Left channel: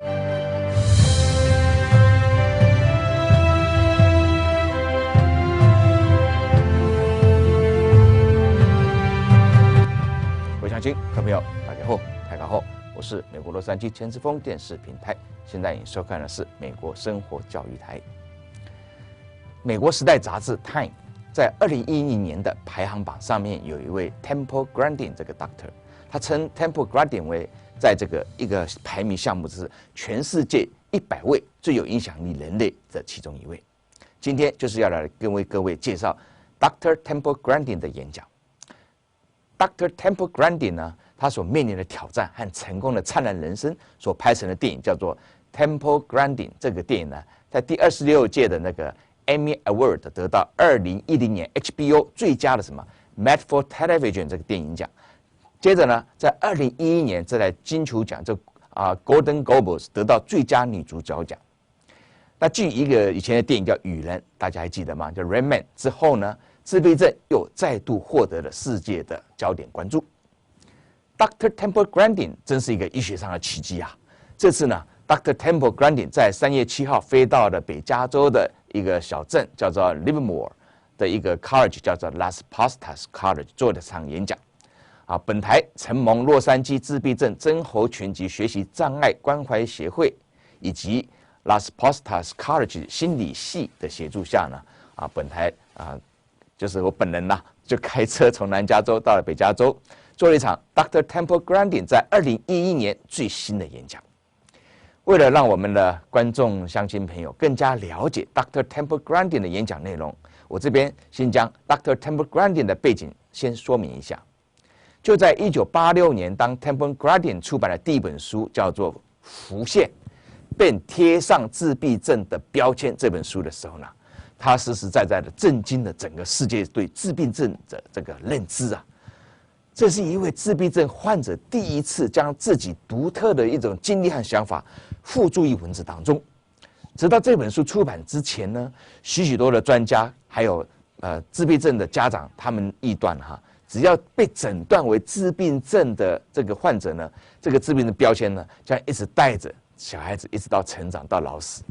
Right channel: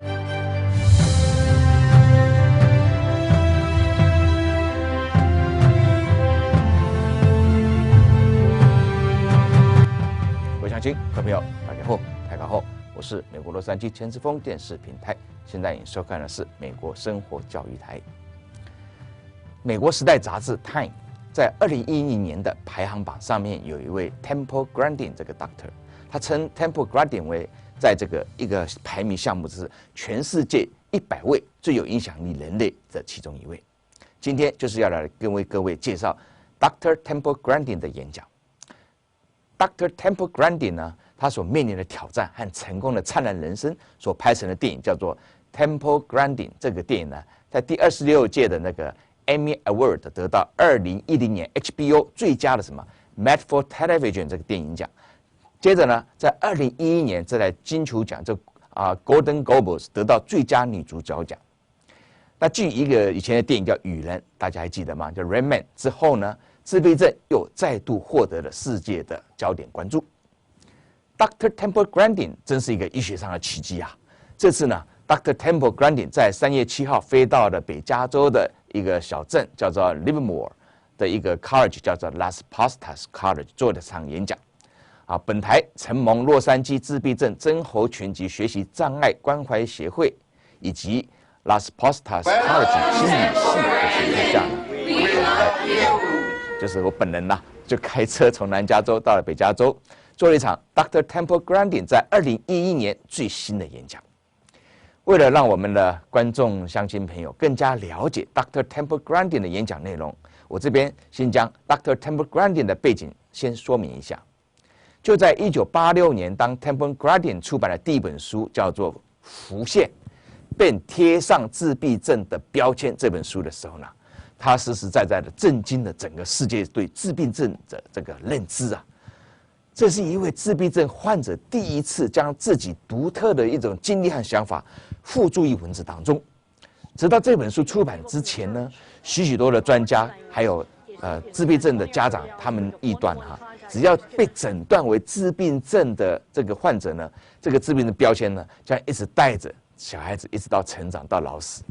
各位朋友，大家好，大家好，我是美国洛杉矶千之峰电视平台，现在你收看的是美国生活教育台。美国时代杂志《Time》在2011年的排行榜上面有一位 Temple Grandin 这个 doctor， 他称 Temple Grandin 为在这个一个排名项目是全世界100位最有影响力人类的其中一位。今天就是要来跟各位介绍 Dr. Temple Grandin 的演讲。Dr. Temple Grandin 呢，他所面临的挑战和成功的灿烂人生所拍成的电影叫做 Temple Grandin。这个电影呢，在第26届的那个 Emmy Award 得到2010年 HBO 最佳的Made for Television 这个电影奖。接着呢，在2011年在金球奖Golden Globes 得到最佳女主角奖。那继一个以前的电影叫《雨人》，大家还记得吗？叫《Rain Man》之后呢，自闭症又再度获得了世界的焦点关注。Dr. Temple Grandin 真是一个医学上的奇迹啊！这次呢 ，Dr. Temple Grandin 在3月7号飞到了北加州的一个小镇，叫做 Livermore 的一个 college， 叫做 Las Pastas College 做了场演讲。本台承蒙洛杉矶自闭症曾侯群及学习障碍关怀协会以及 Las Pastas College 心理系的协助下呢，本台就是我本人呐，就开车从南加州到了北加州，做了一场 Dr. Temple Grandin 在2011年最新的演讲。为了让我们的观众乡亲朋友更加了解 Dr. Temple Grandin 的演讲内容，我这边先将 Dr. Temple Grandin 的背景先说明一下。就在1986年，当 Temple Grandin 出版了第一本书，叫做《浮现：被贴上自闭症的标签》这本书的时候呢，他实实在在的震惊了整个世界对自闭症的这个认知啊！这是一位自闭症患者第一次将自己独特的一种经历和想法付诸于文字当中。直到这本书出版之前呢，许多的专家还有自闭症的家长，他们臆断只要被诊断为自闭症的这个患者呢，这个自闭症标签呢，将一直带着小孩子一直到成长到老死。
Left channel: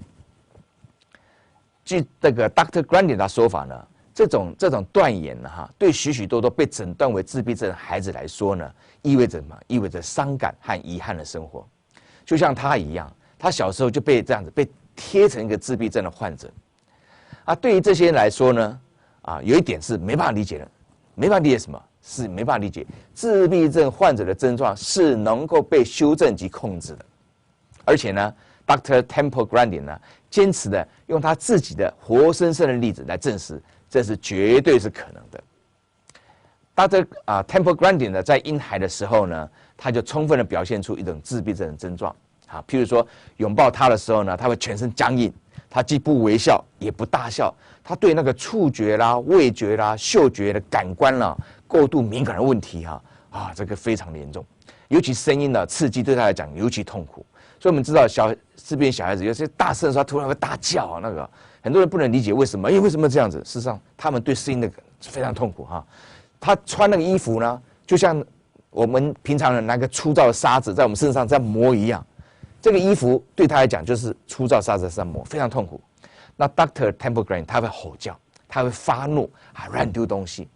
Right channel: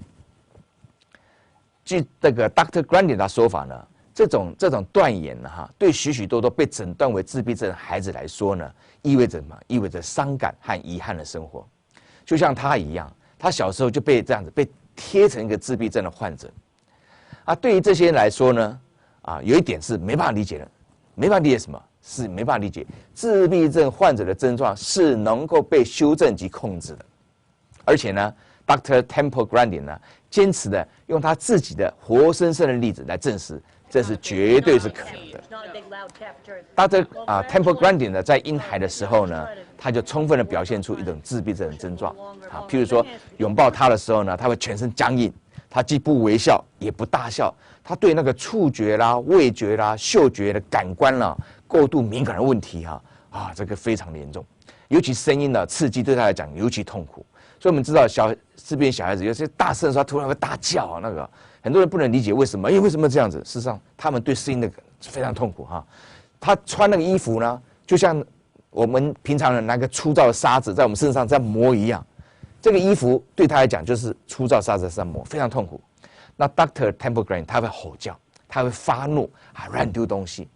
据这个 Dr. Grandin 的说法呢，这种断言呢，对许多被诊断为自闭症的孩子来说呢，意味着什么？意味着伤感和遗憾的生活。就像他一样，他小时候就被这样子被贴成一个自闭症的患者。对于这些人来说呢，有一点是没办法理解的，没办法理解什么？是没办法理解自闭症患者的症状是能够被修正及控制的，而且呢 ，Dr. Temple Grandin 呢，坚持的用他自己的活生生的例子来证实，这是绝对是可能的。Dr. Temple Grandin 呢，在婴孩的时候呢，他就充分的表现出一种自闭症的症状譬如说拥抱他的时候呢，他会全身僵硬，他既不微笑也不大笑，他对那个触觉啦、味觉啦、嗅觉的感官啦过度敏感的问题这个非常的严重，尤其声音的刺激对他来讲尤其痛苦。所以我们知道自闭症小孩子有些大声的时候，他突然会大叫那个很多人不能理解为什么，因为为什么这样子？事实上，他们对声音的非常痛苦他穿那个衣服呢，就像我们平常人拿个粗糙的沙子在我们身上这样磨一样，这个衣服对他来讲就是粗糙沙子上磨，非常痛苦。那 Dr. Temple Grandin 他会吼叫，他会发怒，乱丢东西。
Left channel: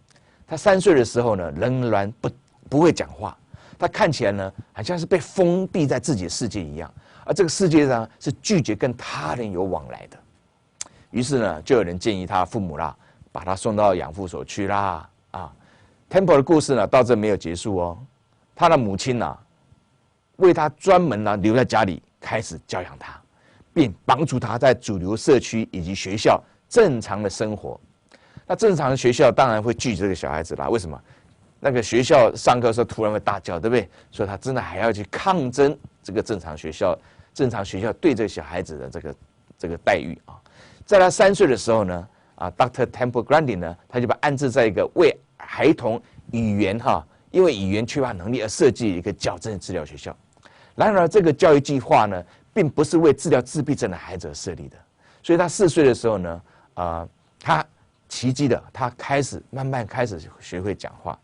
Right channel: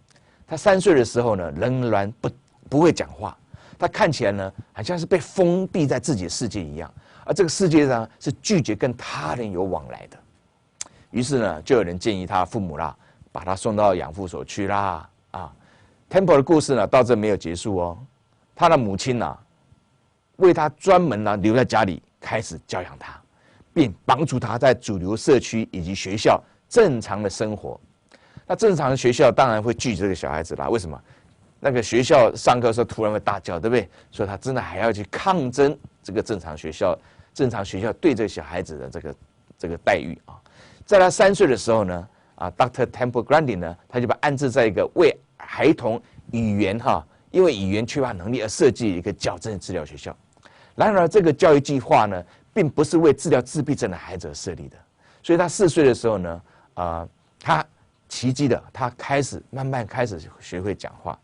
他3岁的时候呢，仍然不会讲话，他看起来呢，好像是被封闭在自己的世界一样，而这个世界上是拒绝跟他人有往来的。于是呢，就有人建议他父母把他送到养父所去啦。Temple 的故事呢，到这没有结束哦。他的母亲为他专门留在家里，开始教养他，并帮助他在主流社区以及学校正常的生活。那正常的学校当然会拒绝这个小孩子啦。为什么？那个学校上课的时候突然会大叫，对不对？所以他真的还要去抗争这个正常学校对这个小孩子的这个待遇在他3岁的时候呢，Dr. Temple Grandin 呢，他就把安置在一个为孩童语言因为语言缺乏能力而设计一个矫正治疗学校。然而，这个教育计划呢，并不是为治疗自闭症的孩子而设立的。所以他4岁的时候呢，他奇迹的，他慢慢开始学会讲话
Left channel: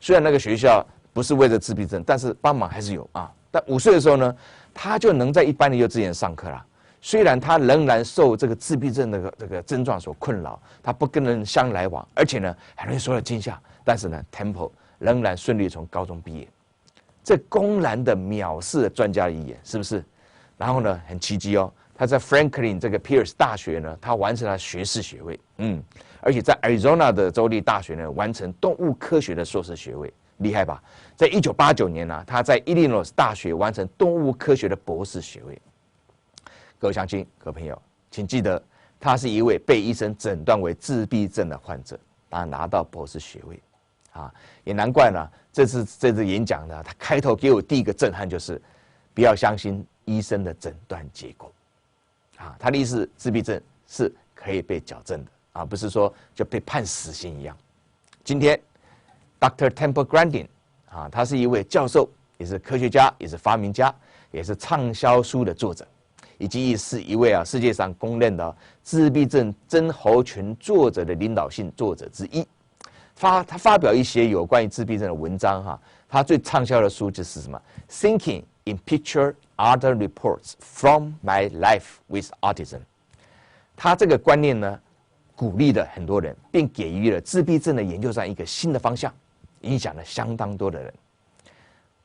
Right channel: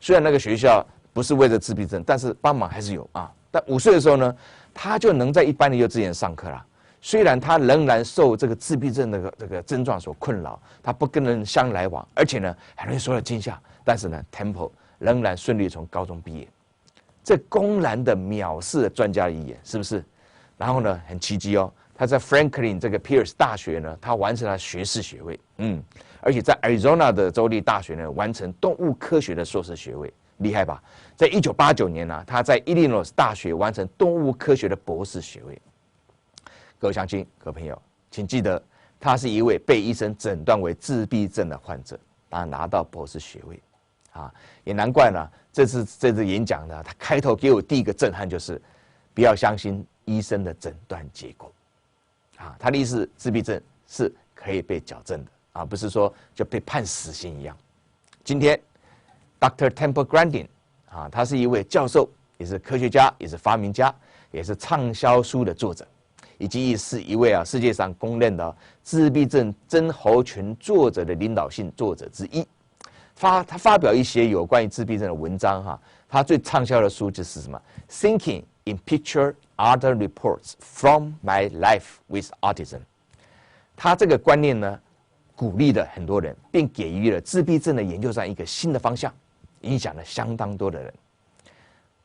虽然那个学校不是为了自闭症，但是帮忙还是有但5岁的时候呢，他就能在一般的幼稚园上课了。虽然他仍然受这个自闭症的这个症状所困扰，他不跟人相来往，而且呢很容易受到惊吓，但是呢 Temple 仍然顺利从高中毕业。这公然的藐视了专家的意见，是不是？然后呢，很奇迹哦，他在 Franklin 这个 Pierce 大学呢，他完成了学士学位，而且在 Arizona 的州立大学呢，完成动物科学的硕士学位，厉害吧？在1989年呢，他在 Illinois 大学完成动物科学的博士学位。各位乡亲、各位朋友，请记得，他是一位被医生诊断为自闭症的患者，他拿到博士学位，也难怪呢。这次演讲呢，他开头给我第一个震撼就是，不要相信医生的诊断结果，他的意思，自闭症是可以被矫正的，不是说就被判死刑一样。今天 ，Dr. Temple Grandin，他是一位教授，也是科学家，也是发明家，也是畅销书的作者。以及是一位世界上公认的自闭症症候群作者的领导性作者之一。他发表一些有关于自闭症的文章他最畅销的书就是什么 ？Thinking in Picture Other Reports from My Life with Autism。他这个观念呢，鼓励了很多人，并给予了自闭症的研究上一个新的方向，影响了相当多的人。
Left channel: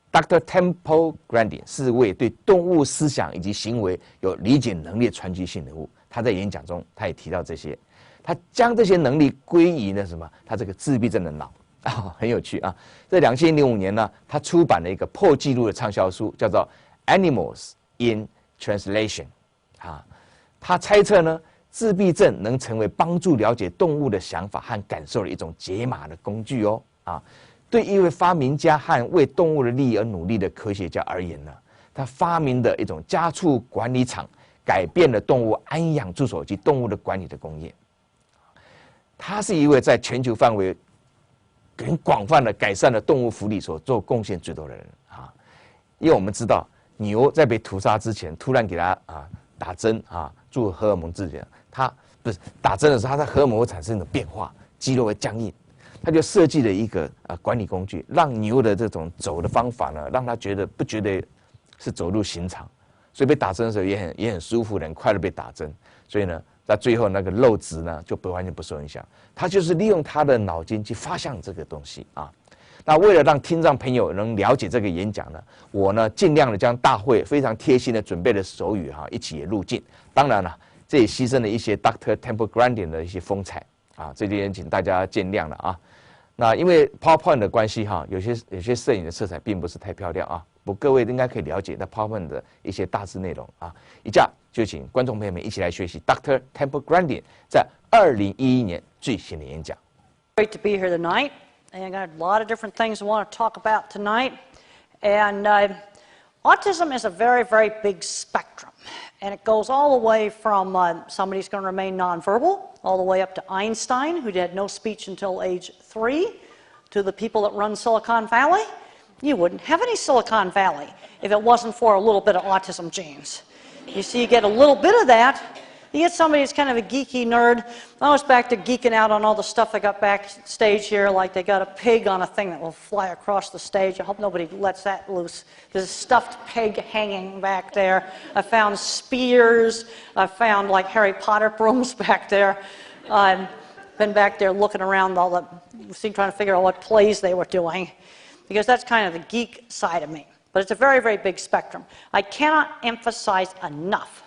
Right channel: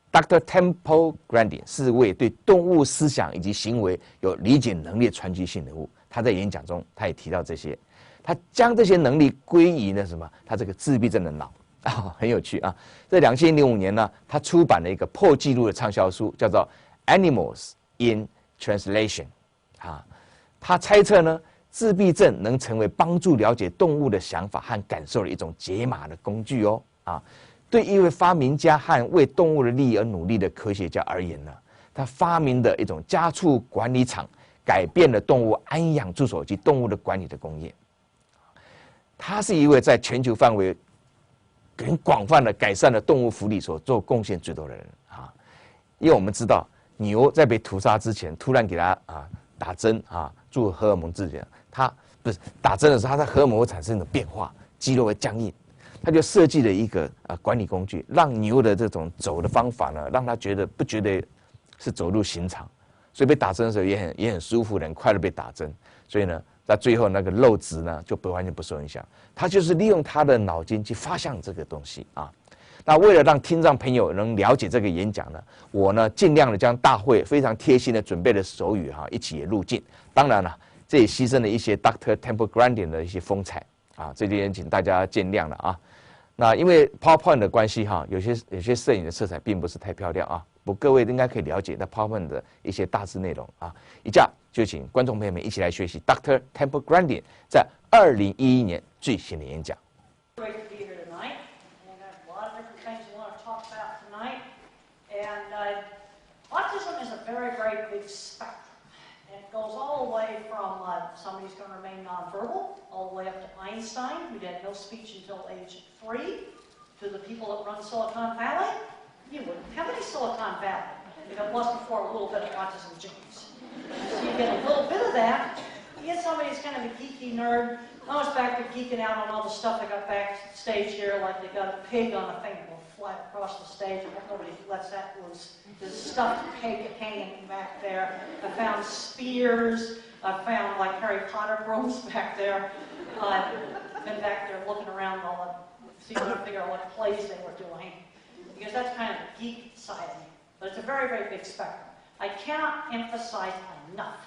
Dr. Temple Grandin 是位对动物思想以及行为有理解能力的传奇性人物。他在演讲中，他也提到这些，他将这些能力归于呢什么？他这个自闭症的脑很有趣啊。在2005年呢，他出版了一个破纪录的畅销书，叫做《Animals in Translation》他猜测呢，自闭症能成为帮助了解动物的想法和感受的一种解码的工具对一位发明家和为动物的利益而努力的科学家而言呢，他发明的一种家畜管理场，改变了动物安养助手及动物的管理的工业。他是一位在全球范围很广泛的改善了动物福利所做贡献最多的人因为我们知道牛在被屠杀之前，突然给它打针做荷尔蒙治疗，它不是打针的时候，它的荷尔蒙会产生一种变化，肌肉会僵硬。他就设计了一个管理工具，让牛的这种走的方法呢，让他不觉得是走入刑场，所以被打针的时候也很舒服的，很快的被打针。所以呢，在最后那个肉质呢就完全不受影响。他就是利用他的脑筋去发想这个东西那为了让听障朋友能了解这个演讲呢，我呢尽量的将大会非常贴心的准备的手语一起也录进。当然了，这也牺牲了一些 Dr. Temple Grandin 的一些风采这点请大家见谅了那因为 PowerPoint 的关系有些摄影的色彩并不是太漂亮不过各位应该可以了解那 PowerPoint 的一些大致内容以下就请观众朋友们一起来学习 Dr. Temple Grandin 在2011年最新的演讲。 Great to be here tonight, and I got a lot of different things I want to talk about tonight. And autism is a very, very big spectrum, and it goes all the way from somebody who's going to remain nonverbal, all the way up to Einstein, who had no speech until age 3, to the people that run Silicon Valley. You wouldn't have any Silicon Valley if it wasn't for a little bit of autism genes. You see, you get a little bit of that. You get somebody who's kind of a geeky nerd. I was back to geeking out on all the stuff they got backstage here, like they got a pig on a thing that will fly across the stage. I hope nobody lets that loose. There's a stuffed pig hanging back there. I found spears. I found like Harry Potter brooms back there. I've been back there looking around all the, trying to figure out what plays they were doing, because that's kind of the geek side of me. But it's a very, very big spectrum. I cannot emphasize enough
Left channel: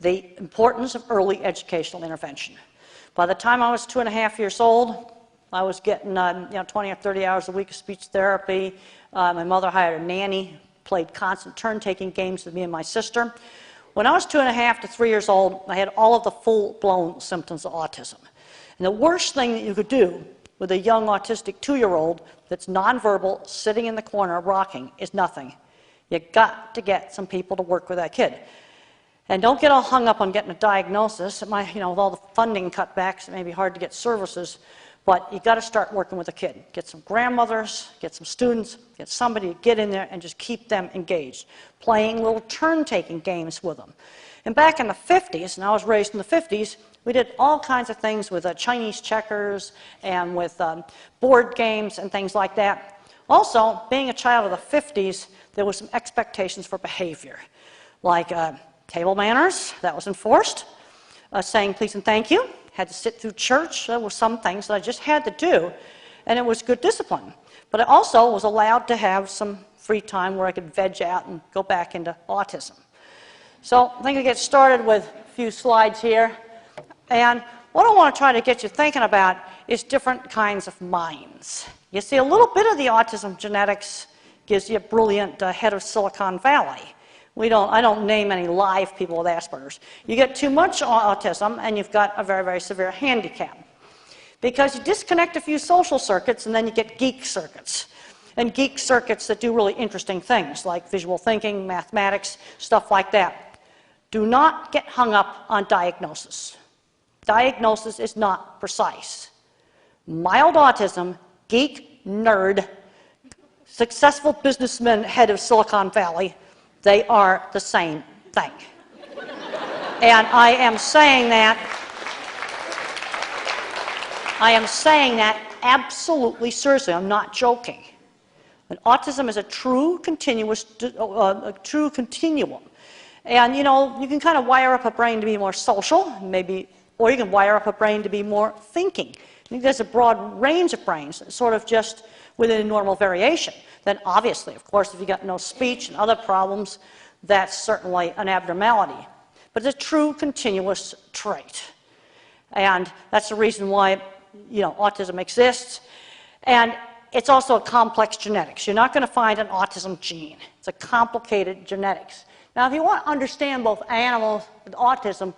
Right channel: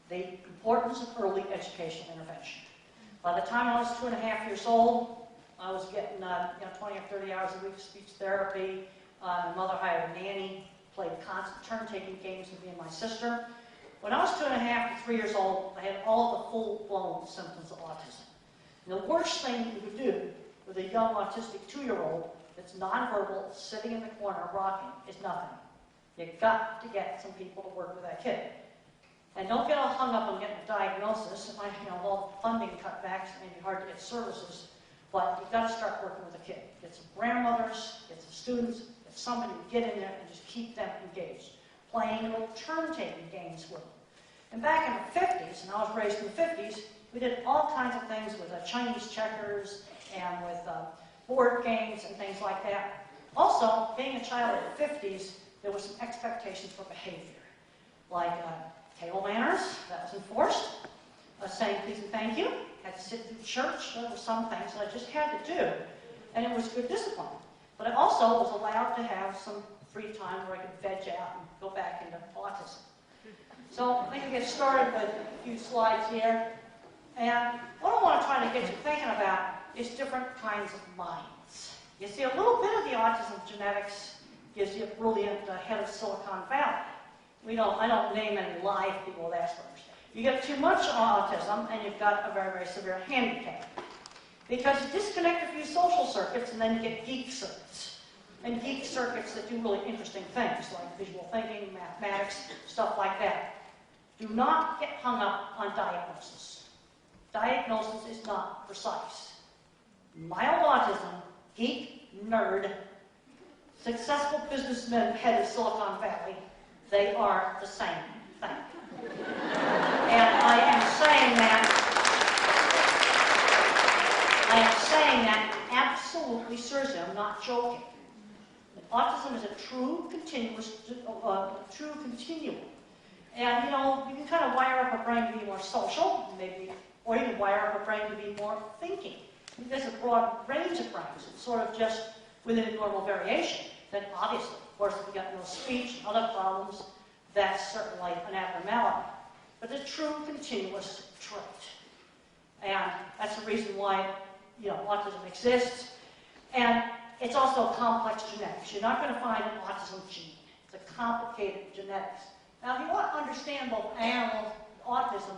the importance of early educational intervention. By the time I was 2.5 years old, I was getting 20 or 30 hours a week of speech therapy. My mother hired a nanny, played constant turn-taking games with me and my sister. When I was 2.5 to 3 years old, I had all of the full-blown symptoms of autism. And the worst thing that you could do with a young autistic 2-year-old that's nonverbal, sitting in the corner rocking, is nothing. You got to get some people to work with that kid. And don't get all hung up on getting a diagnosis. It might, with all the funding cutbacks, it may be hard to get services, but you got to start working with a kid. Get some grandmothers, get some students, get somebody to get in there and just keep them engaged, playing little turn-taking games with them. And back in the 50s, and I was raised in the 50s, we did all kinds of things with Chinese checkers and with board games and things like that. Also, being a child of the 50s, there were some expectations for behavior, like table manners, that was enforced, saying please and thank you, had to sit through church. There were some things that I just had to do, and it was good discipline. But I also was allowed to have some free time where I could veg out and go back into autism. So I think I'll get started with a few slides here. And what I want to try to get you thinking about is different kinds of minds. You see, a little bit of the autism genetics gives you a brilliant head of Silicon Valley. I don't name any live people with Asperger's. You get too much autism and you've got a very, very severe handicap. Because you disconnect a few social circuits and then you get geek circuits. And geek circuits that do really interesting things like visual thinking, mathematics, stuff like that. Do not get hung up on diagnosis. Diagnosis is not precise. Mild autism, geek, nerd, successful businessman, head of Silicon Valley, they are the same thing. And I am saying that absolutely seriously. I'm not joking. And autism is a true continuum. And you know, you can kind of wire up a brain to be more social, maybe, or you can wire up a brain to be more thinking. I think there's a broad range of brains, sort of just within a normal variation. Then obviously, of course, if you've got no speech and other problems, that's certainly an abnormality. But it's a true continuous trait. And that's the reason why, you know, autism exists. And it's also a complex genetics. You're not going to find an autism gene. It's a complicated genetics. Now, if you want to understand both animals and autism,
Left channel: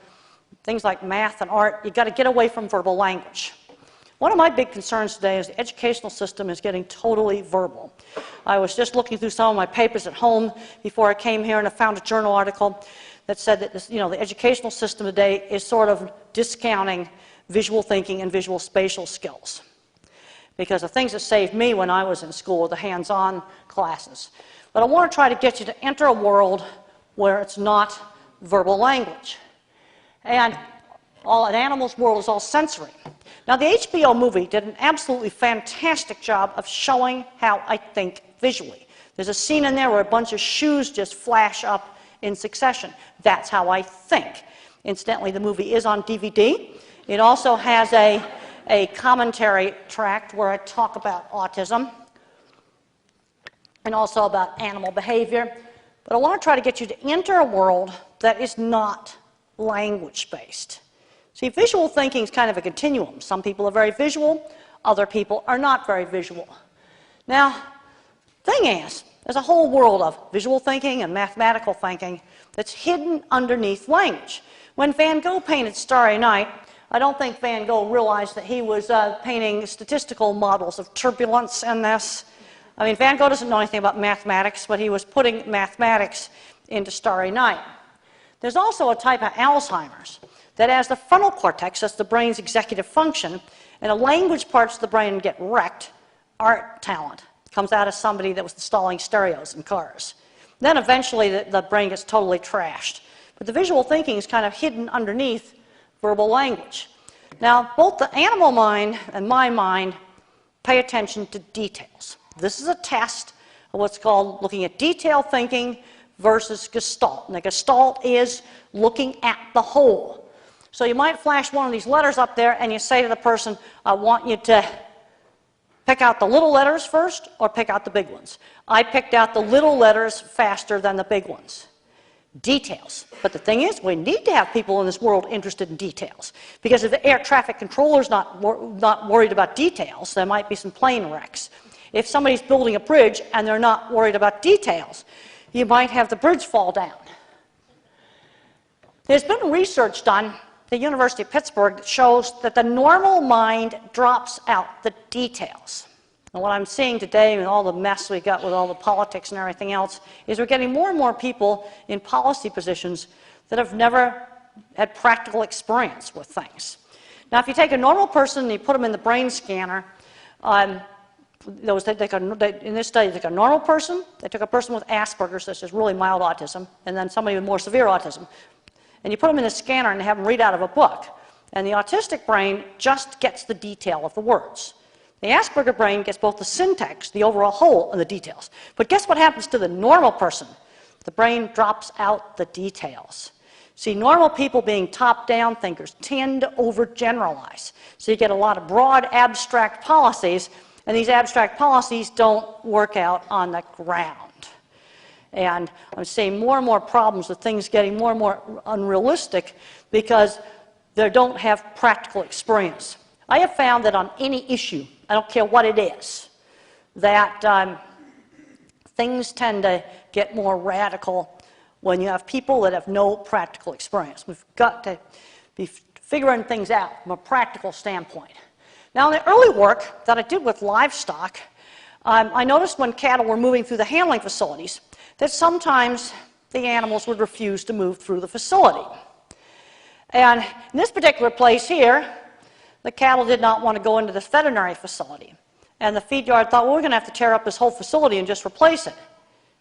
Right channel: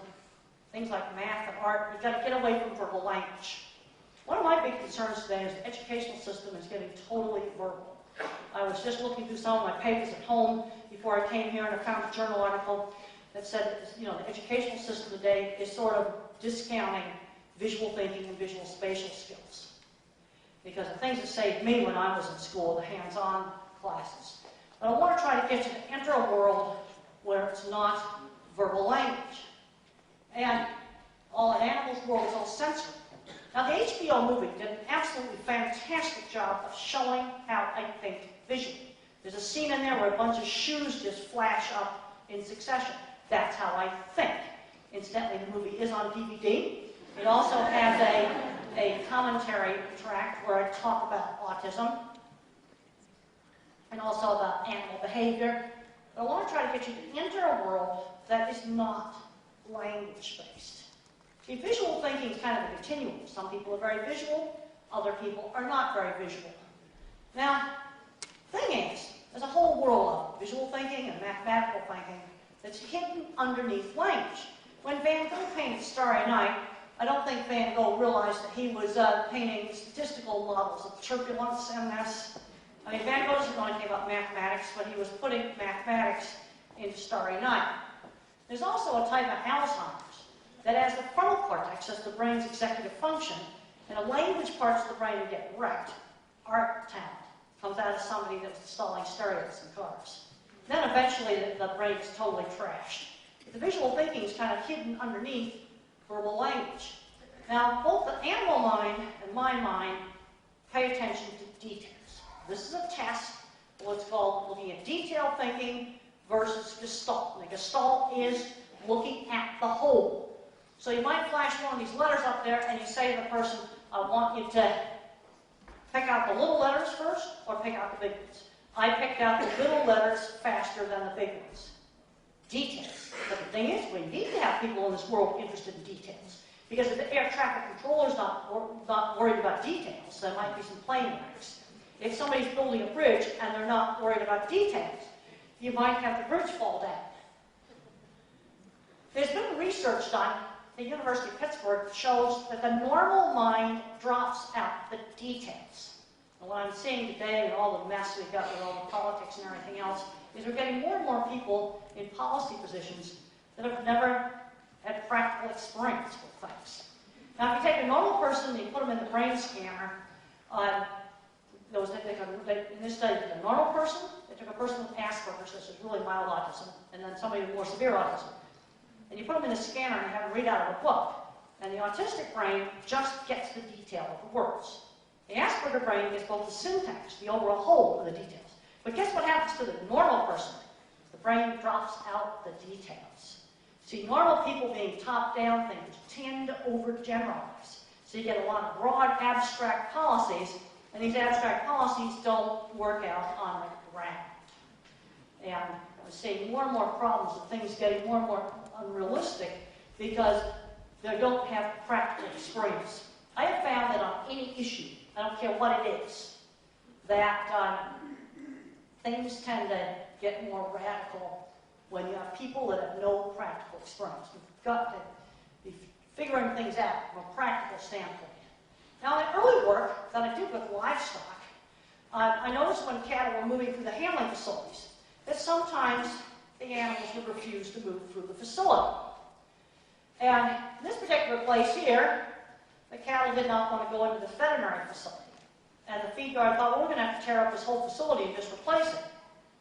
things like math and art, you've got to get away from verbal language. One of my big concerns today is the educational system is getting totally verbal. I was just looking through some of my papers at home before I came here, and I found a journal article that said that this, you know, the educational system today is sort of discounting visual thinking and visual spatial skills. Because the things that saved me when I was in school were the hands-on classes. But I want to try to get you to enter a world where it's not verbal language. And an animal's world is all sensory. Now, the HBO movie did an absolutely fantastic job of showing how I think visually. There's a scene in there where a bunch of shoes just flash up in succession. That's how I think. Incidentally, the movie is on DVD. It also has a commentary tract where I talk about autism and also about animal behavior. But I want to try to get you to enter a world that is not language-based. See, visual thinking is kind of a continuum. Some people are very visual, other people are not very visual. Now, thing is, there's a whole world of visual thinking and mathematical thinking that's hidden underneath language. When Van Gogh painted Starry Night, I don't think Van Gogh realized that he was painting statistical models of turbulence in this. I mean, Van Gogh doesn't know anything about mathematics, but he was putting mathematics into Starry Night. There's also a type of Alzheimer's that as the frontal cortex, that's the brain's executive function, and the language parts of the brain get wrecked, art talent comes out of somebody that was installing stereos in cars. Then eventually the brain gets totally trashed. But the visual thinking is kind of hidden underneath verbal language. Now, both the animal mind and my mind pay attention to details. This is a test of what's called looking at detail thinking versus gestalt. And the gestalt is looking at the whole. So you might flash one of these letters up there and you say to the person, I want you to pick out the little letters first or pick out the big ones. I picked out the little letters faster than the big ones. Details. But the thing is, we need to have people in this world interested in details. Because if the air traffic controller's not worried about details, there might be some plane wrecks. If somebody's building a bridge and they're not worried about details, you might have the bridge fall down. There's been research done at the University of Pittsburgh that shows that the normal mind drops out the details. And what I'm seeing today and all the mess we got with all the politics and everything else is we're getting more and more people in policy positions that have never had practical experience with things. Now, if you take a normal person and you put them in the brain scanner, in this study, they took a normal person, they took a person with Asperger's, this is really mild autism, and then somebody with more severe autism. And you put them in a scanner and have them read out of a book. And the autistic brain just gets the detail of the words. The Asperger brain gets both the syntax, the overall whole, and the details. But guess what happens to the normal person? The brain drops out the details. See, normal people being top-down thinkers tend to overgeneralize. So you get a lot of broad, abstract policies, and these abstract policies don't work out on the ground. And I'm seeing more and more problems with things getting more and more unrealistic because they don't have practical experience. I have found that on any issue, I don't care what it is, that things tend to get more radical when you have people that have no practical experience. We've got to be figuring things out from a practical standpoint. Now, in the early work that I did with livestock, I noticed when cattle were moving through the handling facilities that sometimes the animals would refuse to move through the facility. And in this particular place here, the cattle did not want to go into this veterinary facility. And the feed yard thought, well, we're going to have to tear up this whole facility and just replace it.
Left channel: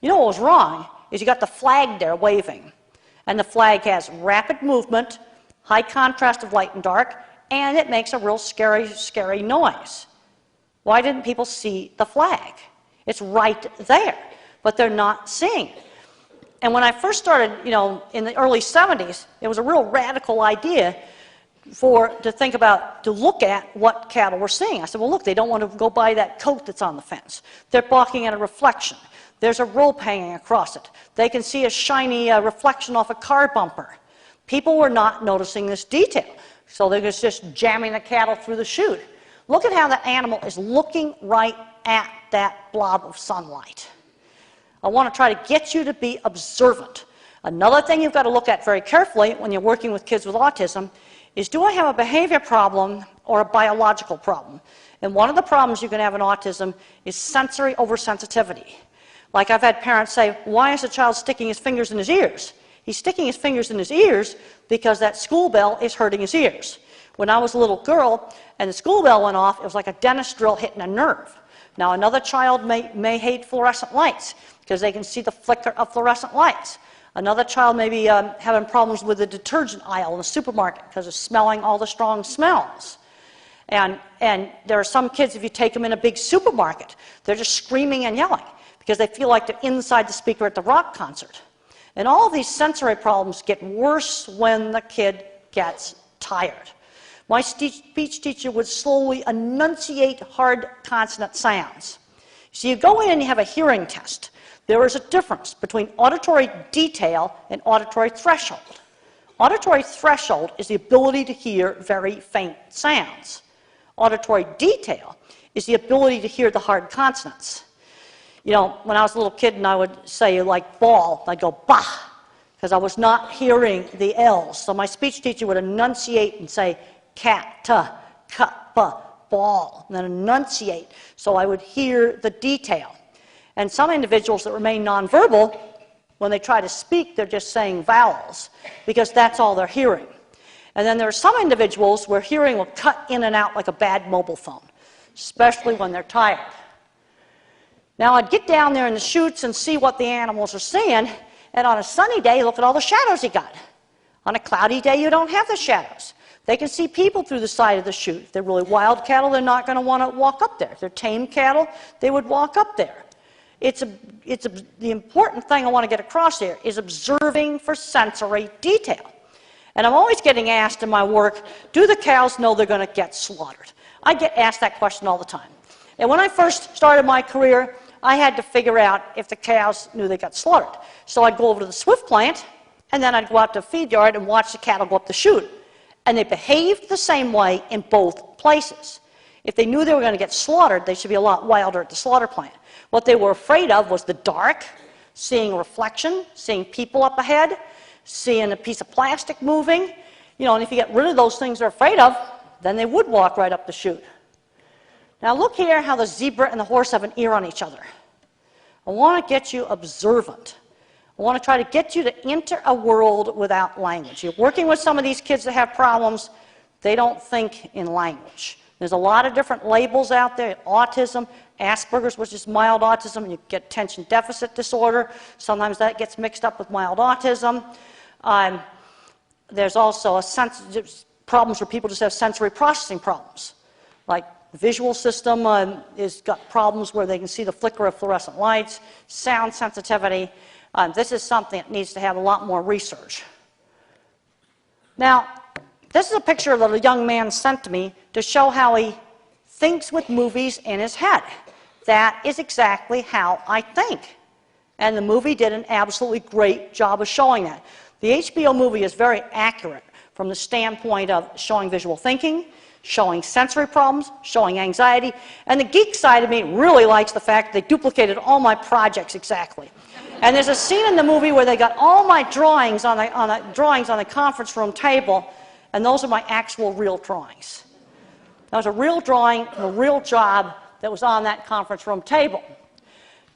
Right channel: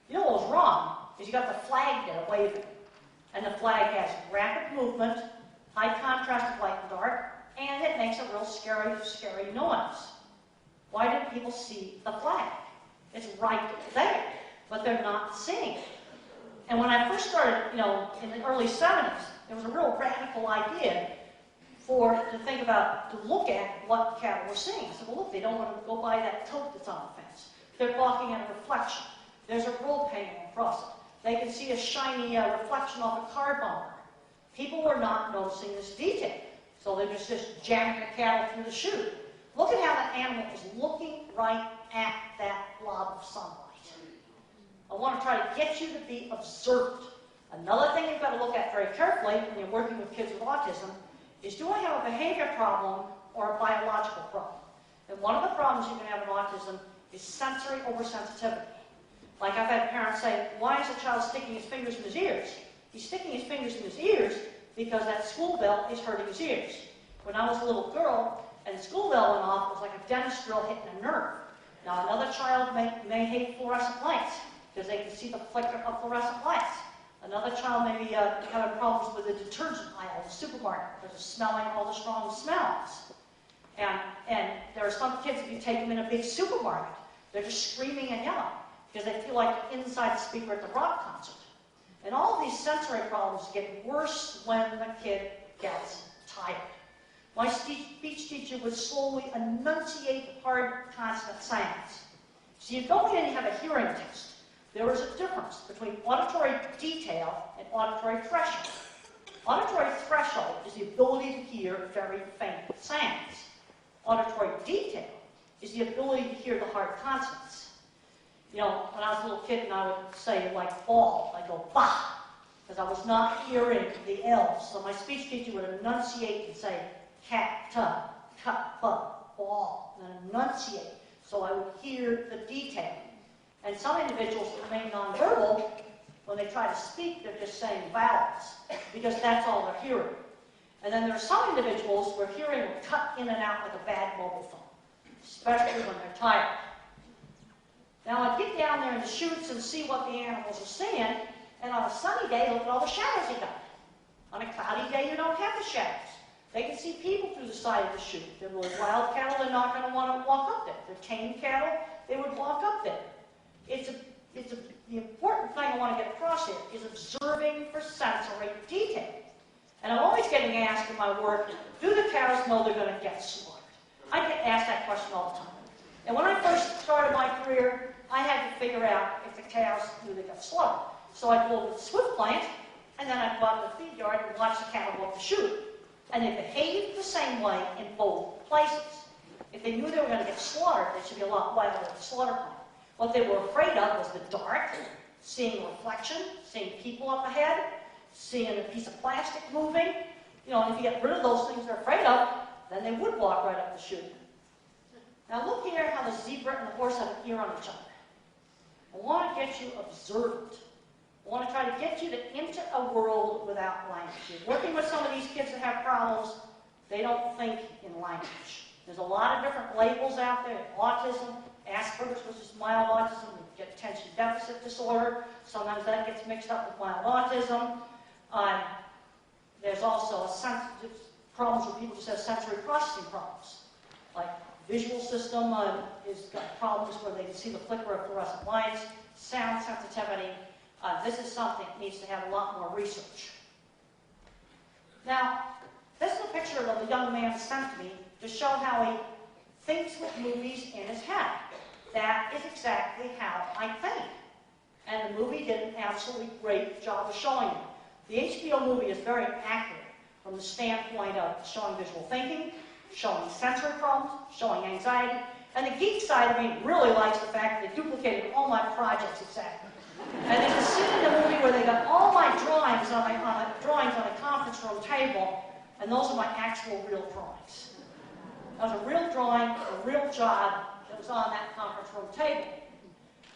You know what was wrong is you got the flag there waving. And the flag has rapid movement, high contrast of light and dark, and it makes a real scary, scary noise. Why didn't people see the flag? It's right there, but they're not seeing it. And when I first started, in the early 70s, it was a real radical idea to look at what cattle were seeing. I said, well, look, they don't want to go by that coat that's on the fence. They're balking at a reflection. There's a rope hanging across it. They can see a shiny reflection off a car bumper. People were not noticing this detail, so they were just jamming the cattle through the chute. Look at how the animal is looking right at that blob of sunlight. I want to try to get you to be observant. Another thing you've got to look at very carefully when you're working with kids with autism is, do I have a behavior problem or a biological problem? And one of the problems you can have in autism is sensory oversensitivity. Like I've had parents say, why is the child sticking his fingers in his ears? He's sticking his fingers in his ears because that school bell is hurting his ears. When I was a little girl and the school bell went off, it was like a dentist drill hitting a nerve. Now another child may hate fluorescent lights because they can see the flicker of fluorescent lights. Another child may be having problems with the detergent aisle in the supermarket because of smelling all the strong smells. And there are some kids, if you take them in a big supermarket, they're just screaming and yelling because they feel like they're inside the speaker at the rock concert. And all of these sensory problems get worse when the kid gets tired. My speech teacher would slowly enunciate hard consonant sounds. So you go in and you have a hearing test. There is a difference between auditory detail and auditory threshold. Auditory threshold is the ability to hear very faint sounds. Auditory detail is the ability to hear the hard consonants. When I was a little kid and I would say like ball, I'd go bah, because I was not hearing the L's. So my speech teacher would enunciate and say cat, cuppa, ball, and then enunciate so I would hear the detail. And some individuals that remain nonverbal, when they try to speak, they're just saying vowels because that's all they're hearing. And then there are some individuals where hearing will cut in and out like a bad mobile phone, especially when they're tired. Now I'd get down there in the chutes and see what the animals are seeing, and on a sunny day, look at all the shadows you got. On a cloudy day, you don't have the shadows. They can see people through the side of the chute. If they're really wild cattle, they're not going to want to walk up there. If they're tame cattle, they would walk up there. The important thing I want to get across here is observing for sensory detail. And I'm always getting asked in my work, do the cows know they're going to get slaughtered? I get asked that question all the time. And when I first started my career, I had to figure out if the cows knew they got slaughtered. So I'd go over to the Swift plant, and then I'd go out to the feed yard and watch the cattle go up the chute. And they behaved the same way in both places. If they knew they were going to get slaughtered, they should be a lot wilder at the slaughter plant. What they were afraid of was the dark, seeing a reflection, seeing people up ahead, seeing a piece of plastic moving. And if you get rid of those things they're afraid of, then they would walk right up the chute. Now look here how the zebra and the horse have an ear on each other. I want to get you observant. I want to try to get you to enter a world without language. You're working with some of these kids that have problems. They don't think in language. There's a lot of different labels out there: autism, Asperger's, which is mild autism. You get attention deficit disorder. Sometimes that gets mixed up with mild autism. There's also problems where people just have sensory processing problems. Like visual system has got problems where they can see the flicker of fluorescent lights, sound sensitivity. This is something that needs to have a lot more research. Now, this is a picture that a young man sent to me to show how he thinks with movies in his head. That is exactly how I think. And the movie did an absolutely great job of showing that. The HBO movie is very accurate from the standpoint of showing visual thinking, showing sensory problems, showing anxiety, and the geek side of me really likes the fact that they duplicated all my projects exactly. And there's a scene in the movie where they got all my drawings on the conference room table, and those are my actual real drawings. That was a real drawing, a real job that was on that conference room table.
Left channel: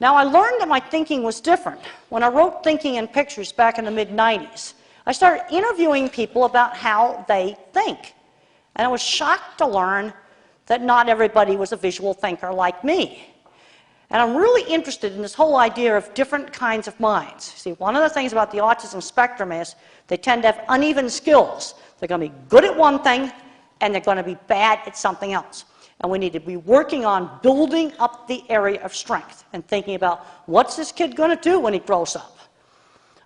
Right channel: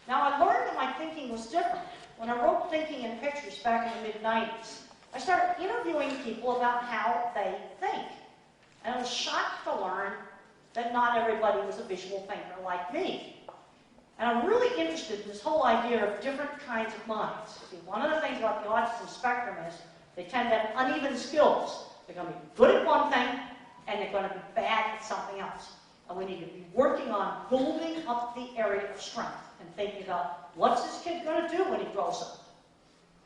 Now, I learned that my thinking was different. When I wrote Thinking in Pictures back in the mid-90s, I started interviewing people about how they think. And I was shocked to learn that not everybody was a visual thinker like me. And I'm really interested in this whole idea of different kinds of minds. See, one of the things about the autism spectrum is they tend to have uneven skills. They're going to be good at one thing, and they're going to be bad at something else. And we need to be working on building up the area of strength and thinking about what's this kid going to do when he grows up.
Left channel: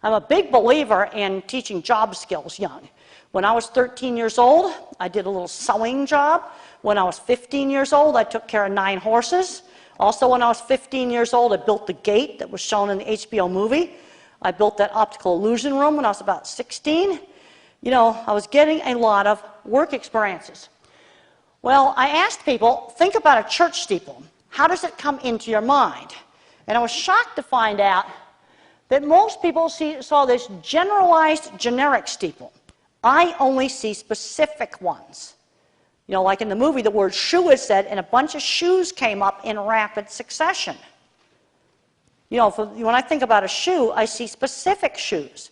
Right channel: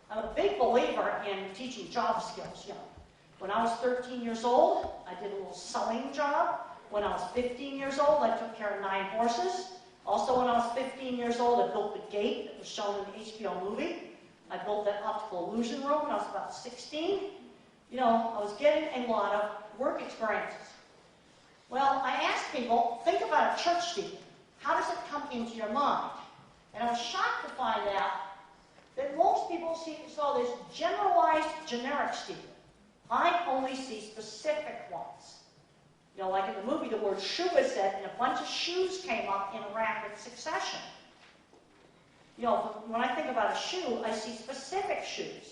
I'm a big believer in teaching job skills young. When I was 13 years old, I did a little sewing job. When I was 15 years old, I took care of 9 horses. Also, when I was 15 years old, I built the gate that was shown in the HBO movie. I built that optical illusion room when I was about 16. You know, I was getting a lot of work experiences. Well, I asked people, think about a church steeple. How does it come into your mind? And I was shocked to find out that most people saw this generalized, generic steeple. I only see specific ones. You know, like in the movie, the word shoe is said, and a bunch of shoes came up in rapid succession. You know, when I think about a shoe, I see specific shoes.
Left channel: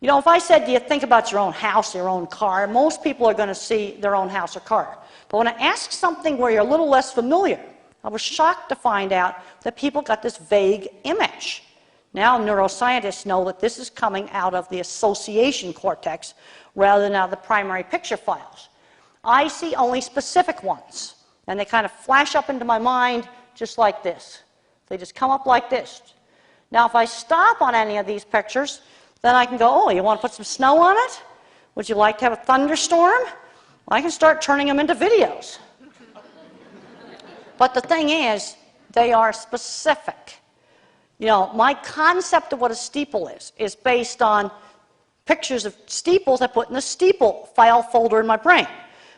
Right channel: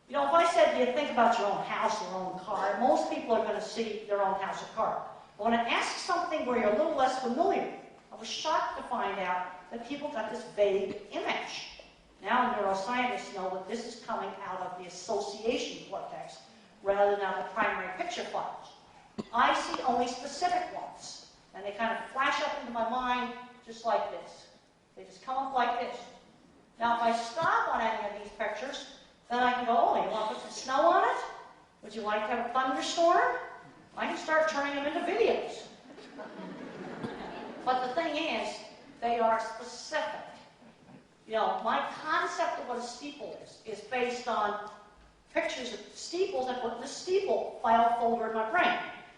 You know, if I said, do you think about your own house, your own car, most people are going to see their own house or car. But when I ask something where you're a little less familiar, I was shocked to find out that people got this vague image. Now neuroscientists know that this is coming out of the association cortex rather than out of the primary picture files. I see only specific ones, and they kind of flash up into my mind just like this. They just come up like this. Now, if I stop on any of these pictures, then I can go, oh, you want to put some snow on it? Would you like to have a thunderstorm? I can start turning them into videos. But the thing is, they are specific. You know, my concept of what a steeple is based on pictures of steeples I put in the steeple file folder in my brain.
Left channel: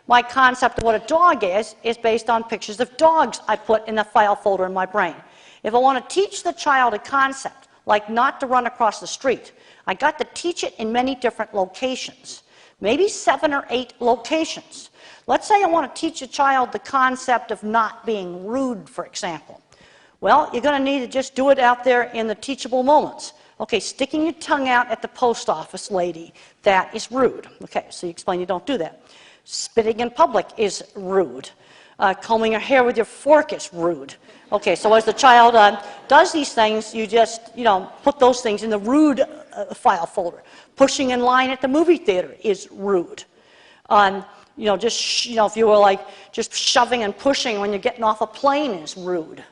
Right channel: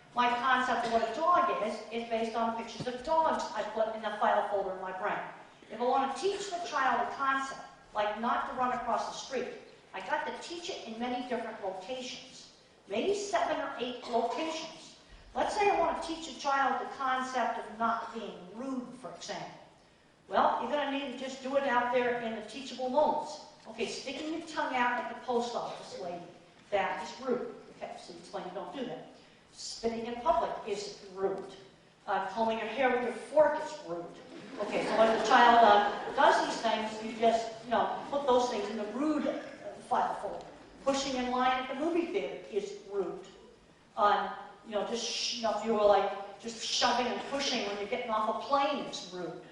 My concept of what a dog is based on pictures of dogs I put in the file folder in my brain. If I want to teach the child a concept, like not to run across the street, I got to teach it in many different locations, maybe 7 or 8 locations. Let's say I want to teach a child the concept of not being rude, for example. Well, you're going to need to just do it out there in the teachable moments. Okay, sticking your tongue out at the post office lady, that is rude. Okay, so you explain you don't do that. Spitting in public is rude. Combing your hair with your fork is rude. Okay, so as the child does these things, you just, put those things in the rude file folder. Pushing in line at the movie theater is rude. If you were like just shoving and pushing when you're getting off a plane is rude.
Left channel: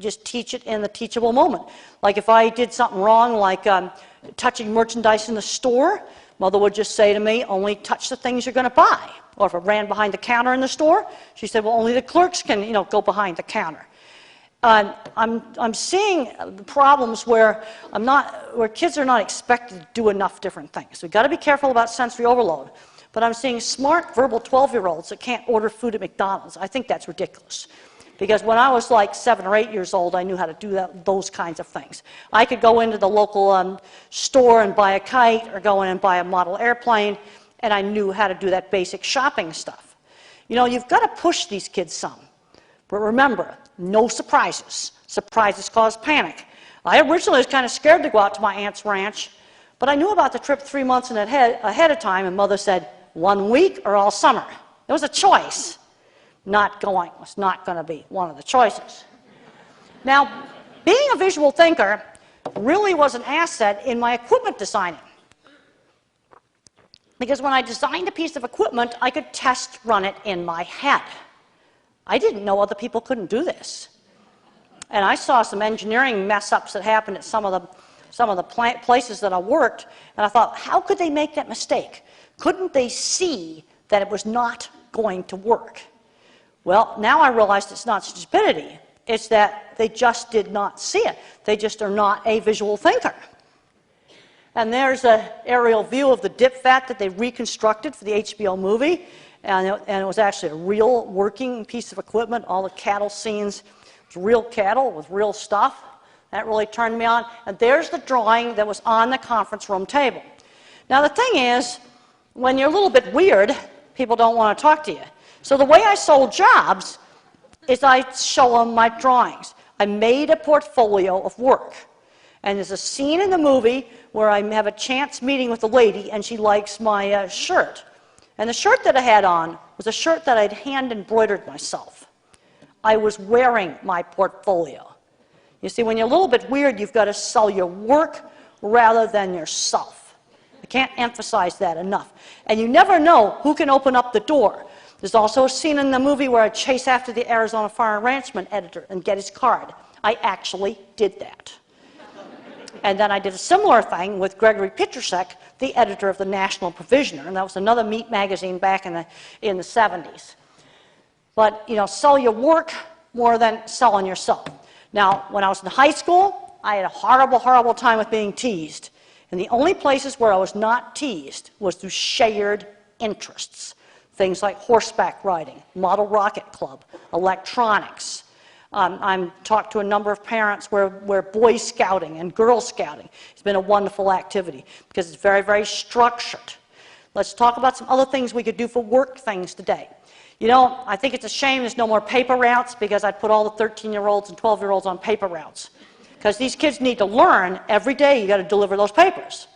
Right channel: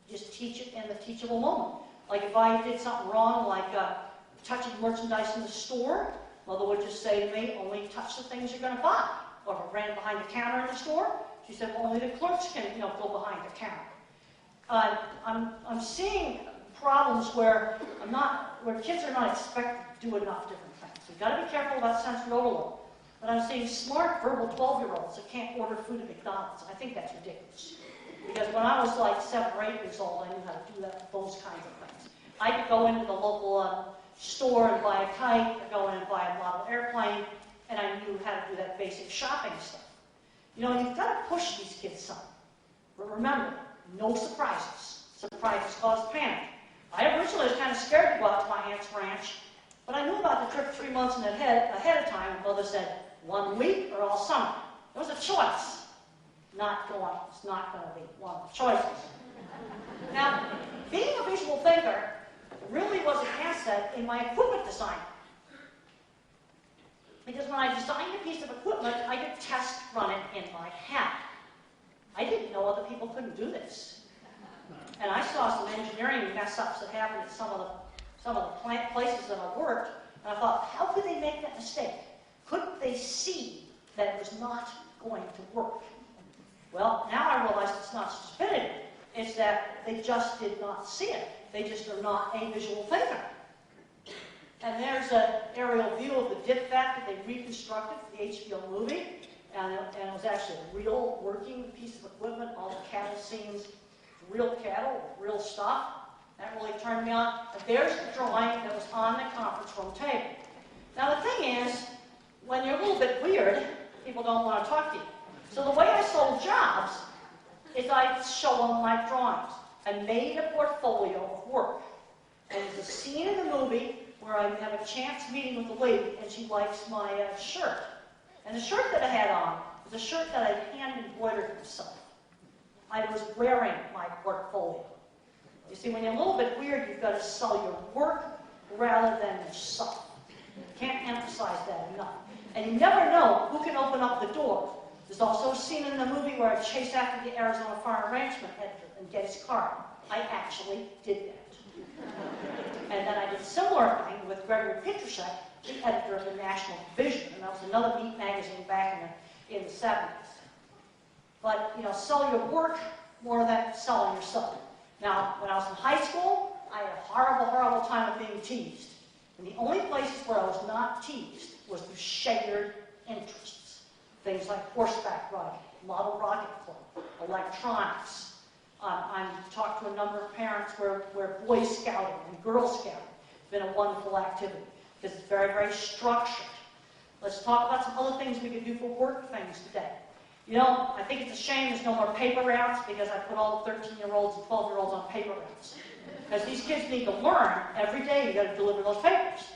Just teach it in the teachable moment. Like if I did something wrong, like touching merchandise in the store, Mother would just say to me, only touch the things you're going to buy. Or if I ran behind the counter in the store, she said, well, only the clerks can, go behind the counter. I'm seeing problems where kids are not expected to do enough different things. We've got to be careful about sensory overload. But I'm seeing smart, verbal 12-year-olds that can't order food at McDonald's. I think that's ridiculous. Because when I was like 7 or 8 years old, I knew how to do those kinds of things. I could go into the local store and buy a kite, or go in and buy a model airplane, and I knew how to do that basic shopping stuff. You've got to push these kids some. But remember, no surprises. Surprises cause panic. I originally was kind of scared to go out to my aunt's ranch, but I knew about the trip 3 months ahead of time, and Mother said, 1 week or all summer. It was a choice. Not going was not going to be one of the choices. Now, being a visual thinker really was an asset in my equipment designing. Because when I designed a piece of equipment, I could test run it in my head. I didn't know other people couldn't do this. And I saw some engineering mess-ups that happened at some of the places that I worked, and I thought, how could they make that mistake? Couldn't they see that it was not going to work? Well, now I realized it's not stupidity. It's that they just did not see it. They just are not a visual thinker. And there's an aerial view of the dip vat that they reconstructed for the HBO movie. And it was actually a real working piece of equipment. All the cattle scenes, it was real cattle with real stuff. That really turned me on. And there's the drawing that was on the conference room table. Now the thing is, when you're a little bit weird, people don't want to talk to you. So the way I sold jobs is I show them my drawings. I made a portfolio of work. And there's a scene in the movie where I have a chance meeting with a lady, and she likes my shirt. And the shirt that I had on was a shirt that I'd hand embroidered myself. I was wearing my portfolio. You see, when you're a little bit weird, you've got to sell your work rather than yourself. I can't emphasize that enough. And you never know who can open up the door. There's also a scene in the movie where I chase after the Arizona Farm Ranchman editor and get his card. I actually did that. And then I did a similar thing with Gregory Petrusek, the editor of the National Provisioner, and that was another meat magazine back in the 70s. But, you know, sell your work more than selling yourself. Now, when I was in high school, I had a horrible, horrible time with being teased. And the only places where I was not teased was through shared interests. Things like horseback riding, model rocket club, electronics. I'm talked to a number of parents where Boy Scouting and Girl Scouting has been a wonderful activity because it's very, very structured. Let's talk about some other things we could do for work things today. You know, I think it's a shame there's no more paper routes because I'd put all the 13-year-olds and 12-year-olds on paper routes. Because these kids need to learn every day you got to deliver those papers.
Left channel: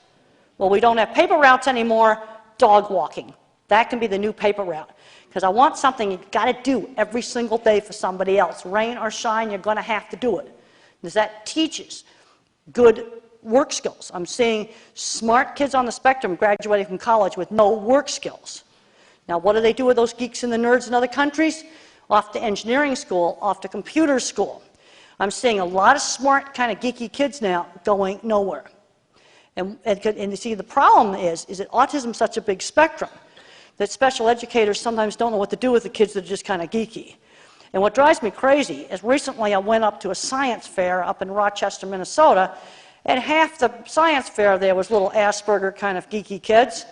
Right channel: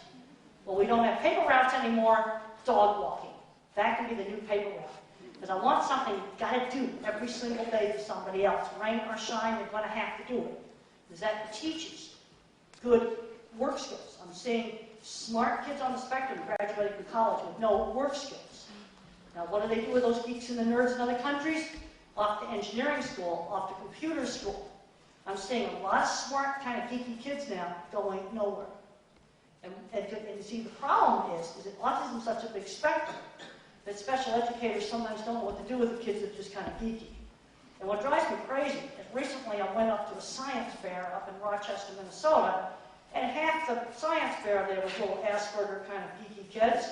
Well, we don't have paper routes anymore, dog walking. That can be the new paper route. Because I want something you've got to do every single day for somebody else. Rain or shine, you're going to have to do it. Because that teaches good work skills. I'm seeing smart kids on the spectrum graduating from college with no work skills. Now, what do they do with those geeks and the nerds in other countries? Off to engineering school, off to computer school. I'm seeing a lot of smart, kind of geeky kids now going nowhere. And you see, the problem is that autism is such a big spectrum that special educators sometimes don't know what to do with the kids that are just kind of geeky. And what drives me crazy is recently I went up to a science fair up in Rochester, Minnesota, and half the science fair there was little Asperger kind of geeky kids.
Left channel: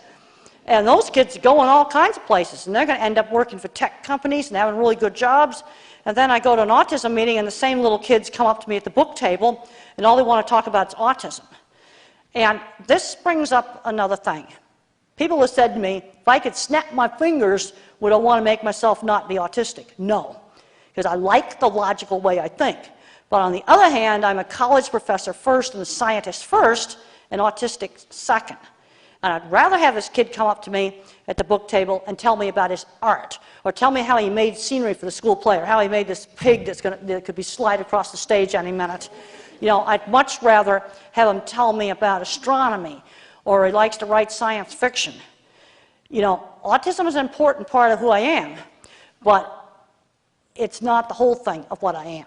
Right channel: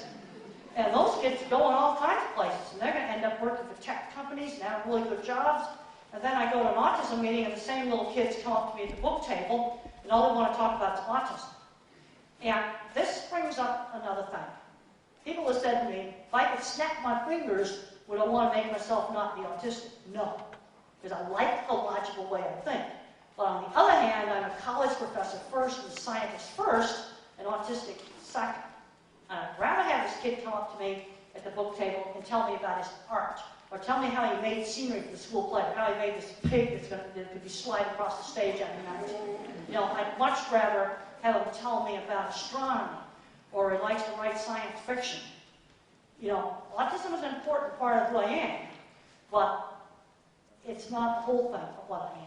And those kids go in all kinds of places, and they're going to end up working for tech companies and having really good jobs. And then I go to an autism meeting, and the same little kids come up to me at the book table, and all they want to talk about is autism. And this brings up another thing. People have said to me, if I could snap my fingers, would I want to make myself not be autistic? No, because I like the logical way I think. But on the other hand, I'm a college professor first and a scientist first, and autistic second. And I'd rather have this kid come up to me at the book table and tell me about his art, or tell me how he made scenery for the school play, or how he made this pig that could be slid across the stage any minute. You know, I'd much rather have him tell me about astronomy, or he likes to write science fiction. You know, autism is an important part of who I am, but it's not the whole thing of what I am.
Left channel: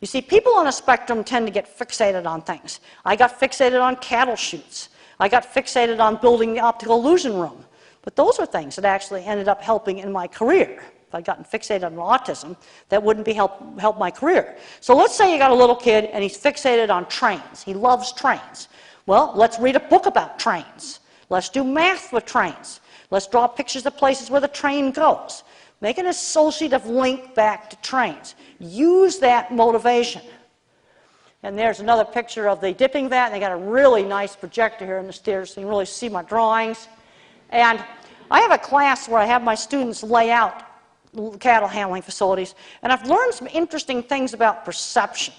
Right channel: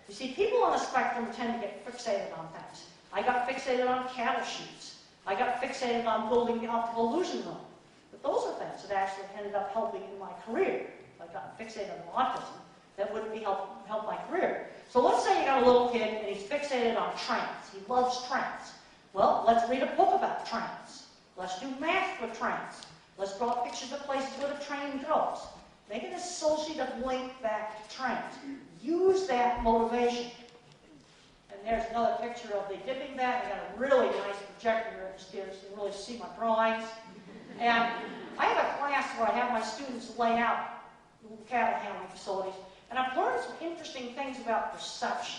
You see, people on a spectrum tend to get fixated on things. I got fixated on cattle chutes. I got fixated on building the optical illusion room. But those are things that actually ended up helping in my career. If I'd gotten fixated on autism, that wouldn't be help my career. So let's say you got a little kid and he's fixated on trains. He loves trains. Well, let's read a book about trains. Let's do math with trains. Let's draw pictures of places where the train goes. Make an associative link back to trains. Use that motivation. And there's another picture of the dipping vat. And they got a really nice projector here in the stairs so you can really see my drawings. And I have a class where I have my students lay out cattle handling facilities. And I've learned some interesting things about perception.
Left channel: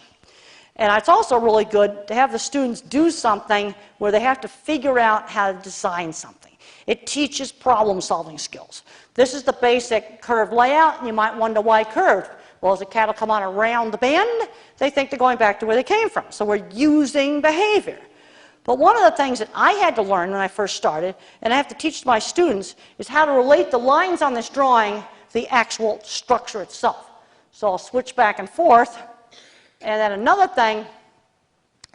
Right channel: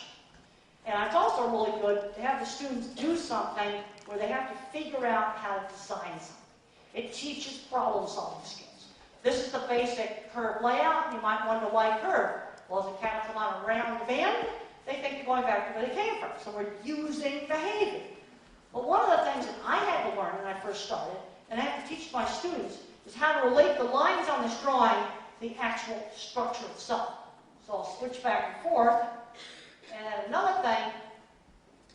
And it's also really good to have the students do something where they have to figure out how to design something. It teaches problem-solving skills. This is the basic curve layout, and you might wonder why curved. Well, as the cattle come on around the bend, they think they're going back to where they came from. So we're using behavior. But one of the things that I had to learn when I first started, and I have to teach my students, is how to relate the lines on this drawing to the actual structure itself. So I'll switch back and forth. And then another thing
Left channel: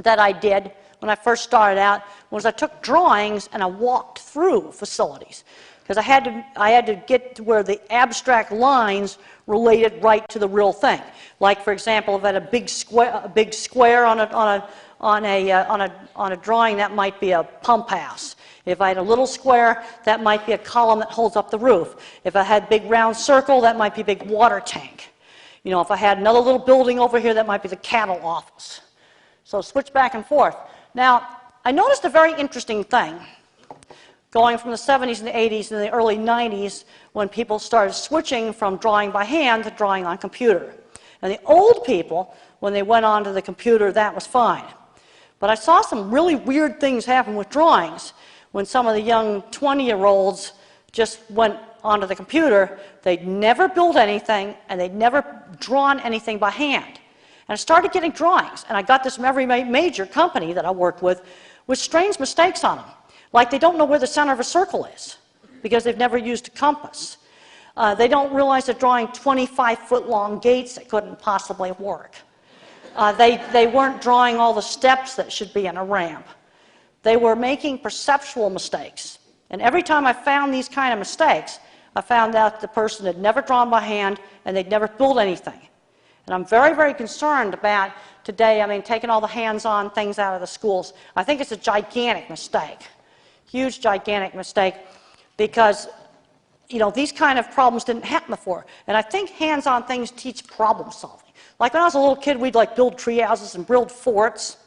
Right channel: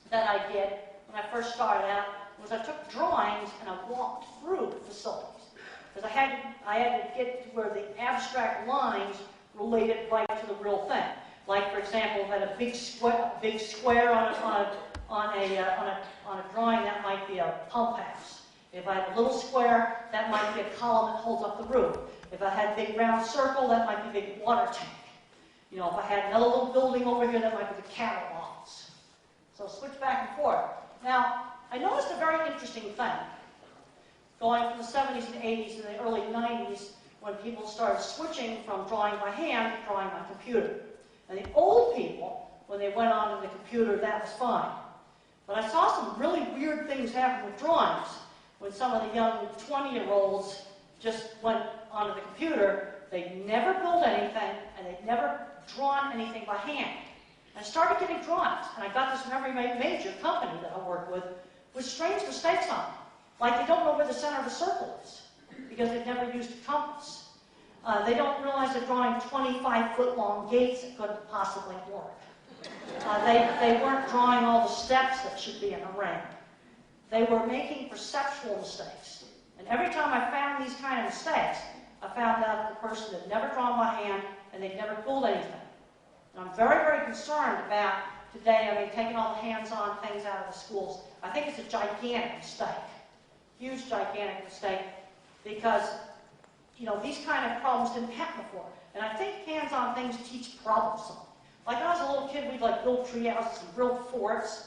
that I did when I first started out was I took drawings and I walked through facilities. Because I had to get to where the abstract lines related right to the real thing. Like, for example, if I had a big square on a drawing, that might be a pump house. If I had a little square, that might be a column that holds up the roof. If I had a big round circle, that might be a big water tank. You know, if I had another little building over here, that might be the cattle office. So switch back and forth. Now, I noticed a very interesting thing going from the 70s and the 80s and the early 90s when people started switching from drawing by hand to drawing on computer. And the old people, when they went onto the computer, that was fine. But I saw some really weird things happen with drawings. When some of the young 20-year-olds just went onto the computer, they'd never built anything, and they'd never drawn anything by hand. And I started getting drawings, and I got this from every major company that I worked with strange mistakes on them. Like they don't know where the center of a circle is, because they've never used a compass. They don't realize they're drawing 25-foot-long gates that couldn't possibly work. They weren't drawing all the steps that should be in a ramp. They were making perceptual mistakes. And every time I found these kind of mistakes, I found out the person had never drawn by hand and they'd never built anything. And I'm very, very concerned about today, I mean, taking all the hands-on things out of the schools. I think it's a gigantic mistake, huge, gigantic mistake, because, you know, these kind of problems didn't happen before. And I think hands-on things teach problem solving. Like when I was a little kid, we'd like build tree houses and build forts.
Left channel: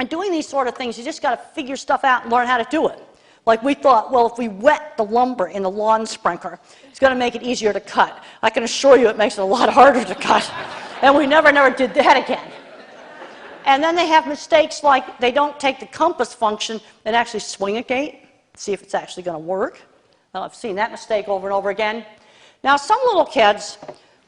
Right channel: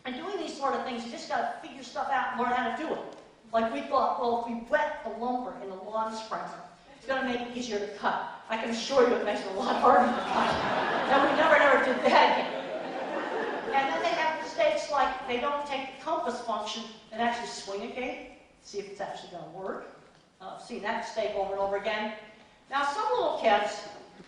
And doing these sort of things, you just got to figure stuff out and learn how to do it. Like we thought, well, if we wet the lumber in the lawn sprinkler, it's going to make it easier to cut. I can assure you it makes it a lot harder to cut. And we never did that again. And then they have mistakes like they don't take the compass function and actually swing a gate, see if it's actually going to work. Well, I've seen that mistake over and over again. Now, some little kids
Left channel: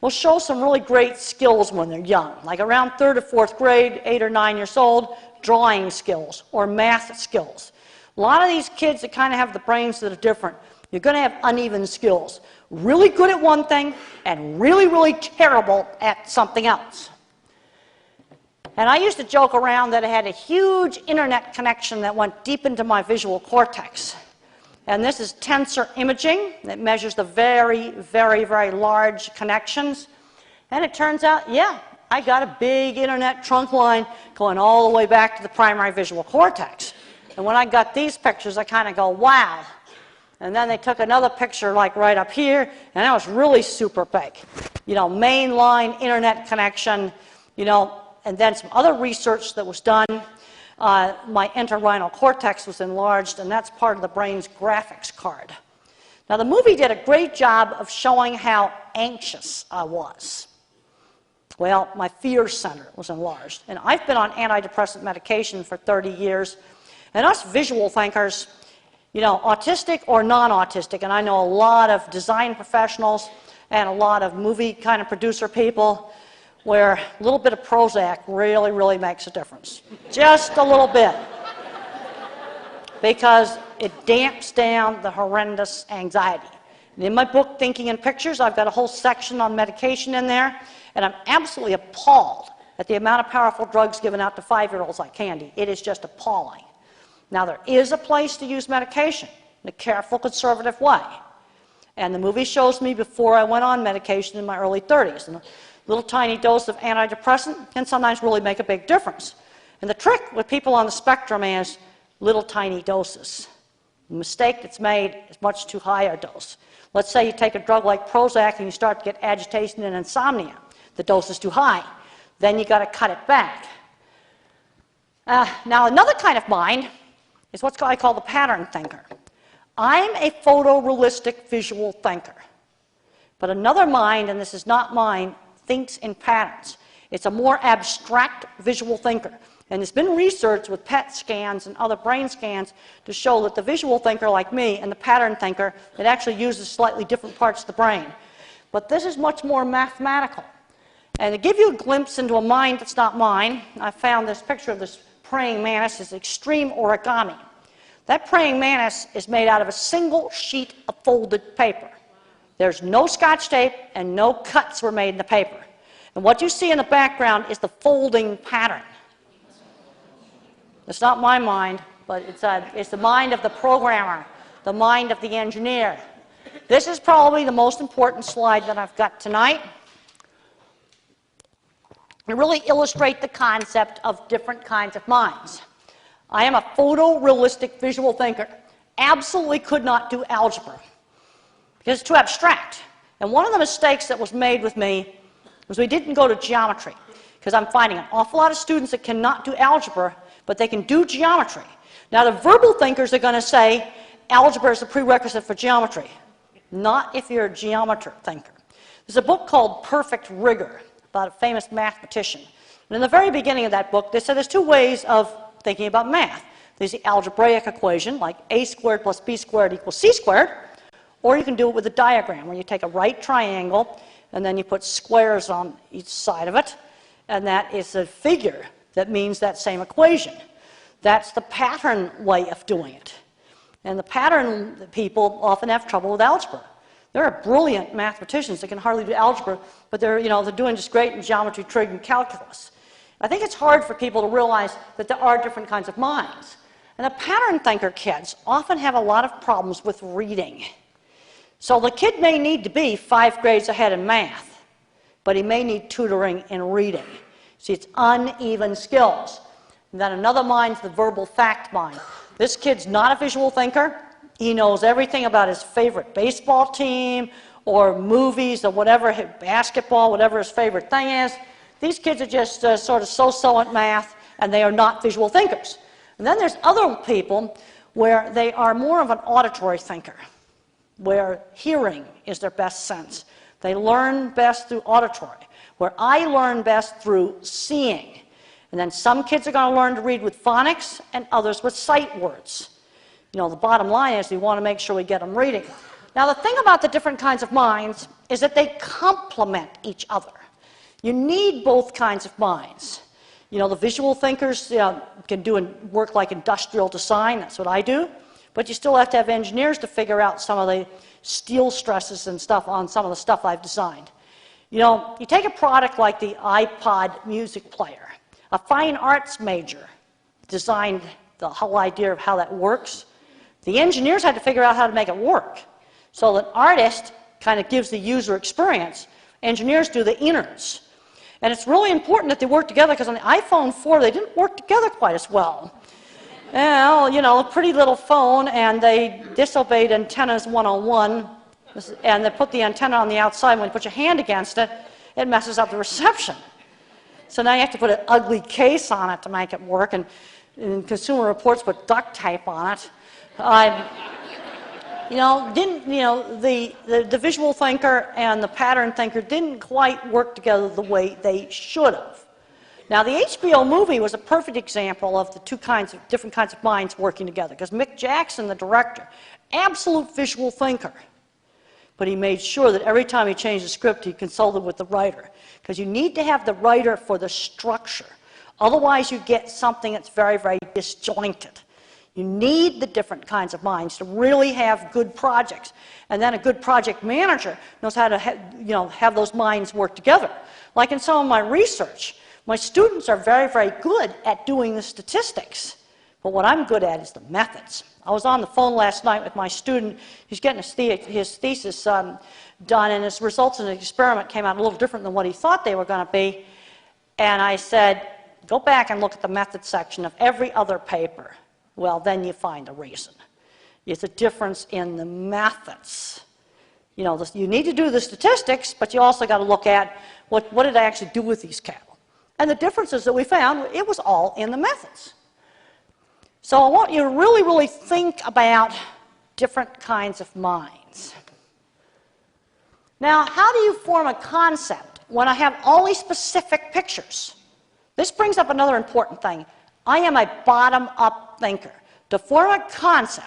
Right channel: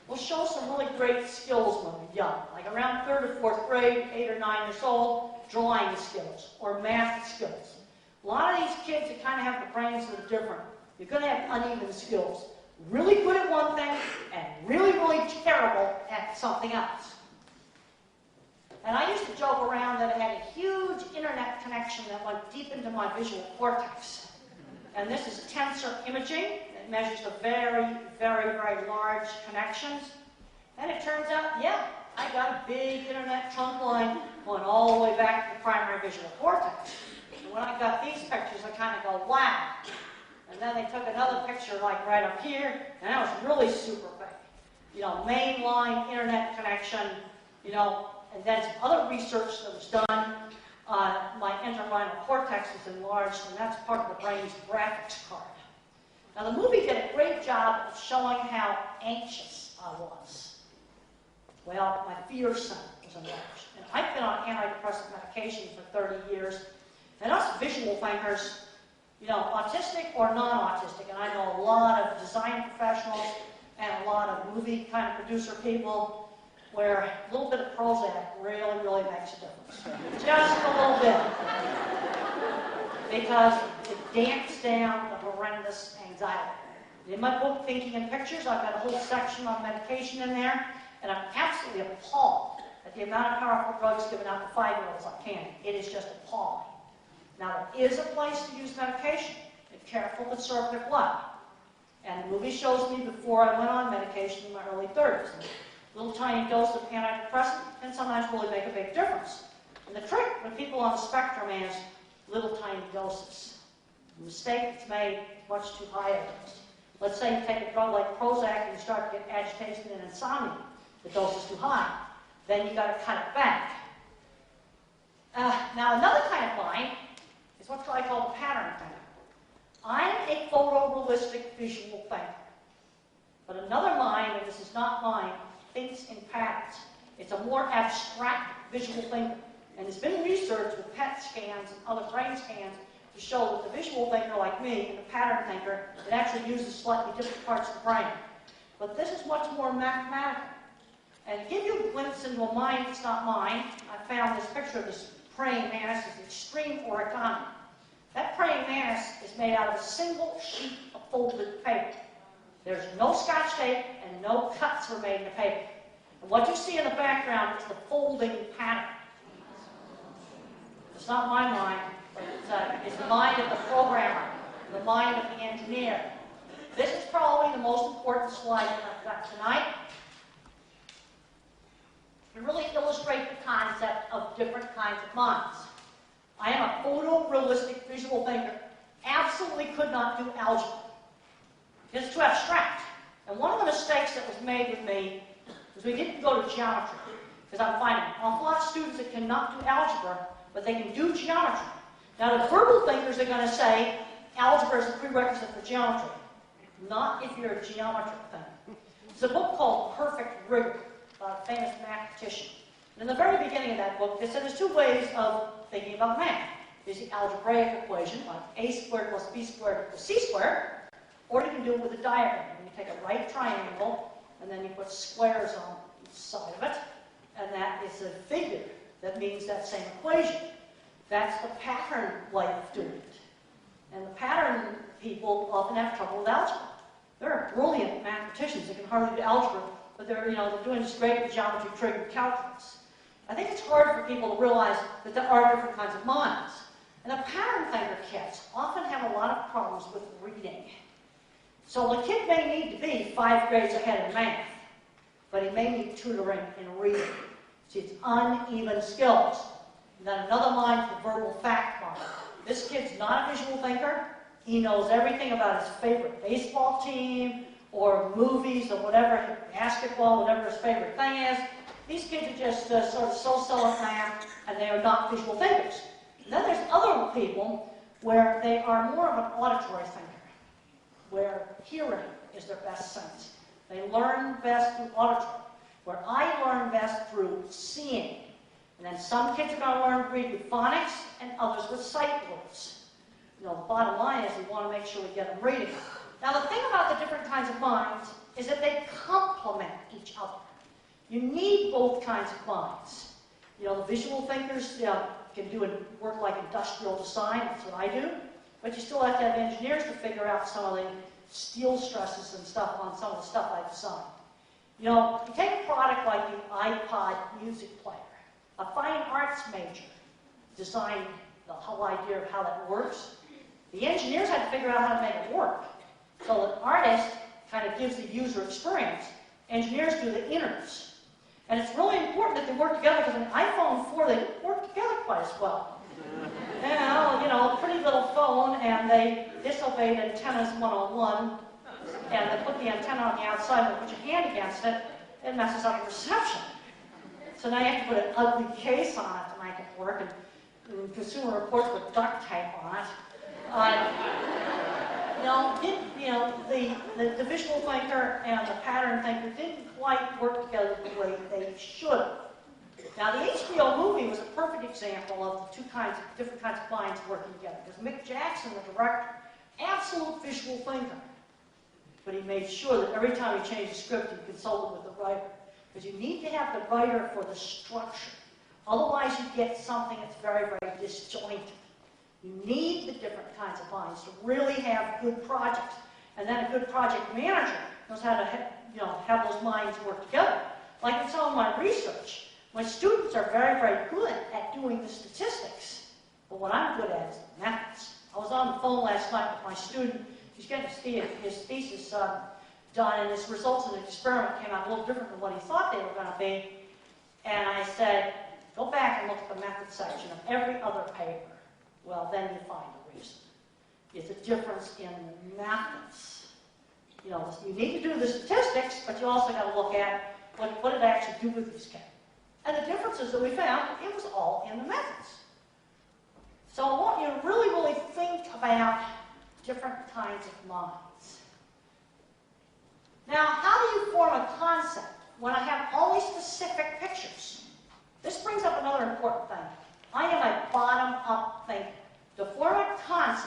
will show some really great skills when they're young, like around 3rd or 4th grade, 8 or 9 years old, drawing skills or math skills. A lot of these kids that kind of have the brains that are different, you're going to have uneven skills. Really good at one thing and really, really terrible at something else. And I used to joke around that I had a huge internet connection that went deep into my visual cortex. And this is tensor imaging that measures the very, very, very large connections. And it turns out, yeah, I got a big internet trunk line going all the way back to the primary visual cortex. And when I got these pictures, I kind of go, wow. And then they took another picture like right up here, and that was really super big. You know, mainline internet connection, you know, and then some other research that was done. My entorhinal cortex was enlarged, and that's part of the brain's graphics card. Now, the movie did a great job of showing how anxious I was. Well, my fear center was enlarged. And I've been on antidepressant medication for 30 years. And us visual thinkers, you know, autistic or non-autistic, and I know a lot of design professionals and a lot of movie kind of producer people where a little bit of Prozac really, really makes a difference. Just a little bit. Because it damps down the horrendous anxiety. And in my book, Thinking in Pictures, I've got a whole section on medication in there, and I'm absolutely appalled at the amount of powerful drugs given out to 5-year-olds like candy. It is just appalling. Now, there is a place to use medication in a careful, conservative way. And the movie shows me before I went on medication in my early 30s. And a little tiny dose of antidepressant can sometimes really make a big difference. And the trick with people on the spectrum is little tiny doses. The mistake that's made is much too high a dose. Let's say you take a drug like Prozac and you start to get agitation and insomnia. The dose is too high. Then you got to cut it back. Now, another kind of mind is what I call the pattern thinker. I'm a photorealistic visual thinker. But another mind, and this is not mine, thinks in patterns. It's a more abstract visual thinker. And there's been research with PET scans and other brain scans to show that the visual thinker like me and the pattern thinker, it actually uses slightly different parts of the brain. But this is much more mathematical. And to give you a glimpse into a mind that's not mine, I found this picture of this praying mantis is extreme origami. That praying mantis is made out of a single sheet of folded paper. There's no Scotch tape and no cuts were made in the paper. And what you see in the background is the folding pattern. It's not my mind, but it's the mind of the programmer, the mind of the engineer. This is probably the most important slide that I've got tonight. To really illustrate the concept of different kinds of minds. I am a photorealistic visual thinker. Absolutely could not do algebra because it's too abstract. And one of the mistakes that was made with me was we didn't go to geometry, because I'm finding an awful lot of students that cannot do algebra, but they can do geometry. Now the verbal thinkers are going to say algebra is a prerequisite for geometry. Not if you're a geometry thinker. There's a book called Perfect Rigor about a famous mathematician. And in the very beginning of that book, they said there's two ways of thinking about math. There's the algebraic equation, like a squared plus b squared equals c squared, or you can do it with a diagram, where you take a right triangle, and then you put squares on each side of it, and that is a figure that means that same equation. That's the pattern way of doing it. And the pattern people often have trouble with algebra. There are brilliant mathematicians that can hardly do algebra, but they're doing just great in geometry, trig, and calculus. I think it's hard for people to realize that there are different kinds of minds. And the pattern thinker kids often have a lot of problems with reading. So the kid may need to be 5 grades ahead in math, but he may need tutoring in reading. See, it's uneven skills. And then another mind is the verbal fact mind. This kid's not a visual thinker. He knows everything about his favorite baseball team or movies or whatever, basketball, whatever his favorite thing is. These kids are just sort of so-so at math, and they are not visual thinkers. And then there's other people where they are more of an auditory thinker, where hearing is their best sense. They learn best through auditory, where I learn best through seeing. And then some kids are going to learn to read with phonics and others with sight words. The bottom line is we want to make sure we get them reading. Now, the thing about the different kinds of minds is that they complement each other. You need both kinds of minds. The visual thinkers can do work like industrial design. That's what I do. But you still have to have engineers to figure out some of the steel stresses and stuff on some of the stuff I've designed. You take a product like the iPod music player. A fine arts major designed the whole idea of how that works. The engineers had to figure out how to make it work. So the artist kind of gives the user experience. Engineers do the innards. And it's really important that they work together, because on the iPhone 4, they didn't work together quite as well. A pretty little phone, and they disobeyed antennas 101, and they put the antenna on the outside. When you put your hand against it, it messes up the reception. So now you have to put an ugly case on it to make it work, and Consumer Reports put duct tape on it. The visual thinker and the pattern thinker didn't quite work together the way they should have. Now, the HBO movie was a perfect example of the different kinds of minds working together, because Mick Jackson, the director, absolute visual thinker, but he made sure that every time he changed the script, he consulted with the writer, because you need to have the writer for the structure. Otherwise, you get something that's very, very disjointed. You need the different kinds of minds to really have good projects. And then a good project manager knows how to have those minds work together. Like in some of my research, my students are very, very good at doing the statistics. But what I'm good at is the methods. I was on the phone last night with my student. He's getting his thesis done, and his results in the experiment came out a little different than what he thought they were going to be. And I said, go back and look at the method section of every other paper. Well, then you find a reason. It's a difference in the methods. You need to do the statistics, but you also got to look at what did I actually do with these cattle. And the differences that we found, it was all in the methods. So I want you to really, really think about different kinds of minds. Now, how do you form a concept when I have all these specific pictures? This brings up another important thing. I am a bottom-up thinker. To form a concept,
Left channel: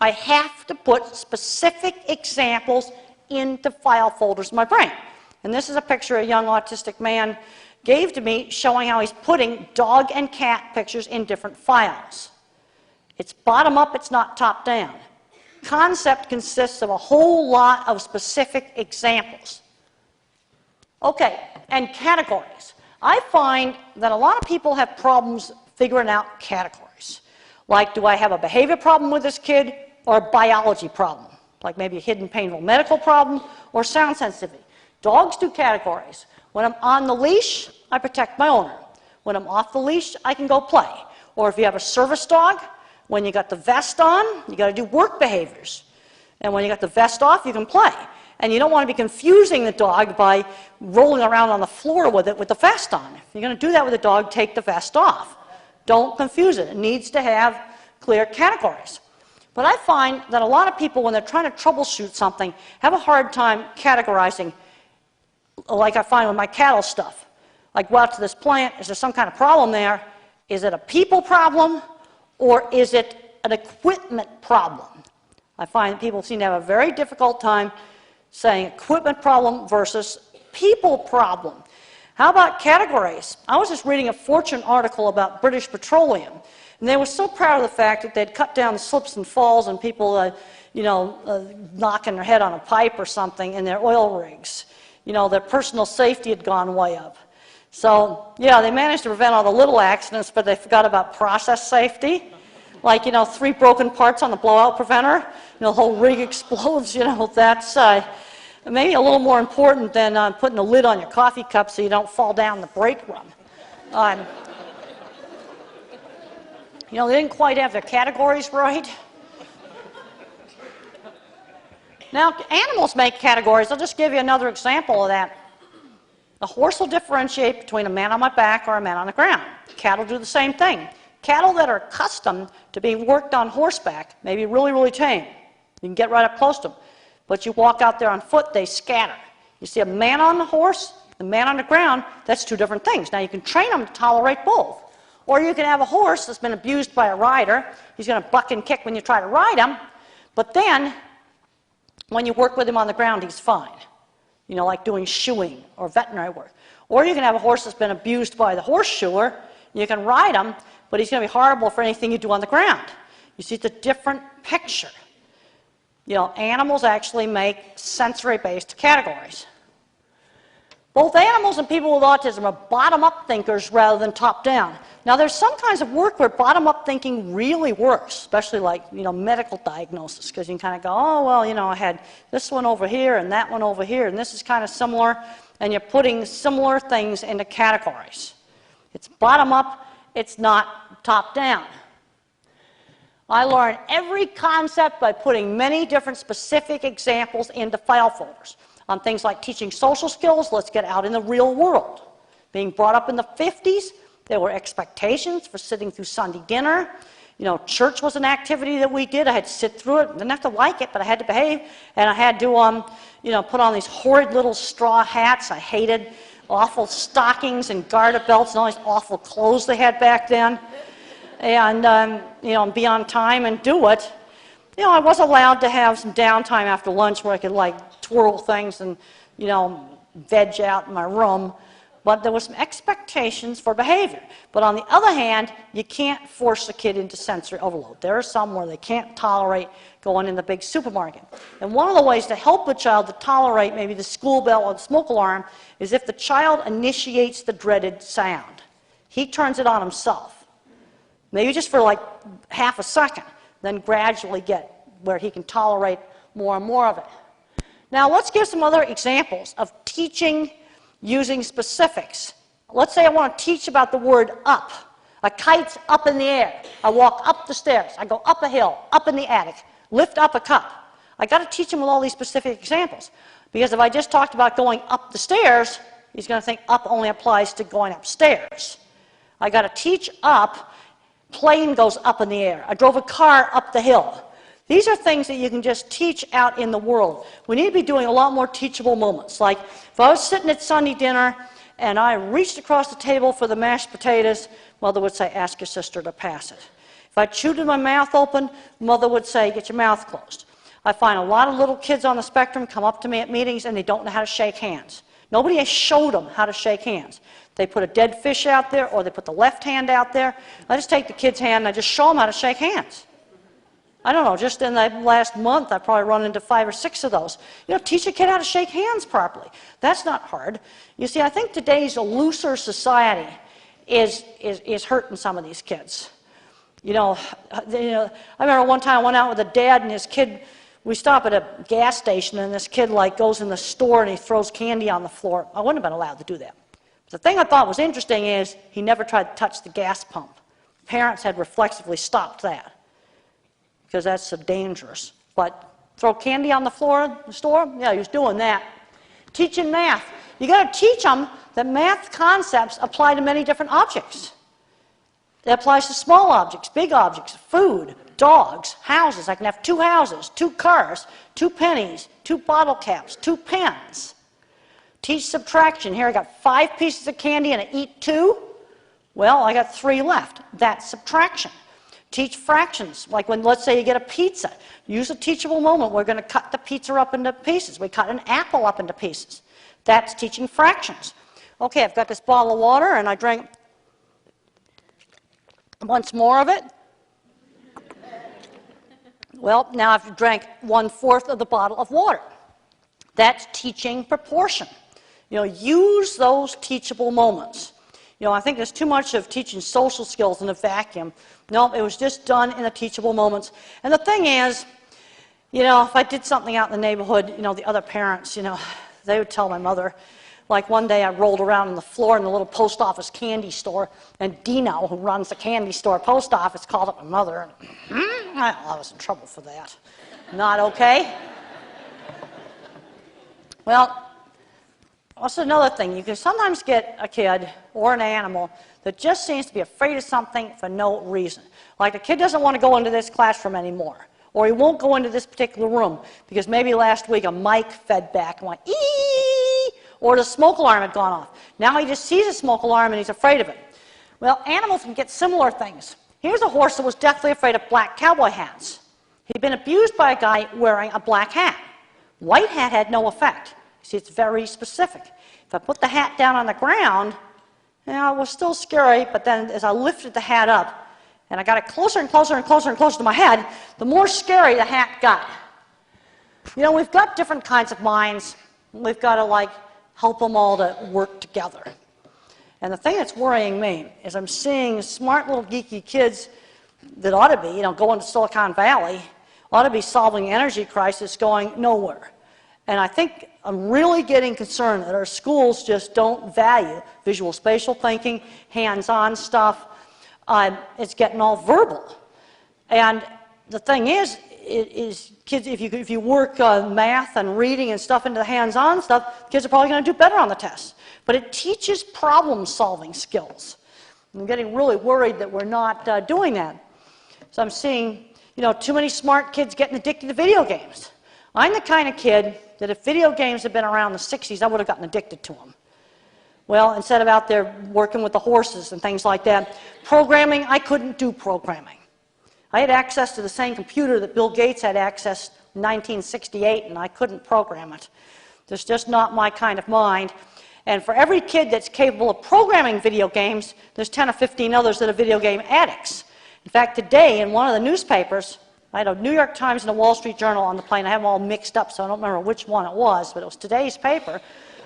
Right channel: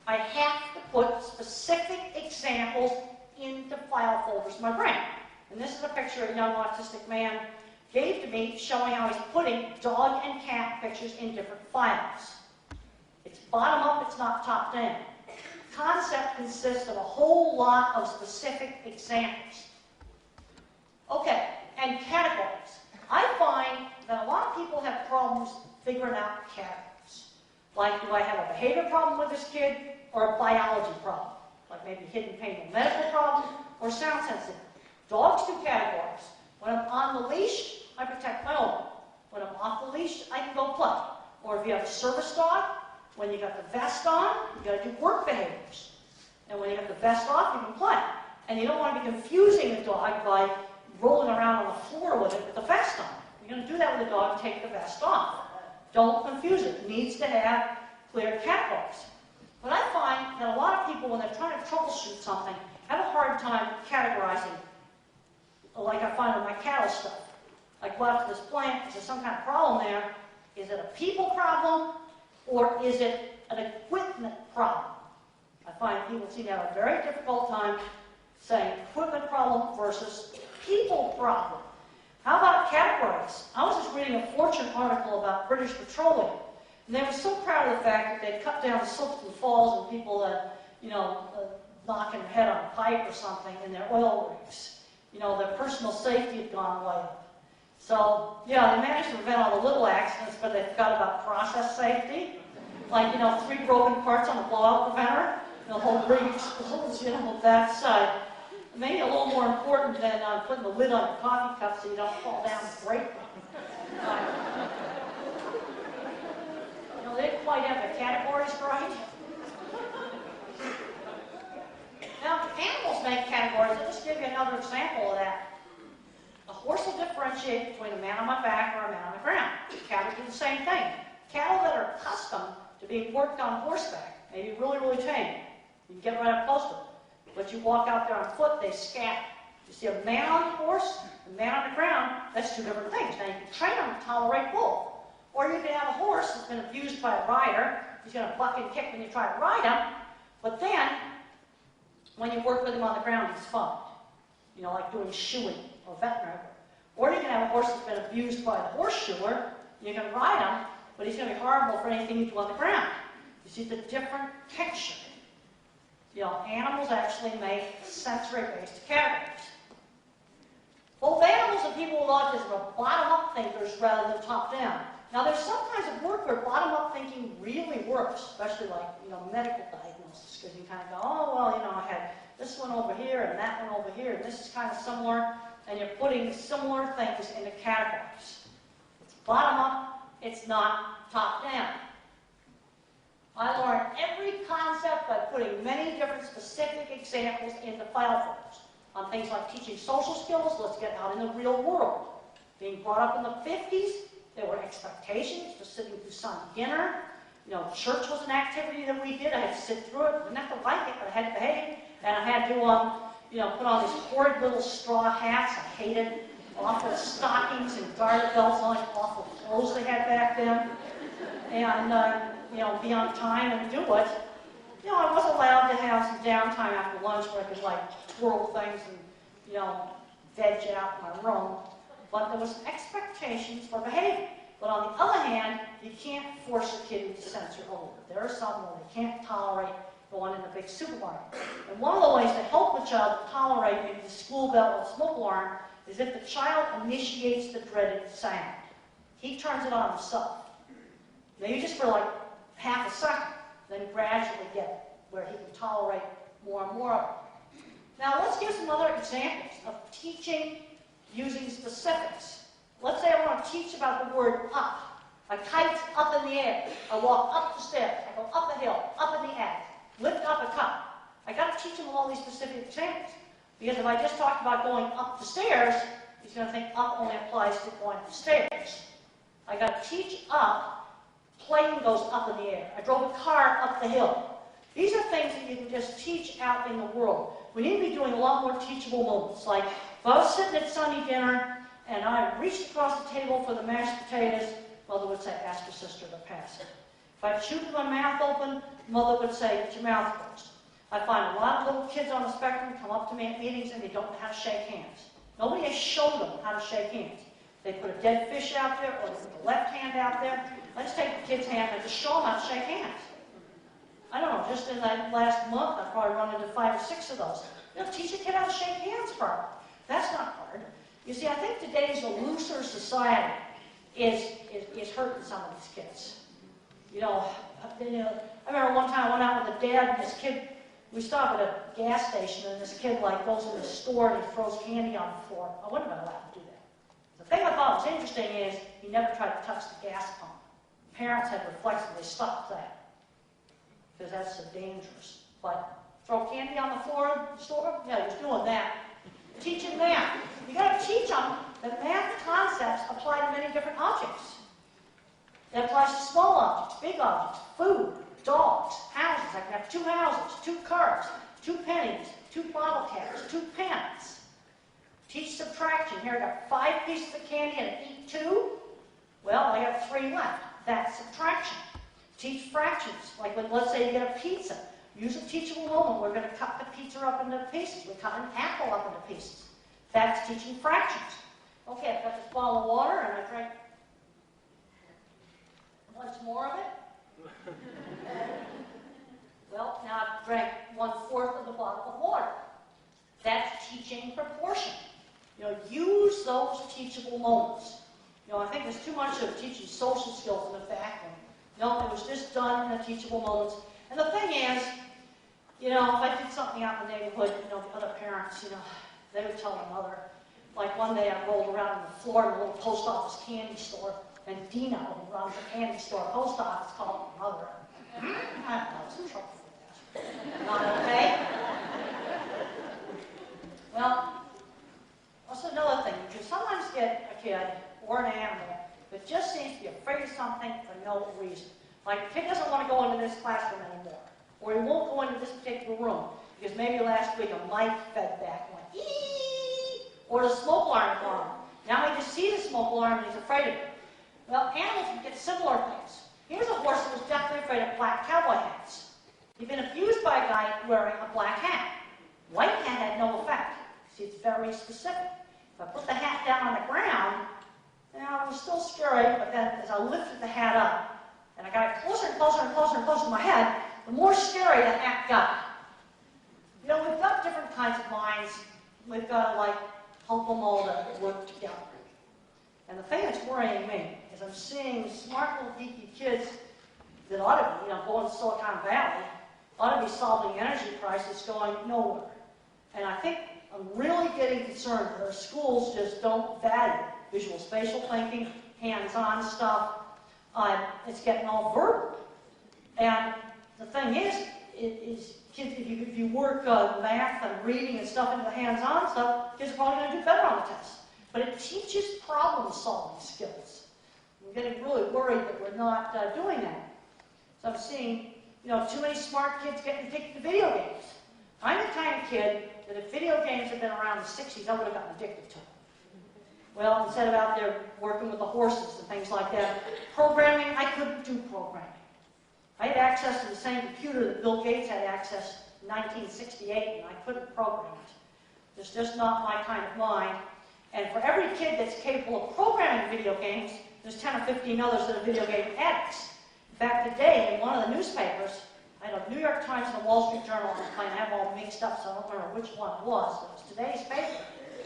I have to put specific examples into file folders in my brain. And this is a picture of a young autistic man gave to me showing how he's putting dog and cat pictures in different files. It's bottom up, it's not top down. Concept consists of a whole lot of specific examples. Okay, and categories. I find that a lot of people have problems figuring out categories. Like, do I have a behavior problem with this kid or a biology problem? Like maybe a hidden painful medical problem or sound sensitivity. Dogs do categories. When I'm on the leash, I protect my owner. When I'm off the leash, I can go play. Or if you have a service dog, when you got the vest on, you got to do work behaviors. And when you got the vest off, you can play. And you don't want to be confusing the dog by rolling around on the floor with it with the vest on. If you're going to do that with a dog, take the vest off. Don't confuse it. It needs to have clear categories. But I find that a lot of people, when they're trying to troubleshoot something, have a hard time categorizing, like I find with my cattle stuff. Like, go out to this plant, is there some kind of problem there? Is it a people problem, or is it an equipment problem? I find people seem to have a very difficult time saying equipment problem versus people problem. How about categories? I was just reading a Fortune article about British Petroleum, and they were so proud of the fact that they'd cut down slips and falls and people, knocking their head on a pipe or something in their oil rigs. You know, their personal safety had gone way up. So, yeah, they managed to prevent all the little accidents, but they forgot about process safety. Like, 3 broken parts on the blowout preventer, the whole rig explodes, that's maybe a little more important than putting a lid on your coffee cup so you don't fall down the brake run. They didn't quite have their categories right. Now, animals make categories. I'll just give you another example of that. A horse will differentiate between a man on my back or a man on the ground. Cattle do the same thing. Cattle that are accustomed to being worked on horseback may be really, really tame. You can get right up close to them. But you walk out there on foot, they scatter. You see a man on the horse, a man on the ground, that's 2 different things. Now, you can train them to tolerate both. Or you can have a horse that's been abused by a rider. He's going to buck and kick when you try to ride him. But then, when you work with him on the ground, he's fine. Like doing shoeing or veterinary work. Or you can have a horse that's been abused by the horse shoer. You can ride him, but he's going to be horrible for anything you do on the ground. You see, it's a different picture. Animals actually make sensory-based categories. Both animals and people with autism are bottom-up thinkers rather than top-down. Now, there's some kinds of work where bottom-up thinking really works, especially like, medical diagnosis, because you can kind of go, oh, well, I had this one over here and that one over here, and this is kind of similar, and you're putting similar things into categories. It's bottom-up, it's not top-down. I learned every concept by putting many different specific examples into file folders. On things like teaching social skills, let's get out in the real world. Being brought up in the 50s, there were expectations for sitting through Sunday dinner. Church was an activity that we did. I had to sit through it. I didn't have to like it, but I had to behave. And I had to, put on these horrid little straw hats. I hated awful stockings and garter belts and all these awful clothes they had back then. And, be on time and do it. I was allowed to have some downtime after lunch where I could, twirl things and, veg out in my room. But there were some expectations for behavior. But on the other hand, you can't force a kid into sensory overload. There are some where they can't tolerate going in the big supermarket. And one of the ways to help a child to tolerate maybe the school bell or the smoke alarm is if the child initiates the dreaded sound. He turns it on himself. Maybe just for half a second, then gradually get where he can tolerate more and more of it. Now, let's give some other examples of teaching using specifics. Let's say I want to teach about the word up. A kite's up in the air. I walk up the stairs. I go up a hill, up in the attic, lift up a cup. I got to teach him with all these specific examples. Because if I just talked about going up the stairs, he's going to think up only applies to going upstairs. I got to teach up. Plane goes up in the air. I drove a car up the hill. These are things that you can just teach out in the world. We need to be doing a lot more teachable moments. Like if I was sitting at Sunday dinner and I reached across the table for the mashed potatoes, Mother would say, ask your sister to pass it. If I chewed with my mouth open, Mother would say, get your mouth closed. I find a lot of little kids on the spectrum come up to me at meetings and they don't know how to shake hands. Nobody has showed them how to shake hands. They put a dead fish out there, or they put the left hand out there. I just take the kid's hand and I just show them how to shake hands. I don't know, just in the last month, I've probably run into 5 or 6 of those. You know, teach a kid how to shake hands properly. That's not hard. You see, I think today's looser society is hurting some of these kids. You know, I remember one time I went out with a dad and his kid, we stop at a gas station and this kid like goes in the store and he throws candy on the floor. I wouldn't have been allowed to do that. The thing I thought was interesting is he never tried to touch the gas pump. Parents had reflexively stopped that because that's so dangerous. But throw candy on the floor in the store? Yeah, he was doing that. Teaching math. You got to teach them that math concepts apply to many different objects. It applies to small objects, big objects, food, dogs, houses. I can have 2 houses, 2 cars, 2 pennies, 2 bottle caps, 2 pens. Teach subtraction. Here I got 5 pieces of candy and I eat 2. Well, I got 3 left. That's subtraction. Teach fractions. Like when, let's say you get a pizza. Use a teachable moment. We're going to cut the pizza up into pieces. We cut an apple up into pieces. That's teaching fractions. Okay, I've got this bottle of water and I drank once more of it. Well, now I've drank 1/4 of the bottle of water. That's teaching proportion. You know, use those teachable moments. You know, I think there's too much of teaching social skills in a vacuum. No, it was just done in the teachable moments. And the thing is, you know, if I did something out in the neighborhood, you know, the other parents, you know, they would tell my mother. Like one day I rolled around on the floor in the little post office candy store, and Dino, who runs the candy store post office, called up my mother. And, I was in trouble for that. Not okay. Well, also another thing, you can sometimes get a kid or an animal that just seems to be afraid of something for no reason. Like a kid doesn't want to go into this classroom anymore, or he won't go into this particular room because maybe last week a mic fed back and went, ee, or the smoke alarm had gone off. Now he just sees a smoke alarm and he's afraid of it. Well, animals can get similar things. Here's a horse that was deathly afraid of black cowboy hats. He'd been abused by a guy wearing a black hat. White hat had no effect. See, it's very specific. If I put the hat down on the ground, you know, it was still scary, but then as I lifted the hat up, and I got it closer and closer and closer and closer to my head, the more scary the hat got. You know, we've got different kinds of minds. We've got to, like, help them all to work together. And the thing that's worrying me is I'm seeing smart little geeky kids that ought to be, you know, going to Silicon Valley, ought to be solving energy crisis going nowhere. And I think I'm really getting concerned that our schools just don't value visual spatial thinking, hands-on stuff. It's getting all verbal. And the thing is kids, if you work math and reading and stuff into the hands-on stuff, kids are probably going to do better on the tests. But it teaches problem-solving skills. I'm getting really worried that we're not doing that. So I'm seeing, you know, too many smart kids getting addicted to video games. I'm the kind of kid that if video games had been around in the 60s, I would have gotten addicted to them. Well, instead of out there working with the horses and things like that, programming, I couldn't do programming. I had access to the same computer that Bill Gates had access in 1968, and I couldn't program it. There's just not my kind of mind. And for every kid that's capable of programming video games, there's 10 or 15 others that are video game addicts. In fact, today in one of the newspapers, I had a New York Times and a Wall Street Journal on the plane. I have them all mixed up, so I don't remember which one it was, but it was today's paper.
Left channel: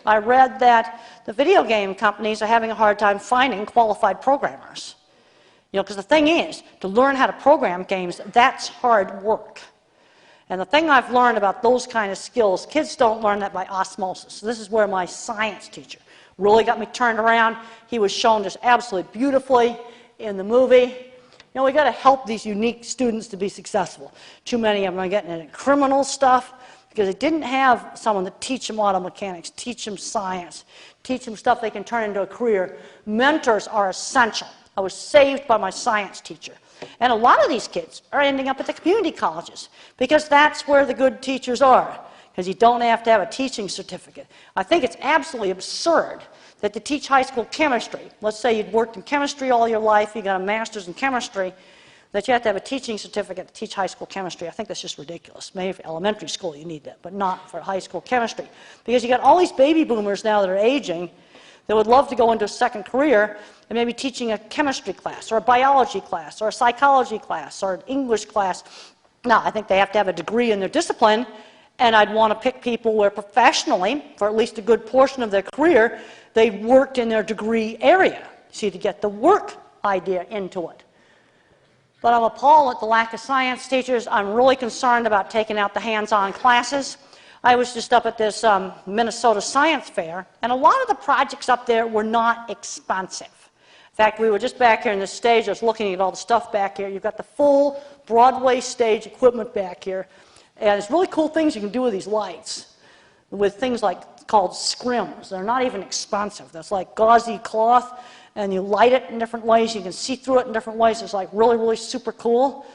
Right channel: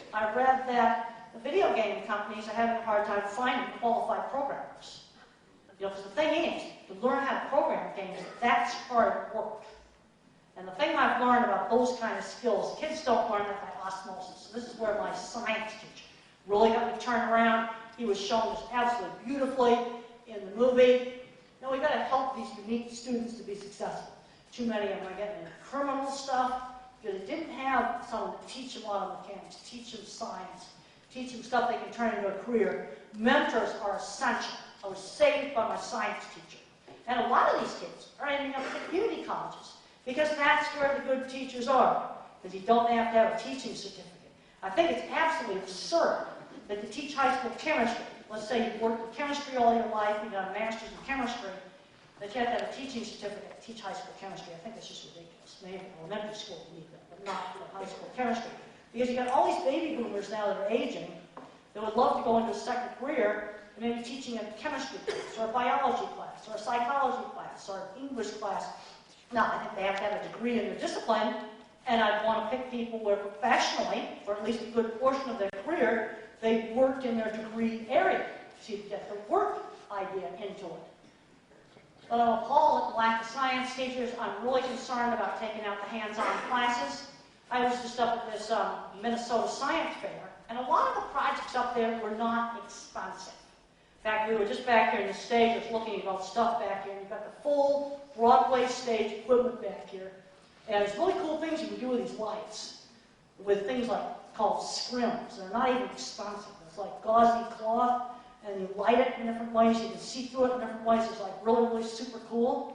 I read that the video game companies are having a hard time finding qualified programmers. You know, because the thing is, to learn how to program games, that's hard work. And the thing I've learned about those kind of skills, kids don't learn that by osmosis. So this is where my science teacher really got me turned around. He was shown this absolutely beautifully in the movie. You know, we got to help these unique students to be successful. Too many of them are getting into criminal stuff because they didn't have someone to teach them auto mechanics, teach them science, teach them stuff they can turn into a career. Mentors are essential. I was saved by my science teacher. And a lot of these kids are ending up at the community colleges because that's where the good teachers are, because you don't have to have a teaching certificate. I think it's absolutely absurd that to teach high school chemistry, let's say you've worked in chemistry all your life, you got a master's in chemistry, that you have to have a teaching certificate to teach high school chemistry. I think that's just ridiculous. Maybe for elementary school you need that, but not for high school chemistry. Because you got all these baby boomers now that are aging that would love to go into a second career and maybe teaching a chemistry class or a biology class or a psychology class or an English class. Now, I think they have to have a degree in their discipline, and I'd want to pick people where professionally, for at least a good portion of their career, they worked in their degree area, see, to get the work idea into it. But I'm appalled at the lack of science teachers. I'm really concerned about taking out the hands-on classes. I was just up at this Minnesota Science Fair, and a lot of the projects up there were not expensive. In fact, we were just back here on this stage, I was looking at all the stuff back here. You've got the full Broadway stage equipment back here, and there's really cool things you can do with these lights, with things like called scrims. They're not even expensive. That's like gauzy cloth, and you light it in different ways. You can see through it in different ways. It's like really, really super cool.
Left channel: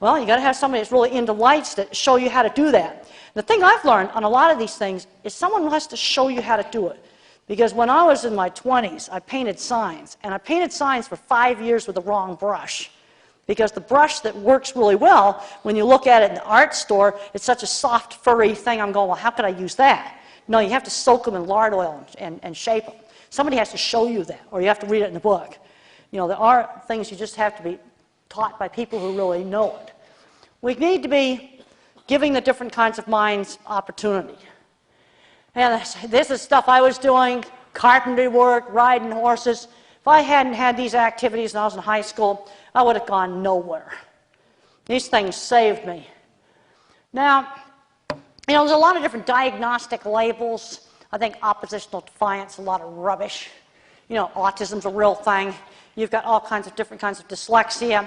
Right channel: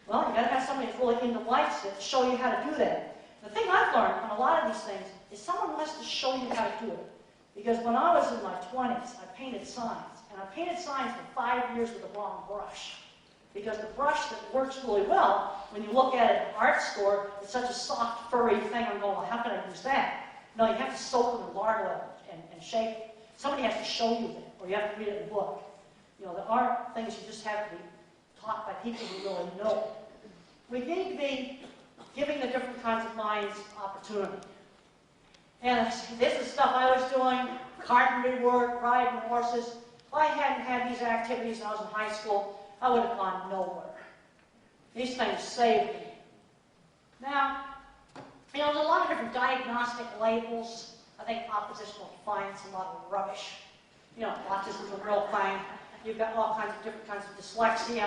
Well, you got to have somebody that's really into lights that show you how to do that. The thing I've learned on a lot of these things is someone who has to show you how to do it. Because when I was in my 20s, I painted signs, and I painted signs for 5 years with the wrong brush. Because the brush that works really well, when you look at it in the art store, it's such a soft, furry thing. I'm going, well, how could I use that? No, you have to soak them in lard oil and shape them. Somebody has to show you that, or you have to read it in a book. You know, there are things you just have to be taught by people who really know it. We need to be giving the different kinds of minds opportunity. And this is stuff I was doing, carpentry work, riding horses. If I hadn't had these activities when I was in high school, I would have gone nowhere. These things saved me. Now, you know, there's a lot of different diagnostic labels. I think oppositional defiance is a lot of rubbish. You know, autism's a real thing. You've got all kinds of different kinds of dyslexia.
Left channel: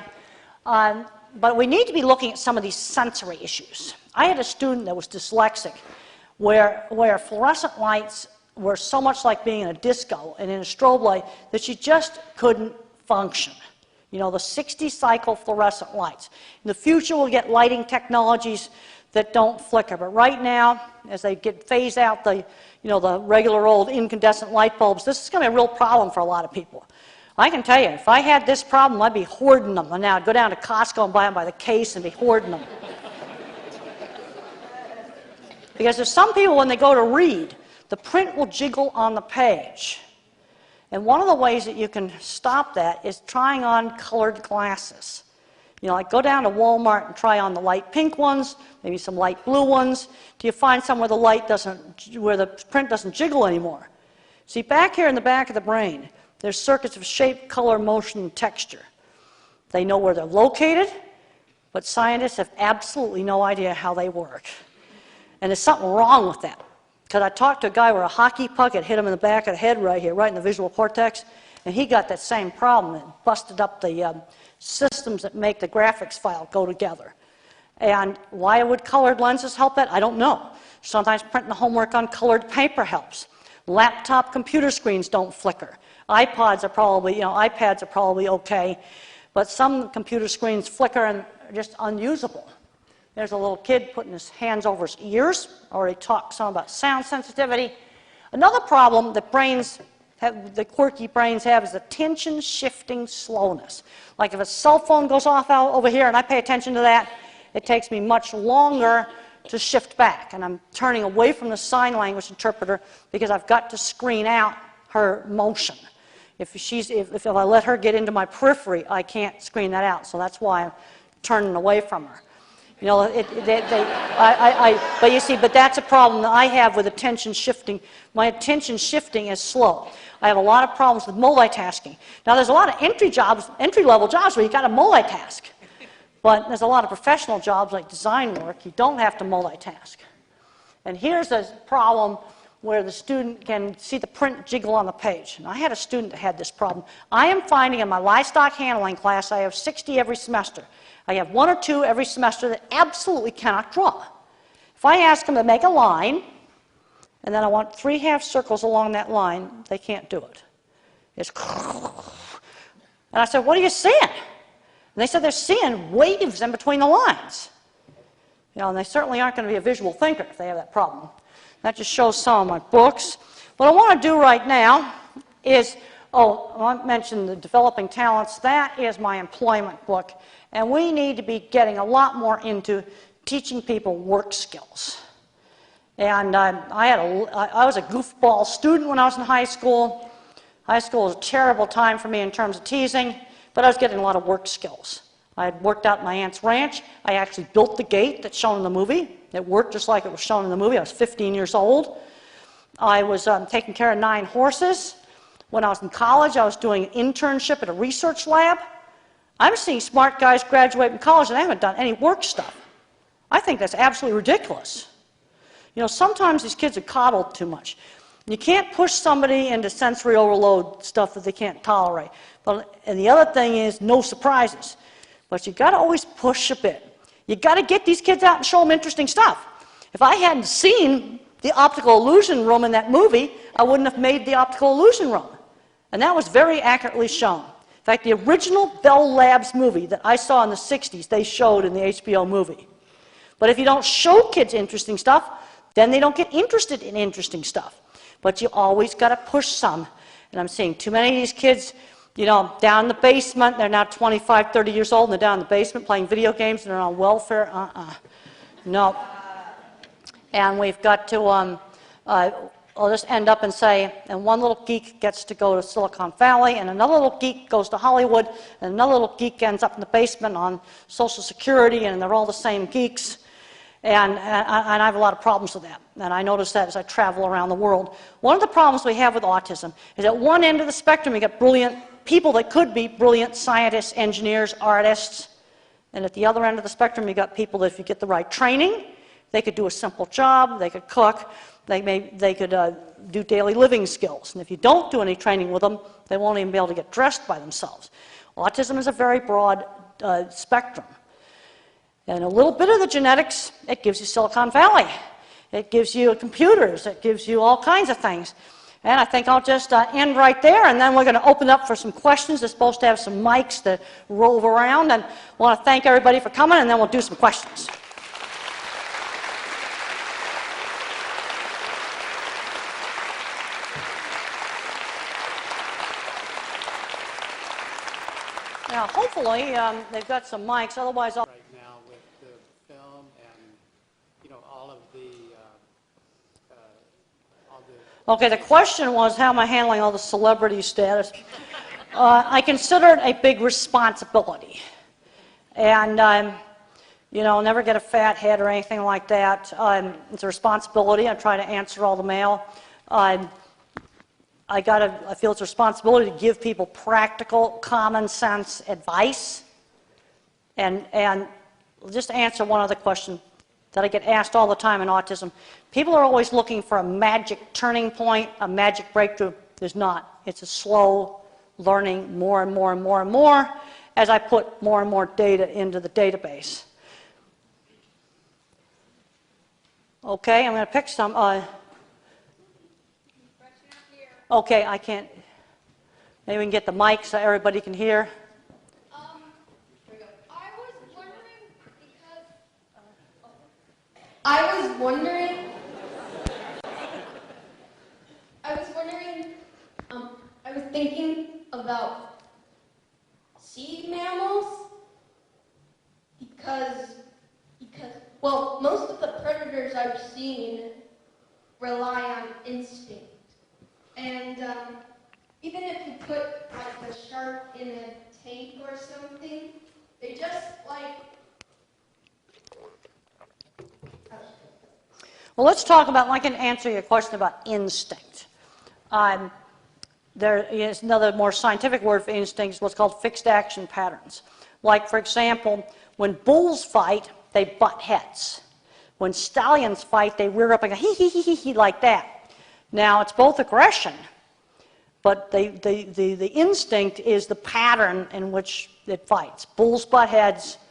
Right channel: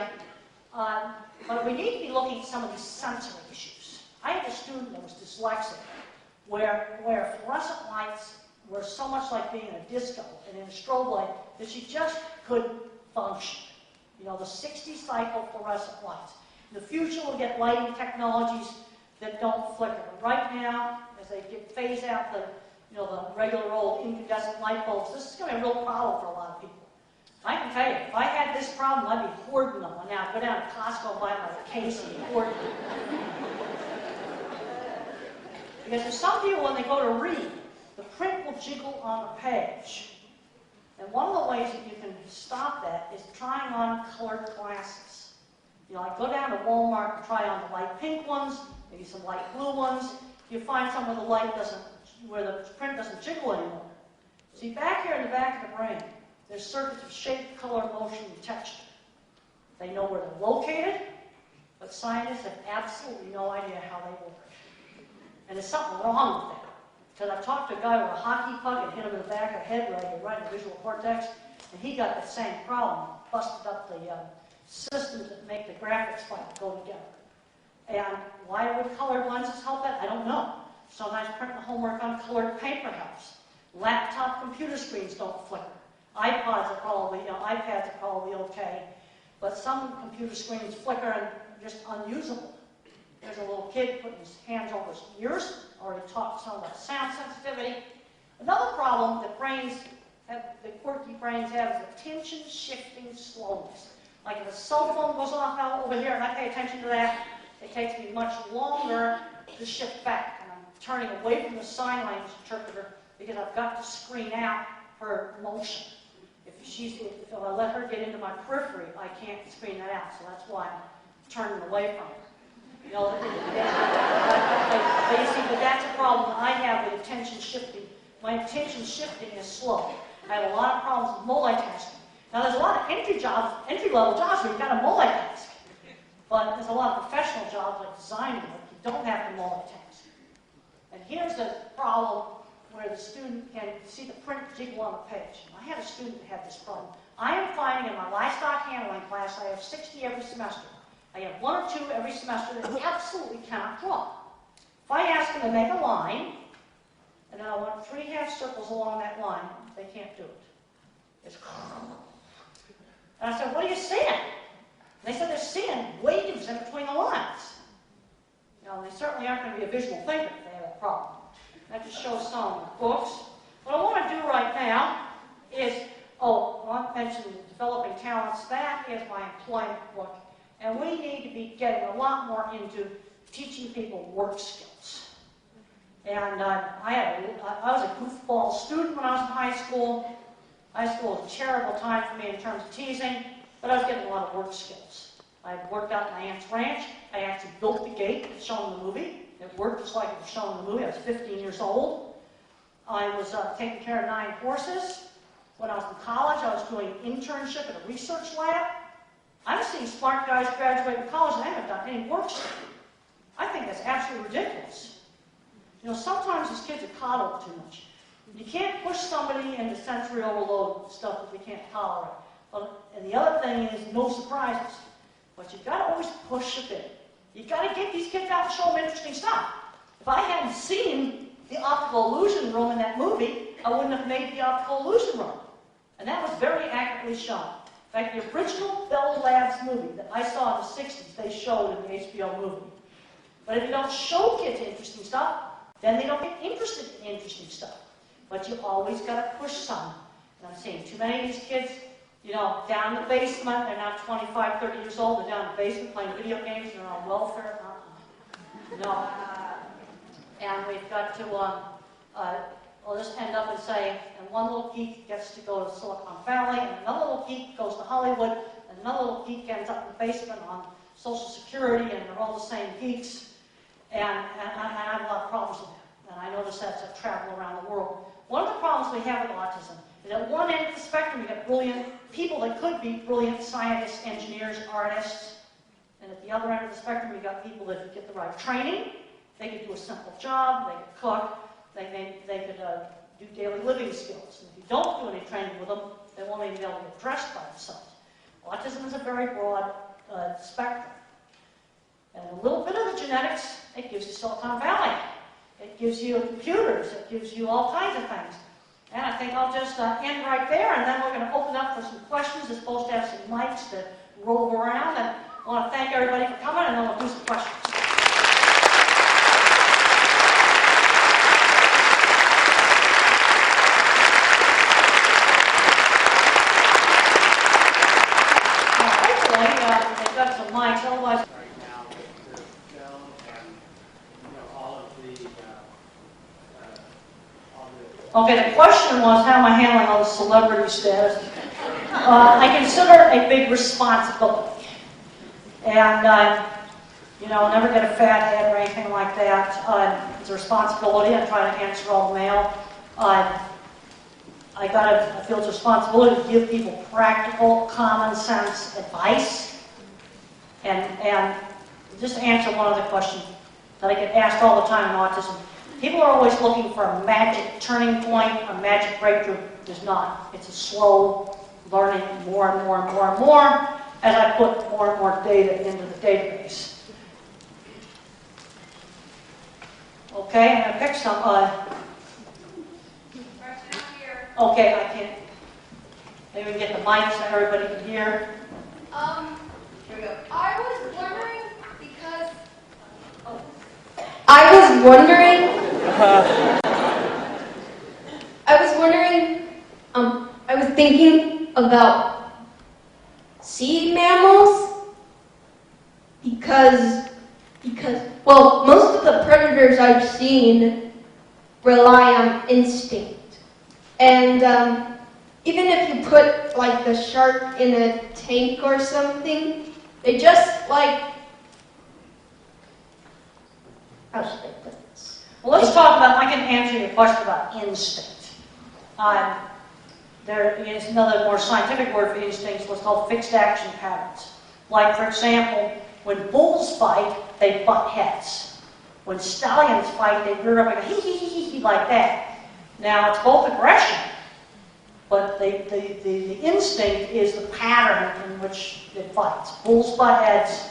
But we need to be looking at some of these sensory issues. I had a student that was dyslexic, where fluorescent lights were so much like being in a disco and in a strobe light that she just couldn't function. You know, the 60-cycle fluorescent lights. In the future, we'll get lighting technologies that don't flicker. But right now, as they phase out the regular old incandescent light bulbs, this is going to be a real problem for a lot of people. I can tell you, if I had this problem, I'd be hoarding them. And now I'd go down to Costco and buy them by the case and be hoarding them. Because there's some people, when they go to read, the print will jiggle on the page. And one of the ways that you can stop that is trying on colored glasses. You know, like go down to Walmart and try on the light pink ones, maybe some light blue ones, till you find somewhere where the print doesn't jiggle anymore. See, back here in the back of the brain, there's circuits of shape, color, motion, and texture. They know where they're located, but scientists have absolutely no idea how they work. And there's something wrong with that. Because I talked to a guy where a hockey puck had hit him in the back of the head right here, right in the visual cortex, and he got that same problem and busted up the systems that make the graphics file go together. And why would colored lenses help that? I don't know. Sometimes printing the homework on colored paper helps. Laptop computer screens don't flicker. iPads are probably okay, but some computer screens flicker and are just unusable. There's a little kid putting his hands over his ears. I already talked some about sound sensitivity. Another problem that the quirky brains have is attention shifting slowness. Like if a cell phone goes off out over here and I pay attention to that, it takes me much longer to shift back. And I'm turning away from the sign language interpreter because I've got to screen out her motion. If I let her get into my periphery, I can't screen that out. So that's why I'm turning away from her. You know, but you see, but that's a problem that I have with attention shifting. My attention shifting is slow. I have a lot of problems with multitasking. Now, there's a lot of entry-level jobs where you've got to multitask. But there's a lot of professional jobs like design work, you don't have to multitask. And here's a problem where the student can see the print jiggle on the page. And I had a student that had this problem. I am finding in my livestock handling class, I have 60 every semester. I have 1 or 2 every semester that absolutely cannot draw. If I ask them to make a line, and then I want 3 half circles along that line, they can't do it. It's and I said, what are you seeing? And they said they're seeing waves in between the lines. You know, and they certainly aren't going to be a visual thinker if they have that problem. That just shows some of my books. What I want to do right now is, I mentioned the Developing Talents. That is my employment book. And we need to be getting a lot more into teaching people work skills. And I was a goofball student when I was in high school. High school was a terrible time for me in terms of teasing, but I was getting a lot of work skills. I had worked out my aunt's ranch. I actually built the gate that's shown in the movie. It worked just like it was shown in the movie. I was 15 years old. I was taking care of 9 horses. When I was in college, I was doing an internship at a research lab. I'm seeing smart guys graduate from college and they haven't done any work stuff. I think that's absolutely ridiculous. You know, sometimes these kids are coddled too much. You can't push somebody into sensory overload stuff that they can't tolerate. And the other thing is no surprises. But you've got to always push a bit. You've got to get these kids out and show them interesting stuff. If I hadn't seen the optical illusion room in that movie, I wouldn't have made the optical illusion room. And that was very accurately shown. In fact, the original Bell Labs movie that I saw in the 60s, they showed in the HBO movie. But if you don't show kids interesting stuff, then they don't get interested in interesting stuff. But you always got to push some. And I'm seeing too many of these kids, you know, down in the basement. They're now 25, 30 years old, and they're down in the basement playing video games, and they're on welfare. No. And we've got to, I'll just end up and say, and one little geek gets to go to Silicon Valley, and another little geek goes to Hollywood, and another little geek ends up in the basement on Social Security, and they're all the same geeks. And I have a lot of problems with that. And I notice that as I travel around the world. One of the problems we have with autism is at one end of the spectrum you get brilliant people that could be brilliant scientists, engineers, artists. And at the other end of the spectrum you got people that if you get the right training, they could do a simple job, they could cook, they could do daily living skills. And if you don't do any training with them, they won't even be able to get dressed by themselves. Autism is a very broad spectrum. And a little bit of the genetics, it gives you Silicon Valley. It gives you computers. It gives you all kinds of things. And I think I'll just end right there, and then we're going to open up for some questions. They're supposed to have some mics that rove around. And I want to thank everybody for coming, and then we'll do some questions. Hopefully, they've got some mics. Otherwise, okay, the question was, how am I handling all the celebrity status? I consider it a big responsibility. And, you know, I'll never get a fat head or anything like that. It's a responsibility. I try to answer all the mail. I feel it's a responsibility to give people practical, common sense advice. And just to answer one other question that I get asked all the time in autism. People are always looking for a magic turning point, a magic breakthrough. There's not. It's a slow learning more and more and more and more as I put more and more data into the database. Okay, I'm going to pick some. Okay, I can't. Maybe we can get the mic so everybody can hear. Here we go. I was wondering because. I was thinking about sea mammals because, well, most of the predators I've seen rely on instinct. And even if you put, like, the shark in a tank or something, it just, like, how should I put this? Well, let's talk about, I'm going to answer your question about instinct. There is another more scientific word for instinct, what's called fixed action patterns. Like, for example, when bulls fight, they butt heads. When stallions fight, they rear up and go hee like that. Now, it's both aggression, but the instinct is the pattern in which it fights. Bulls butt heads,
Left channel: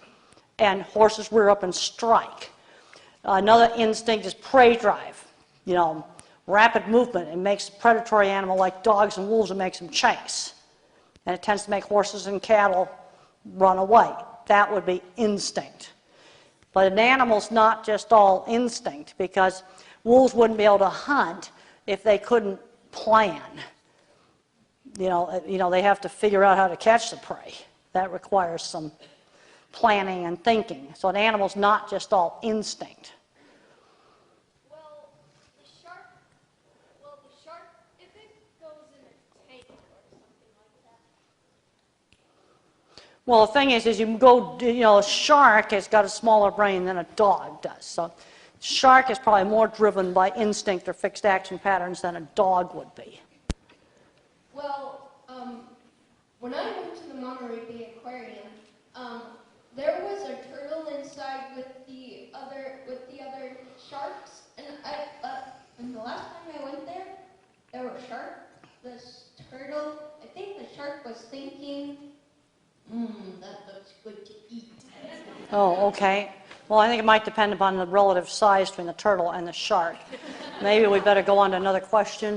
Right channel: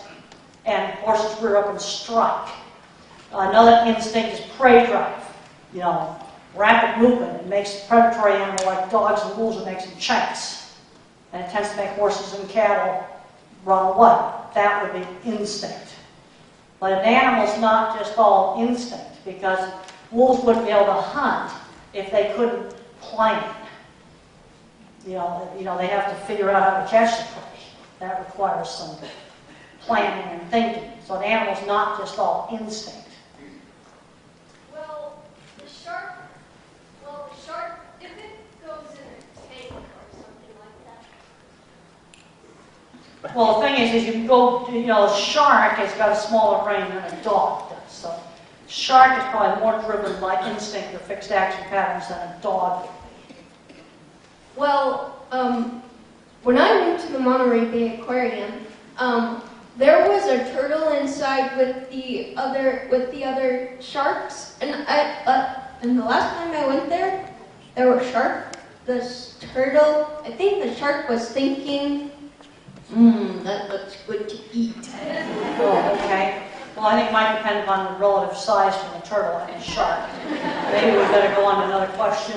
and horses rear up and strike. Another instinct is prey drive. You know, rapid movement. It makes a predatory animal like dogs and wolves, it makes them chase. And it tends to make horses and cattle run away. That would be instinct. But an animal's not just all instinct, because wolves wouldn't be able to hunt if they couldn't plan. You know, they have to figure out how to catch the prey. That requires some planning and thinking. So an animal's not just all instinct. Well, Well, the thing is, you go, a shark has got a smaller brain than a dog does. So, shark is probably more driven by instinct or fixed action patterns than a dog would be. Well, when I went to the Monterey Bay Aquarium, there was a turtle inside with the other sharks, and the last time I went there were sharks. The turtle, I think the shark was thinking, that looks good to eat. Oh, okay. Well, I think it might depend upon the relative size between the turtle and the shark. Maybe we better go on to another question.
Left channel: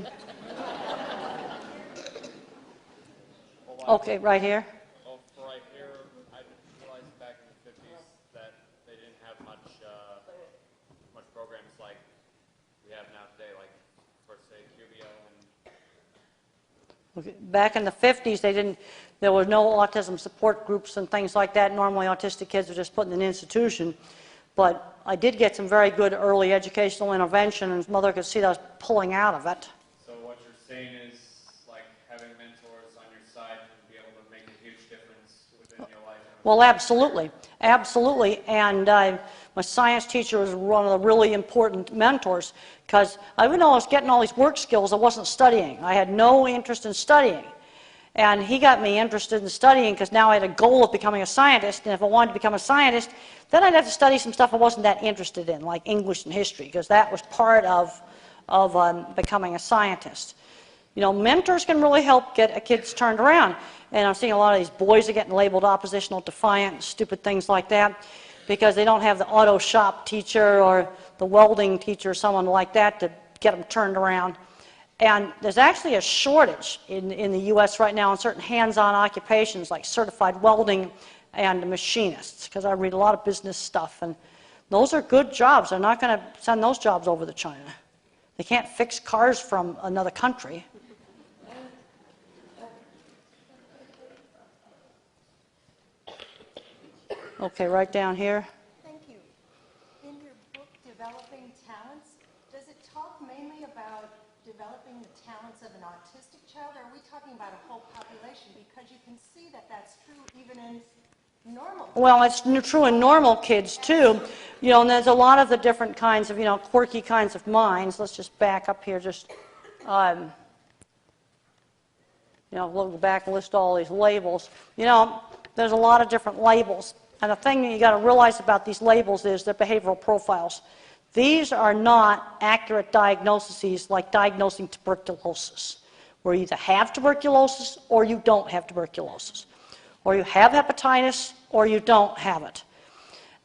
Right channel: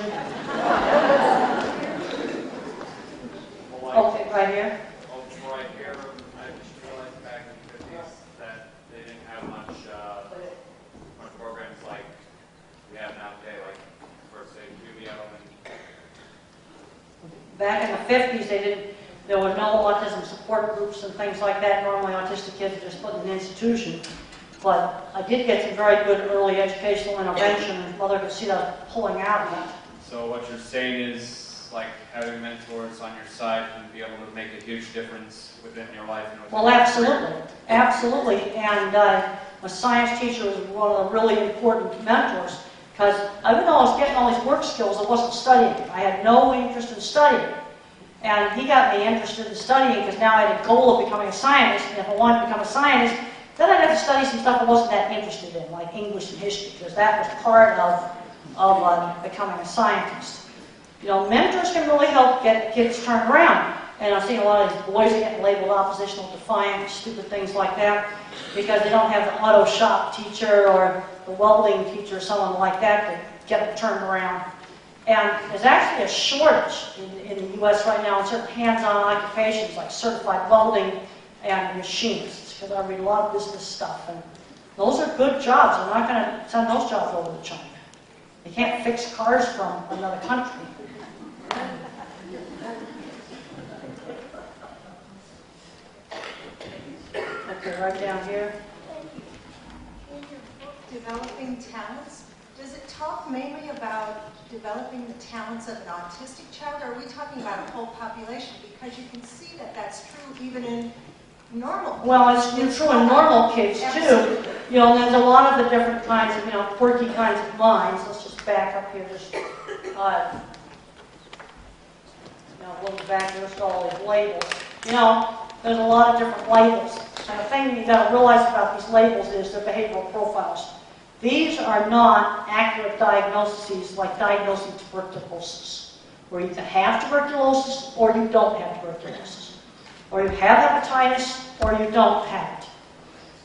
Okay, right here. Right here, I just realized back in the 50s that they didn't have much programs like they have nowadays, like, for say, Juvio and Back in the 50s, there were no autism support groups and things like that. Normally, autistic kids are just put in an institution. But I did get some very good early educational intervention, and mother could see that I was pulling out of it. So what you're saying is, like, having mentors on your side can be able to make a huge difference within your life. Well, absolutely. Absolutely. And my science teacher was one of the really important mentors, because even though I was getting all these work skills, I wasn't studying. I had no interest in studying. And he got me interested in studying because now I had a goal of becoming a scientist, and if I wanted to become a scientist, then I'd have to study some stuff I wasn't that interested in, like English and history, because that was part of becoming a scientist. Mentors can really help get the kids turned around. And I'm seeing a lot of these boys are getting labeled oppositional, defiant, stupid things like that, because they don't have the auto shop teacher or the welding teacher or someone like that to get them turned around. And there's actually a shortage in the U.S. right now in certain hands-on occupations like certified welding and machinists, because I read a lot of business stuff, and those are good jobs. I'm not going to send those jobs over to China. They can't fix cars from another country. Okay, right down here. Developing talents. Does it talk mainly about developing the talents of an autistic child, or are we talking about a whole population? Because you can see that that's true even in normal. Well, it's true in normal kids too. There's a lot of the different kinds of, quirky kinds of minds. Let's just back up here, look back and list all these labels. There's a lot of different labels. And the thing that you got to realize about these labels is the behavioral profiles. These are not accurate diagnoses like diagnosing tuberculosis, where you either have tuberculosis or you don't have tuberculosis, or you have hepatitis or you don't have it.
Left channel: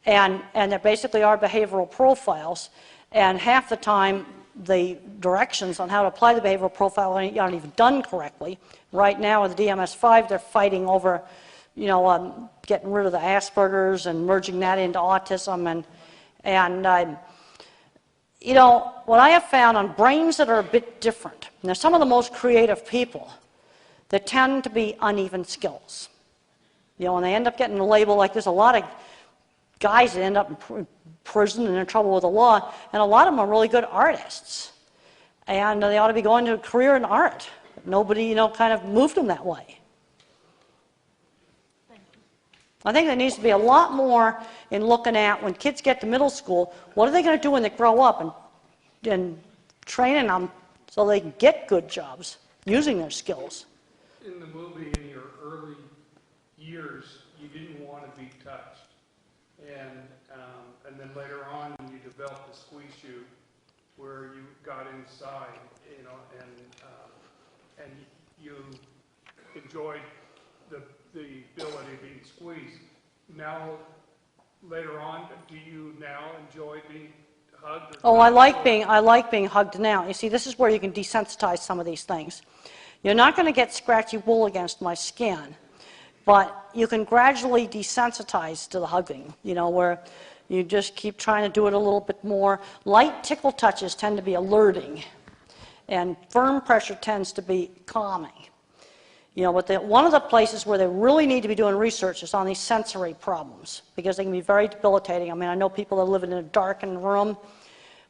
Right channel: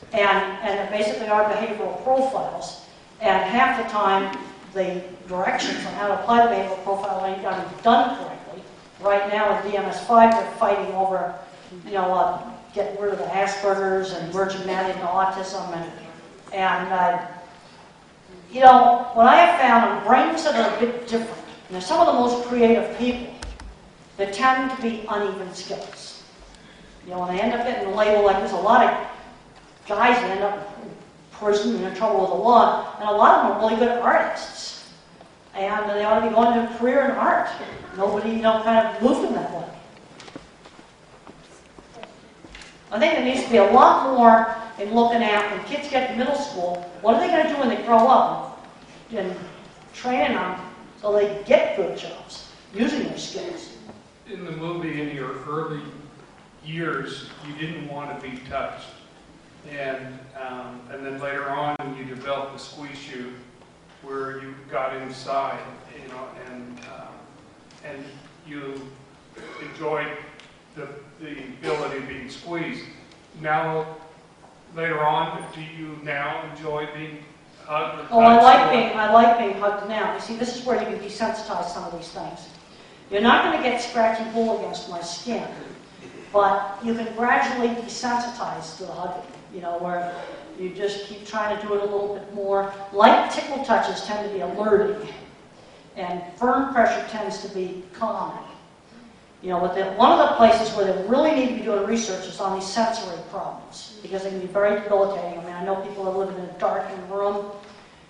And they basically are behavioral profiles. And half the time, the directions on how to apply the behavioral profile aren't even done correctly. Right now with DMS-5, they're fighting over, getting rid of the Asperger's and merging that into autism. What I have found in brains that are a bit different, and they're some of the most creative people, they tend to be uneven skills. When they end up getting the label, like there's a lot of guys that end up in prison and in trouble with the law, and a lot of them are really good artists. And they ought to be going to a career in art. Nobody, kind of moved them that way. I think there needs to be a lot more in looking at when kids get to middle school, what are they going to do when they grow up, and training them so they get good jobs using their skills. In the movie, in your early years, you didn't want to be touched. And then later on, you developed the squeeze shoe where you got inside, and you enjoyed the ability of being squeezed. Now, later on, do you now enjoy being hugged? Oh, I like being hugged now. You see, this is where you can desensitize some of these things. You're not going to get scratchy wool against my skin, but you can gradually desensitize to the hugging, where you just keep trying to do it a little bit more. Light tickle touches tend to be alerting, and firm pressure tends to be calming. But one of the places where they really need to be doing research is on these sensory problems, because they can be very debilitating. I know people are living in a darkened room,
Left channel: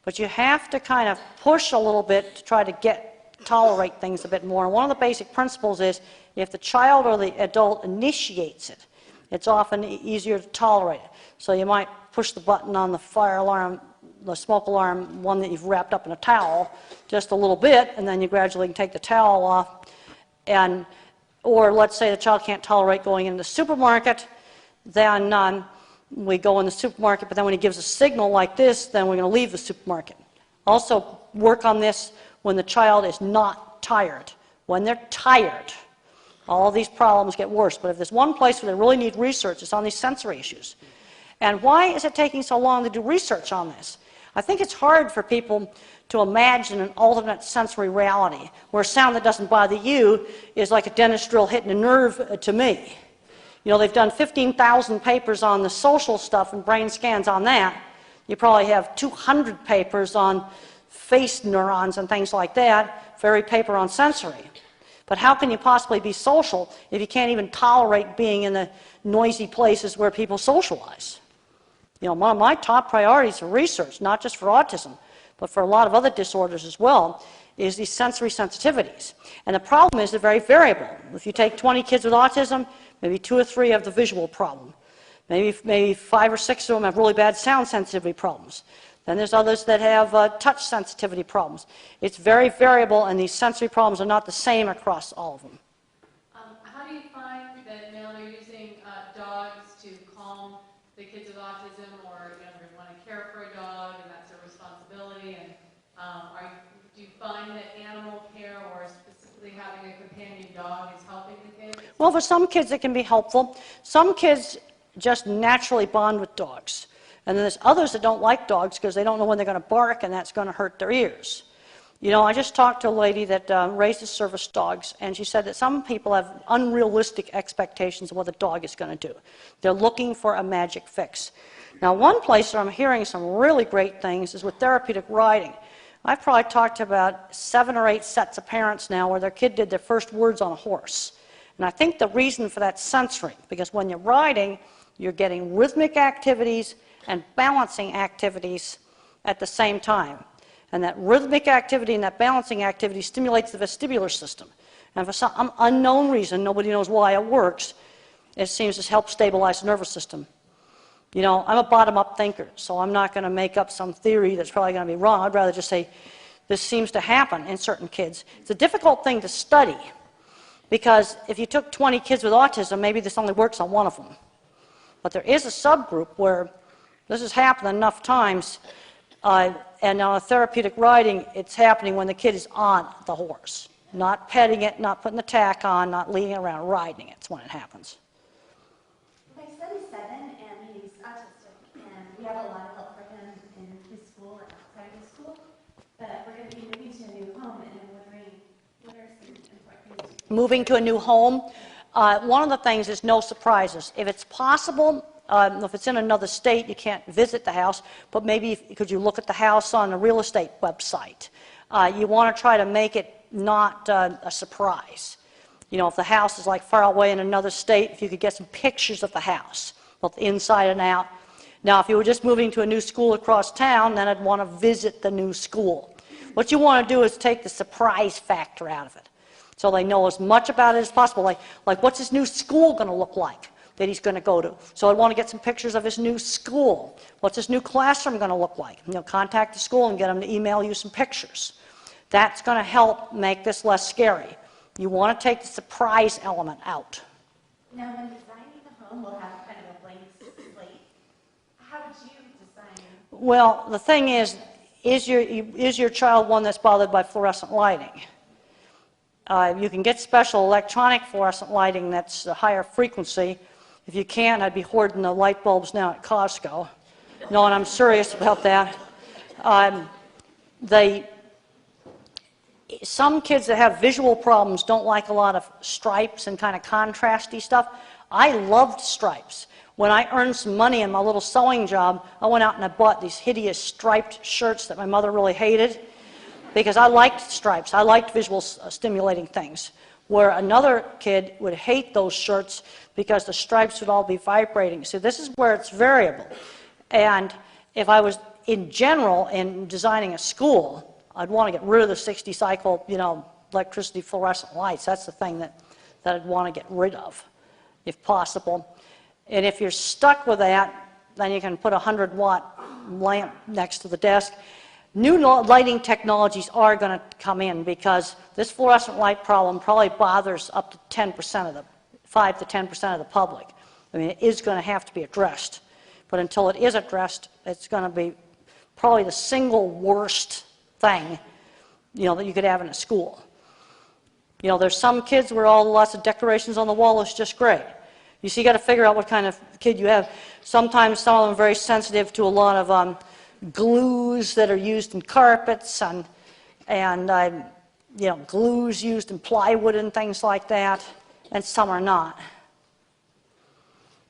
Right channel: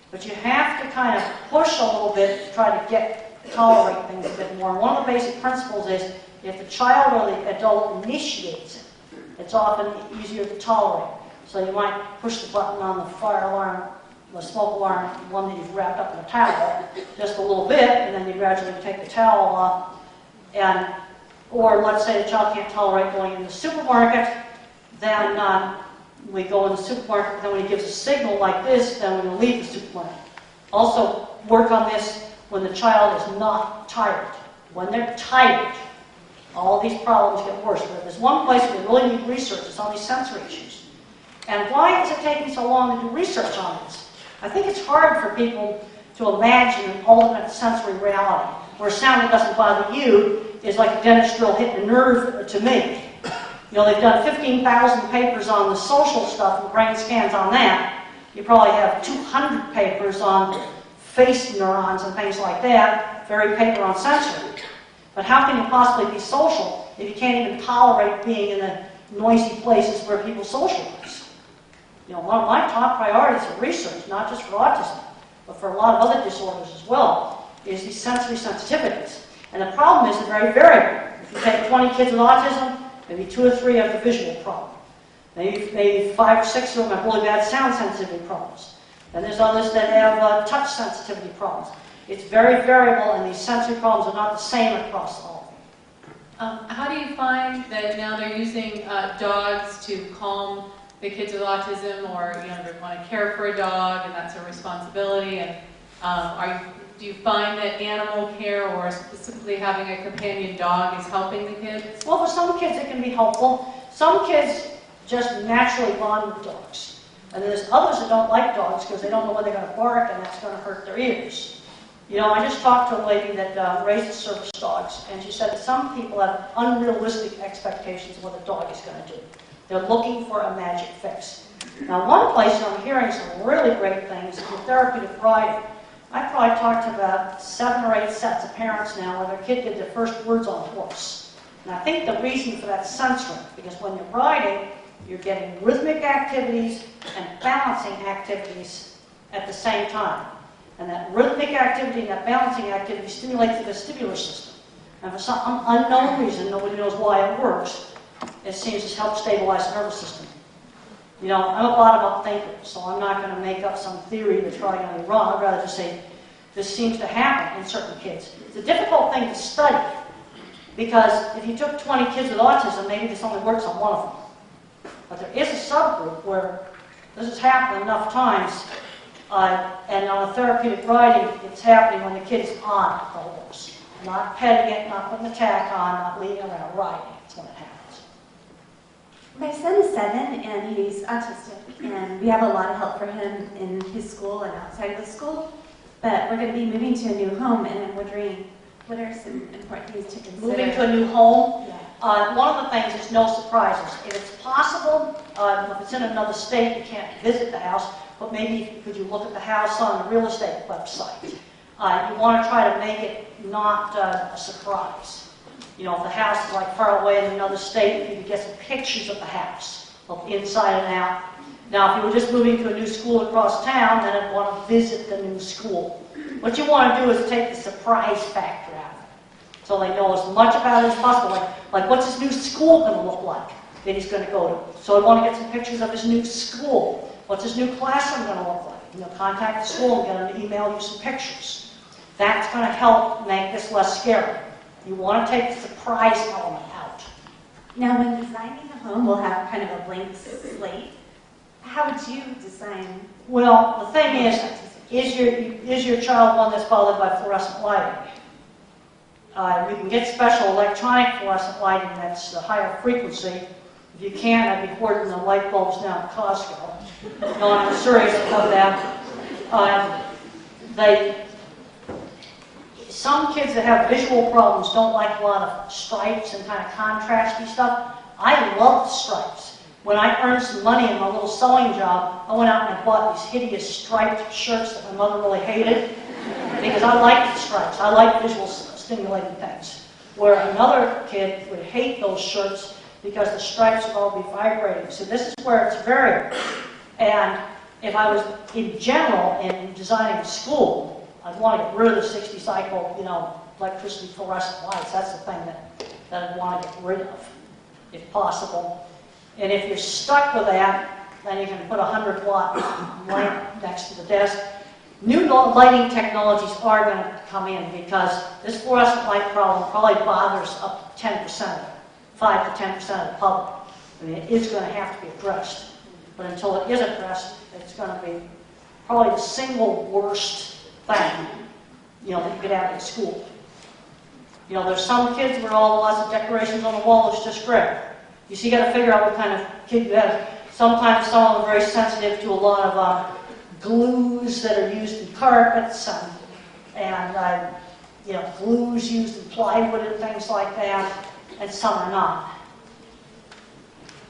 but you have to kind of push a little bit to try to tolerate things a bit more. And one of the basic principles is if the child or the adult initiates it, it's often easier to tolerate. So you might push the button on the fire alarm, the smoke alarm, one that you've wrapped up in a towel, just a little bit, and then you gradually take the towel off. Or let's say the child can't tolerate going in the supermarket, then we go in the supermarket, but then when he gives a signal like this, then we're going to leave the supermarket. Also, work on this when the child is not tired. When they're tired, all these problems get worse. But if there's one place where we really need research, it's on these sensory issues. And why is it taking so long to do research on this? I think it's hard for people to imagine an alternate sensory reality, where sound that doesn't bother you is like a dentist drill hitting a nerve to me. You know, they've done 15,000 papers on the social stuff and brain scans on that. You probably have 200 papers on face neurons and things like that, very paper on sensory. But how can you possibly be social if you can't even tolerate being in the noisy places where people socialize? You know, one of my top priorities for research, not just for autism, but for a lot of other disorders as well, is these sensory sensitivities. And the problem is they're very variable. If you take 20 kids with autism, maybe 2 or 3 have the visual problem. Maybe 5 or 6 of them have really bad sound sensitivity problems. Then there's others that have touch sensitivity problems. It's very variable, and these sensory problems are not the same across all of them. How do you find that now they're using dogs to calm the kids with autism, or they want to care for a dog, and that's a responsibility? And do you find that animal care or specifically having a companion dog is helping the kids? Well, for some kids it can be helpful. Some kids just naturally bond with dogs. And then there's others that don't like dogs because they don't know when they're going to bark, and that's going to hurt their ears. You know, I just talked to a lady that raises service dogs, and she said that some people have unrealistic expectations of what the dog is going to do. They're looking for a magic fix. Now, one place where I'm hearing some really great things is with therapeutic riding. I've probably talked to about 7 or 8 sets of parents now where their kid did their first words on a horse. And I think the reason for that is sensory, because when you're riding, you're getting rhythmic activities and balancing activities at the same time. And that rhythmic activity and that balancing activity stimulates the vestibular system. And for some unknown reason, nobody knows why it works, it seems to help stabilize the nervous system. You know, I'm a bottom-up thinker, so I'm not going to make up some theory that's probably going to be wrong. I'd rather just say this seems to happen in certain kids. It's a difficult thing to study, because if you took 20 kids with autism, maybe this only works on one of them. But there is a subgroup where this has happened enough times, and on a therapeutic riding, it's happening when the kid is on the horse. Not petting it, not putting the tack on, not leading around, riding it. It's when it happens. My son is 7 and he's autistic, and we have a lot of help for him in his school and outside of the school. But we're going to be moving to a new home, and I'm wondering what are some important things to consider? Moving to a new home. One of the things is no surprises. If it's possible, if it's in another state, you can't visit the house, but maybe could you look at the house on the real estate website? You want to try to make it not a surprise. You know, if the house is like far away in another state, if you could get some pictures of the house, both inside and out. Now, if you were just moving to a new school across town, then I'd want to visit the new school. What you want to do is take the surprise factor out of it. So they know as much about it as possible. Like what's his new school going to look like that he's going to go to? So I want to get some pictures of his new school. What's his new classroom going to look like? You know, contact the school and get them to email you some pictures. That's going to help make this less scary. You want to take the surprise element out. Now, when designing a home, we'll have kind of a blank slate. How would you design? Well, the thing is your child one that's bothered by fluorescent lighting? You can get special electronic fluorescent lighting that's a higher frequency. If you can, I'd be forwarding the light bulbs now at Costco. No, I'm serious about that. Some kids that have visual problems don't like a lot of stripes and kind of contrasty stuff. I loved stripes. When I earned some money in my little sewing job, I went out and I bought these hideous striped shirts that my mother really hated because I liked the stripes. I liked visual stimulating things. Where another kid would hate those shirts because the stripes would all be vibrating. So this is where it's variable. And if I was, in general, in designing a school, I'd want to get rid of the 60 cycle, electricity fluorescent lights. That's the thing that I'd want to get rid of, if possible. And if you're stuck with that, then you can put a 100-watt light next to the desk. New lighting technologies are going to come in because this fluorescent light problem probably bothers up to 10% of it, 5 to 10% of the public. I mean, it is going to have to be addressed. But until it is addressed, it's going to be probably the single worst thing, that you could have in a school. There's some kids where lots of decorations on the wall is just great. You see, you got to figure out what kind of kid you have. Sometimes some of them are very sensitive to a lot of glues that are used in carpets and glues used in plywood and things like that, and some are not.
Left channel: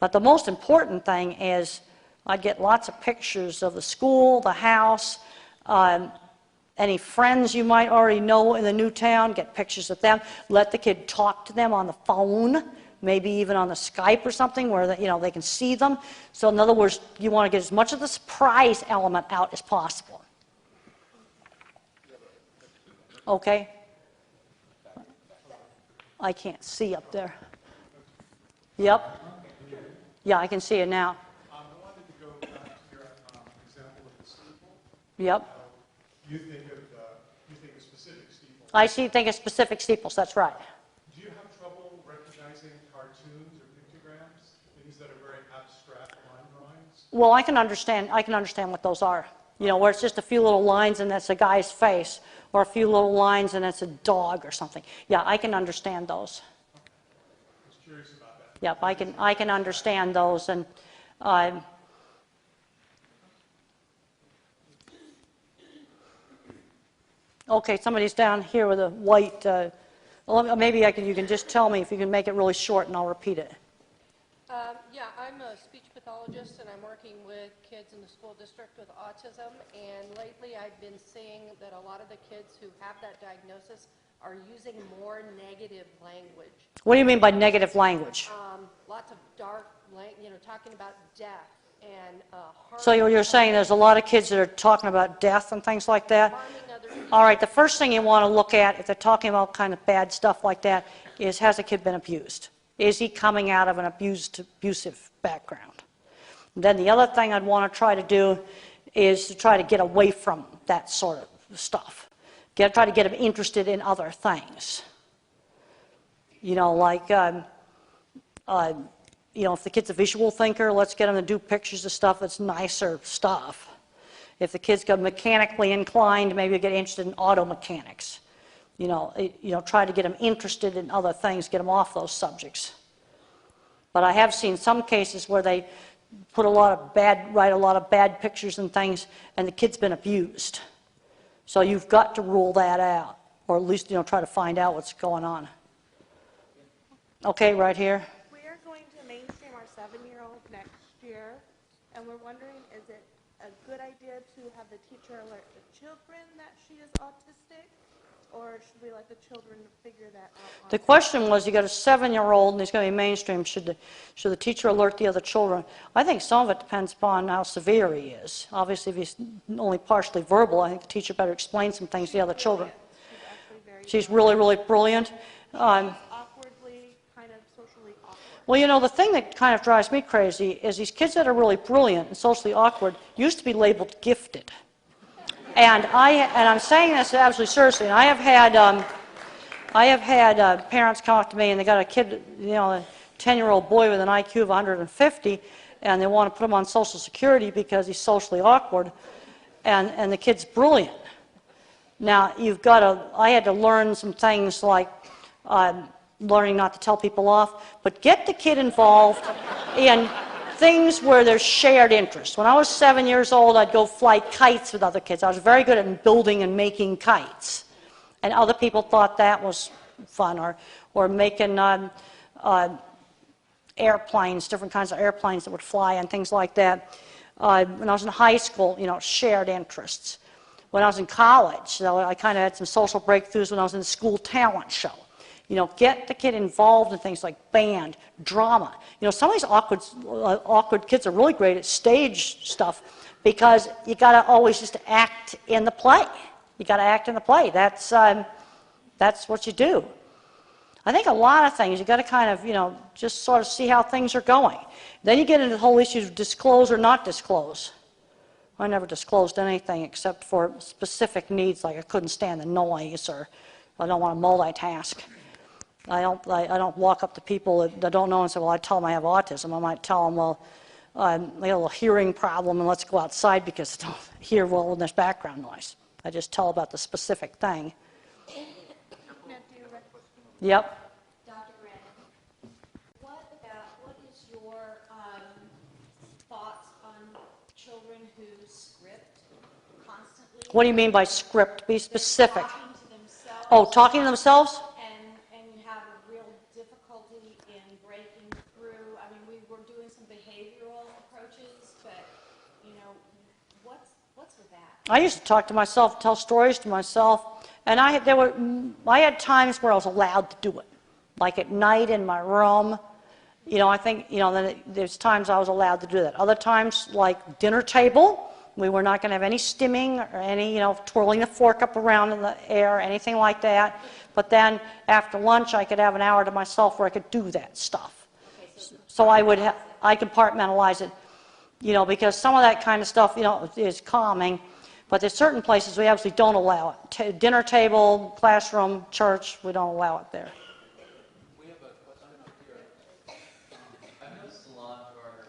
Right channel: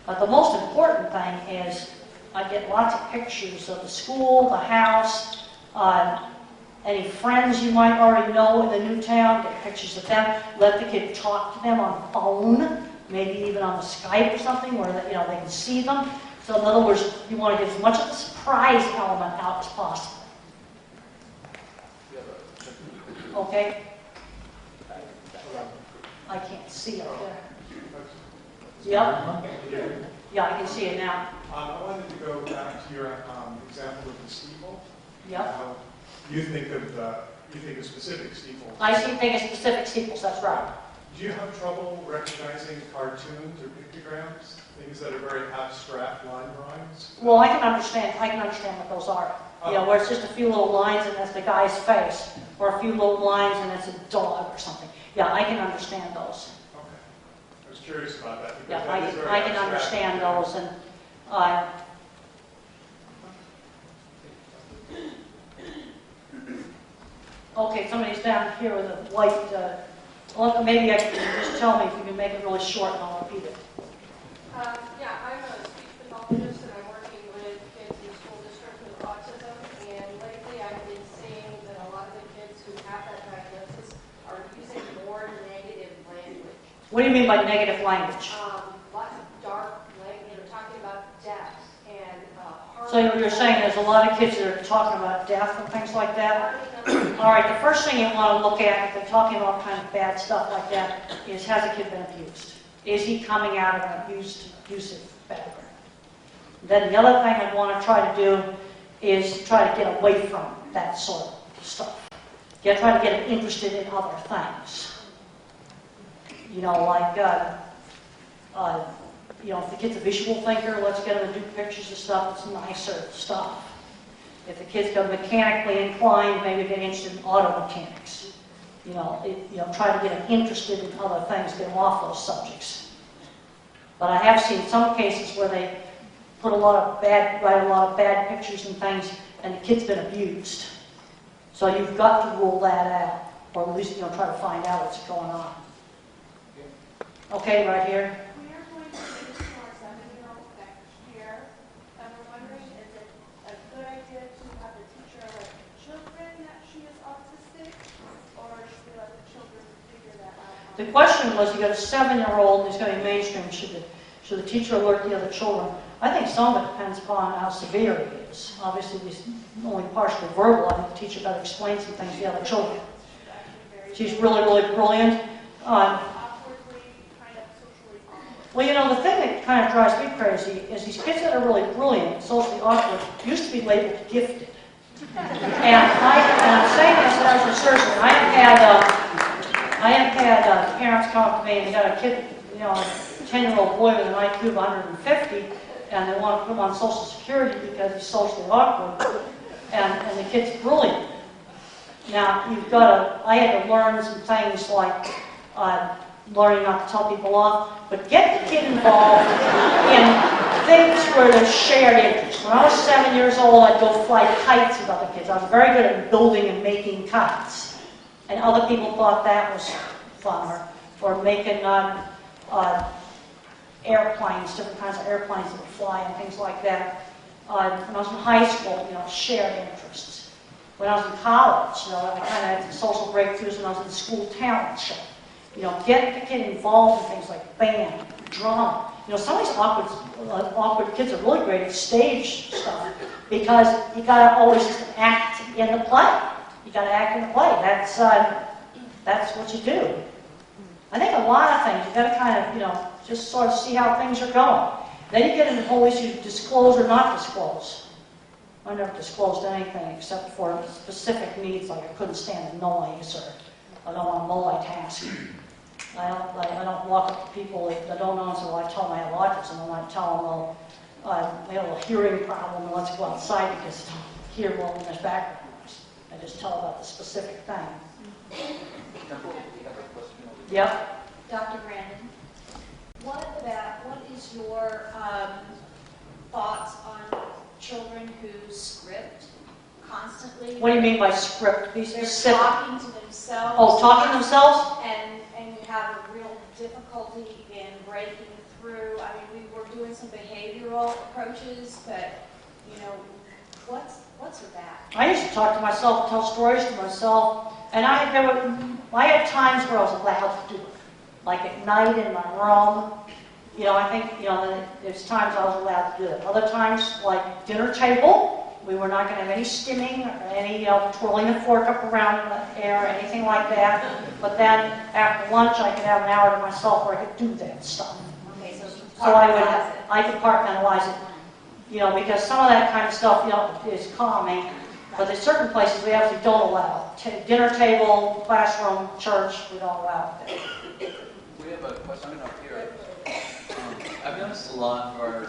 But the most important thing is I get lots of pictures of the school, the house, any friends you might already know in the new town, get pictures of them. Let the kid talk to them on the phone, maybe even on a Skype or something where they can see them. So in other words, you want to get as much of the surprise element out as possible. Okay? I can't see up there. Yep. Yeah, I can see it now. I wanted to go back to your example of the steeple. Yep. You think of specific steeples. I think of specific steeples, that's right. Do you have trouble recognizing cartoons or pictograms, things that are very abstract line drawings? Well, I can understand what those are. Where it's just a few little lines and that's a guy's face, or a few little lines and it's a dog or something. Yeah, I can understand those. Okay. I was curious about that. Yeah, I can understand those, and okay, somebody's down here with a white. Well, maybe you can just tell me if you can make it really short, and I'll repeat it. Yeah, I'm a speech pathologist, and I'm working with kids in the school district with autism. And lately, I've been seeing that a lot of the kids who have that diagnosis are using more negative language. What do you mean by negative language? Lots of dark language. They're talking about death and. So you're saying there's a lot of kids that are talking about death and things like that? All right, the first thing you want to look at, if they're talking about kind of bad stuff like that, is has a kid been abused? Is he coming out of an abusive background? Then the other thing I'd want to try to do is try to get away from that sort of stuff. Try to get him interested in other things. If the kid's a visual thinker, let's get him to do pictures of stuff that's nicer stuff. If the kid's got mechanically inclined, maybe get interested in auto mechanics. Try to get them interested in other things, get them off those subjects. But I have seen some cases where they write a lot of bad pictures and things, and the kid's been abused. So you've got to rule that out, or at least try to find out what's going on. Okay, right here. The question was, you got a 7-year-old, he's going to be mainstream, should the teacher alert the other children? I think some of it depends upon how severe he is. Obviously, he's only partially verbal. I think the teacher better explain some things to the other children. She's really, really brilliant. Well, the thing that kind of drives me crazy is these kids that are really brilliant and socially awkward used to be labeled gifted. And I'm saying this as a surgeon. I have had parents come up to me and they got a kid, a 10-year-old boy with an IQ of 150, and they want to put him on Social Security because he's socially awkward, and the kid's brilliant. Now, I had to learn some things like learning not to tell people off, but get the kid involved in things where there's shared interest. When I was 7 years old, I'd go fly kites with other kids. I was very good at building and making kites. And other people thought that was fun, or making airplanes, different kinds of airplanes that would fly and things like that. When I was in high school, shared interests. When I was in college, I kind of had some social breakthroughs when I was in the school talent show. Get the kid involved in things like band, drama. Some of these awkward kids are really great at stage stuff because you got to always just act in the play. You got to act in the play. That's what you do. I think a lot of things you got to kind of just sort of see how things are going. Then you get into the whole issue of disclose or not disclose. I never disclosed anything except for specific needs, like I couldn't stand the noise or I don't want to multitask. I don't walk up to people that don't know and say, well, I tell them I have autism. I might tell them, well, I have a little hearing problem and let's go outside because I don't hear well in this background noise. I just tell about the specific thing. Yep. Dr. Grandin, what is your thoughts on children who script constantly? What do you mean by script? Be specific. They're talking to themselves. Oh, talking to themselves? And you have a real difficulty in breaking through. I mean, we were doing some behavioral approaches, but, you know, what's with that? I used to talk to myself, tell stories to myself, and I had times where I was allowed to do it. Like at night in my room, you know, I think, you know, there's times I was allowed to do that. Other times, like dinner table, we were not going to have any stimming or any, you know, twirling the fork up around in the air, anything like that. But then after lunch, I could have an hour to myself where I could do that stuff. Okay, So I compartmentalize it, you know, because some of that kind of stuff, you know, is calming. But there's certain places we actually don't allow it. Dinner table, classroom, church, we don't allow it there. We have a question up here. I've noticed a lot for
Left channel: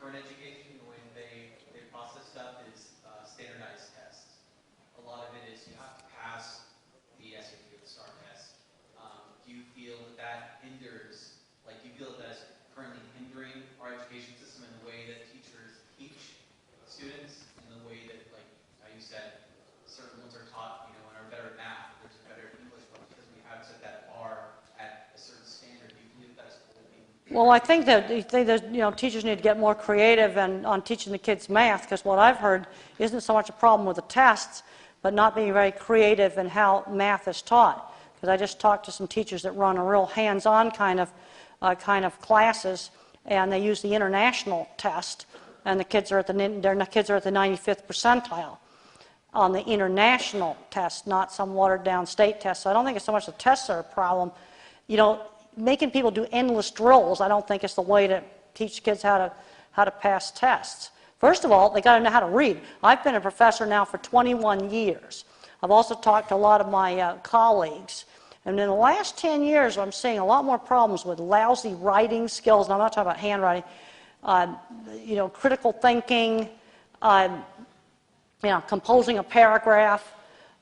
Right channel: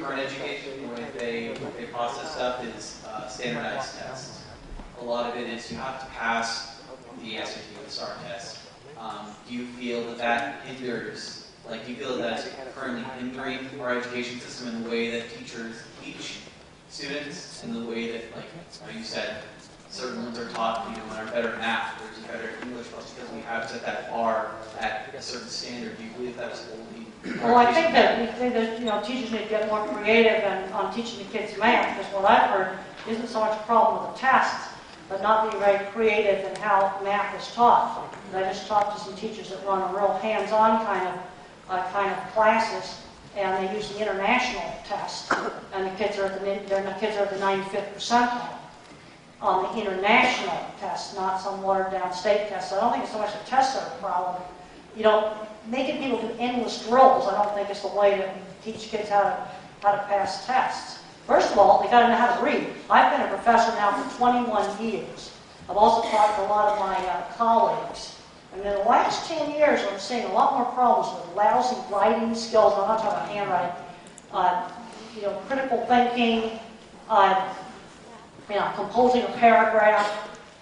current education, the way they process stuff is standardized tests. A lot of it is you have to pass the SAT or the STAR test. Do you feel that hinders, like do you feel that's currently hindering our education system in the way that teachers teach students, in the way that, like you said, certain ones are taught, you know, and are better at math, or is better at English, but because we have set that bar at a certain standard, do you believe that's holding? Well, I think that you know, teachers need to get more creative on teaching the kids math, because what I've heard isn't so much a problem with the tests, but not being very creative in how math is taught. Because I just talked to some teachers that run a real hands-on kind of classes, and they use the international test, and the kids are at the 95th percentile on the international test, not some watered-down state test. So I don't think it's so much the tests are a problem. You know, making people do endless drills, I don't think is the way to teach kids how to pass tests. First of all, they got to know how to read. I've been a professor now for 21 years. I've also talked to a lot of my colleagues. And in the last 10 years, I'm seeing a lot more problems with lousy writing skills. I'm not talking about handwriting. You know, critical thinking, you know, composing a paragraph.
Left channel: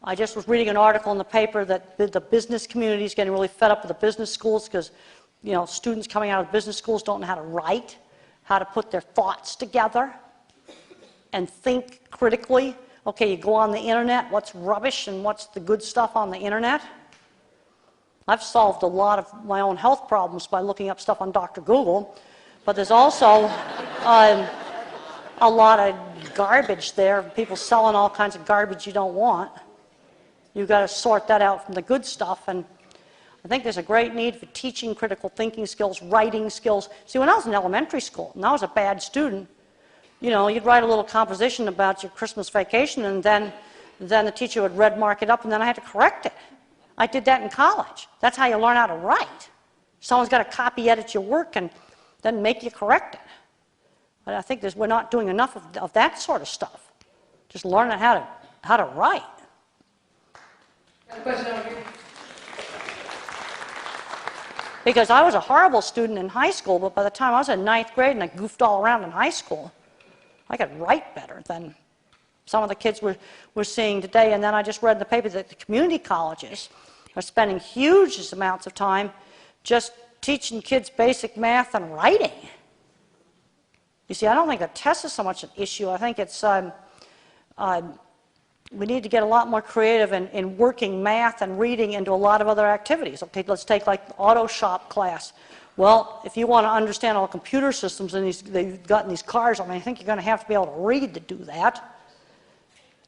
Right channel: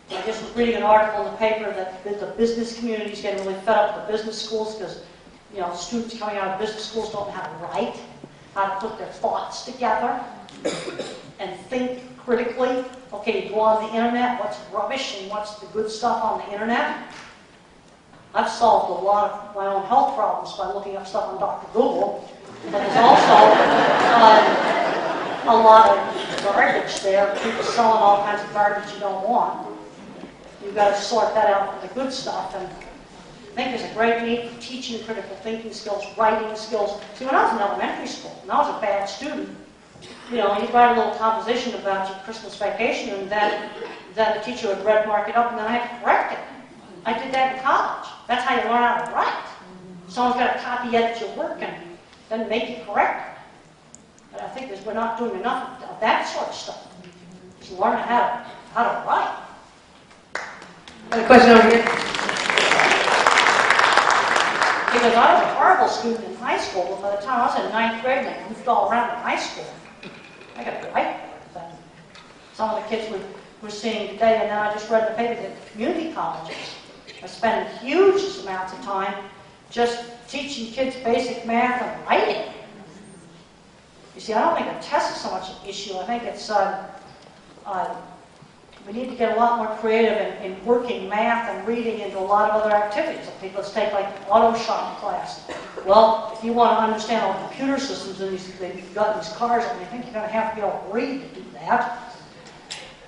I just was reading an article in the paper that the business community is getting really fed up with the business schools because, you know, students coming out of business schools don't know how to write, how to put their thoughts together, and think critically. Okay, you go on the internet, what's rubbish and what's the good stuff on the internet? I've solved a lot of my own health problems by looking up stuff on Dr. Google, but there's also a lot of garbage there, people selling all kinds of garbage you don't want. You've got to sort that out from the good stuff, and I think there's a great need for teaching critical thinking skills, writing skills. See, when I was in elementary school, and I was a bad student, you know, you'd write a little composition about your Christmas vacation, and then the teacher would red mark it up, and then I had to correct it. I did that in college. That's how you learn how to write. Someone's got to copy edit your work and then make you correct it. But I think we're not doing enough of that sort of stuff. Just learning how to write. Got a question over here. Because I was a horrible student in high school, but by the time I was in 9th grade and I goofed all around in high school, I could write better than some of the kids we're seeing today. And then I just read in the paper that community colleges are spending huge amounts of time just teaching kids basic math and writing. You see, I don't think a test is so much an issue. I think it's we need to get a lot more creative in working math and reading into a lot of other activities. Okay, let's take like auto shop class. Well, if you want to understand all computer systems and they've got these cars, I think you're going to have to be able to read to do that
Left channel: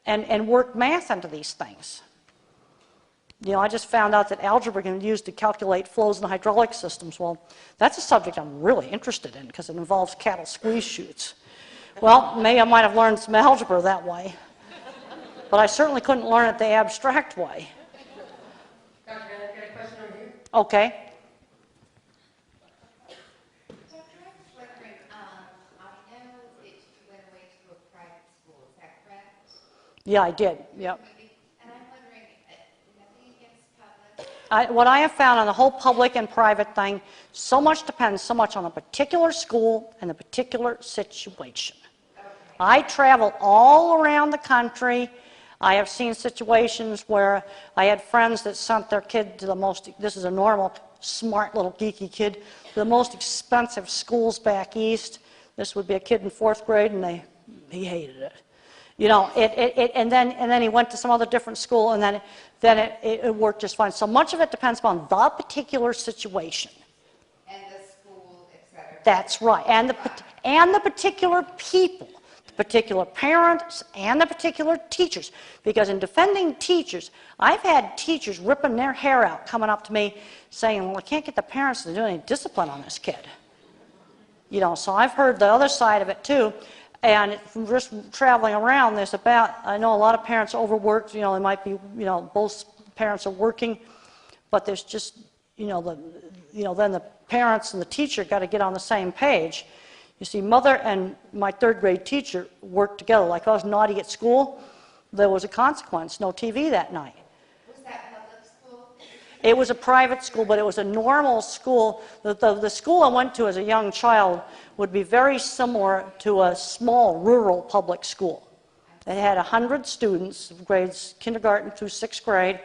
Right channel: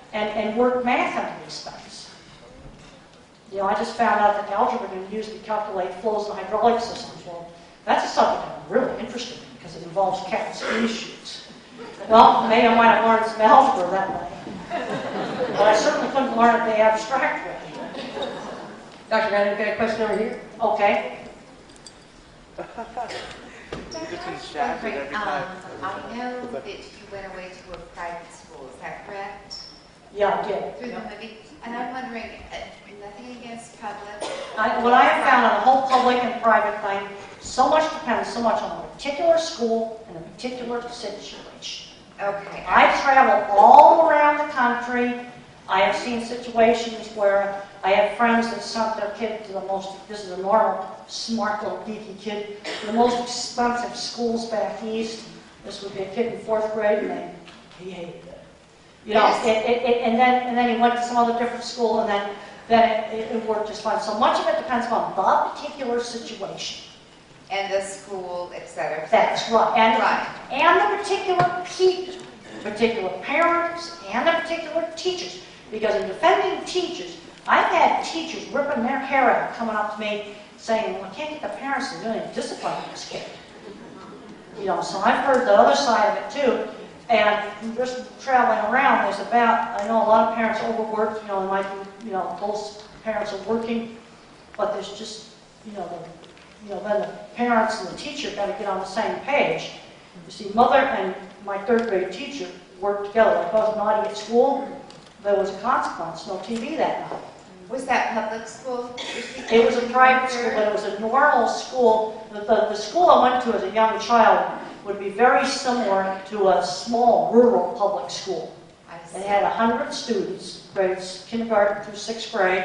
and work math into these things. You know, I just found out that algebra can be used to calculate flows in hydraulic systems. Well, that's a subject I'm really interested in because it involves cat squeeze chutes. Well, maybe I might have learned some algebra that way. But I certainly couldn't learn it the abstract way. Dr. Grandin, got a question over here. Okay. wondering, I know that you went away to a private school, is that correct? Yeah, I did. Yep. And I'm wondering, nothing against public? What I have found in the whole public and private thing, so much depends so much on a particular school and a particular situation. Okay. I travel all around the country. I have seen situations where I had friends that sent their kid to the most, this is a normal, smart little geeky kid, the most expensive schools back east. This would be a kid in 4th grade and he hated it. You know, and then he went to some other different school and then it worked just fine. So much of it depends on the particular situation. And the school, etc. That's right. And the particular people, particular parents, and the particular teachers. Because in defending teachers, I've had teachers ripping their hair out, coming up to me saying, well, I can't get the parents to do any discipline on this kid. You know, so I've heard the other side of it too. And from just traveling around, I know a lot of parents overworked, you know, it might be, you know, both parents are working, but there's just, then the parents and the teacher got to get on the same page. You see, mother and my 3rd grade teacher worked together. Like if I was naughty at school, there was a consequence, no TV that night. Was that public school? It was a private school, but it was a normal school. The school I went to as a young child would be very similar to a small rural public school. It had 100 students, grades kindergarten through 6th grade,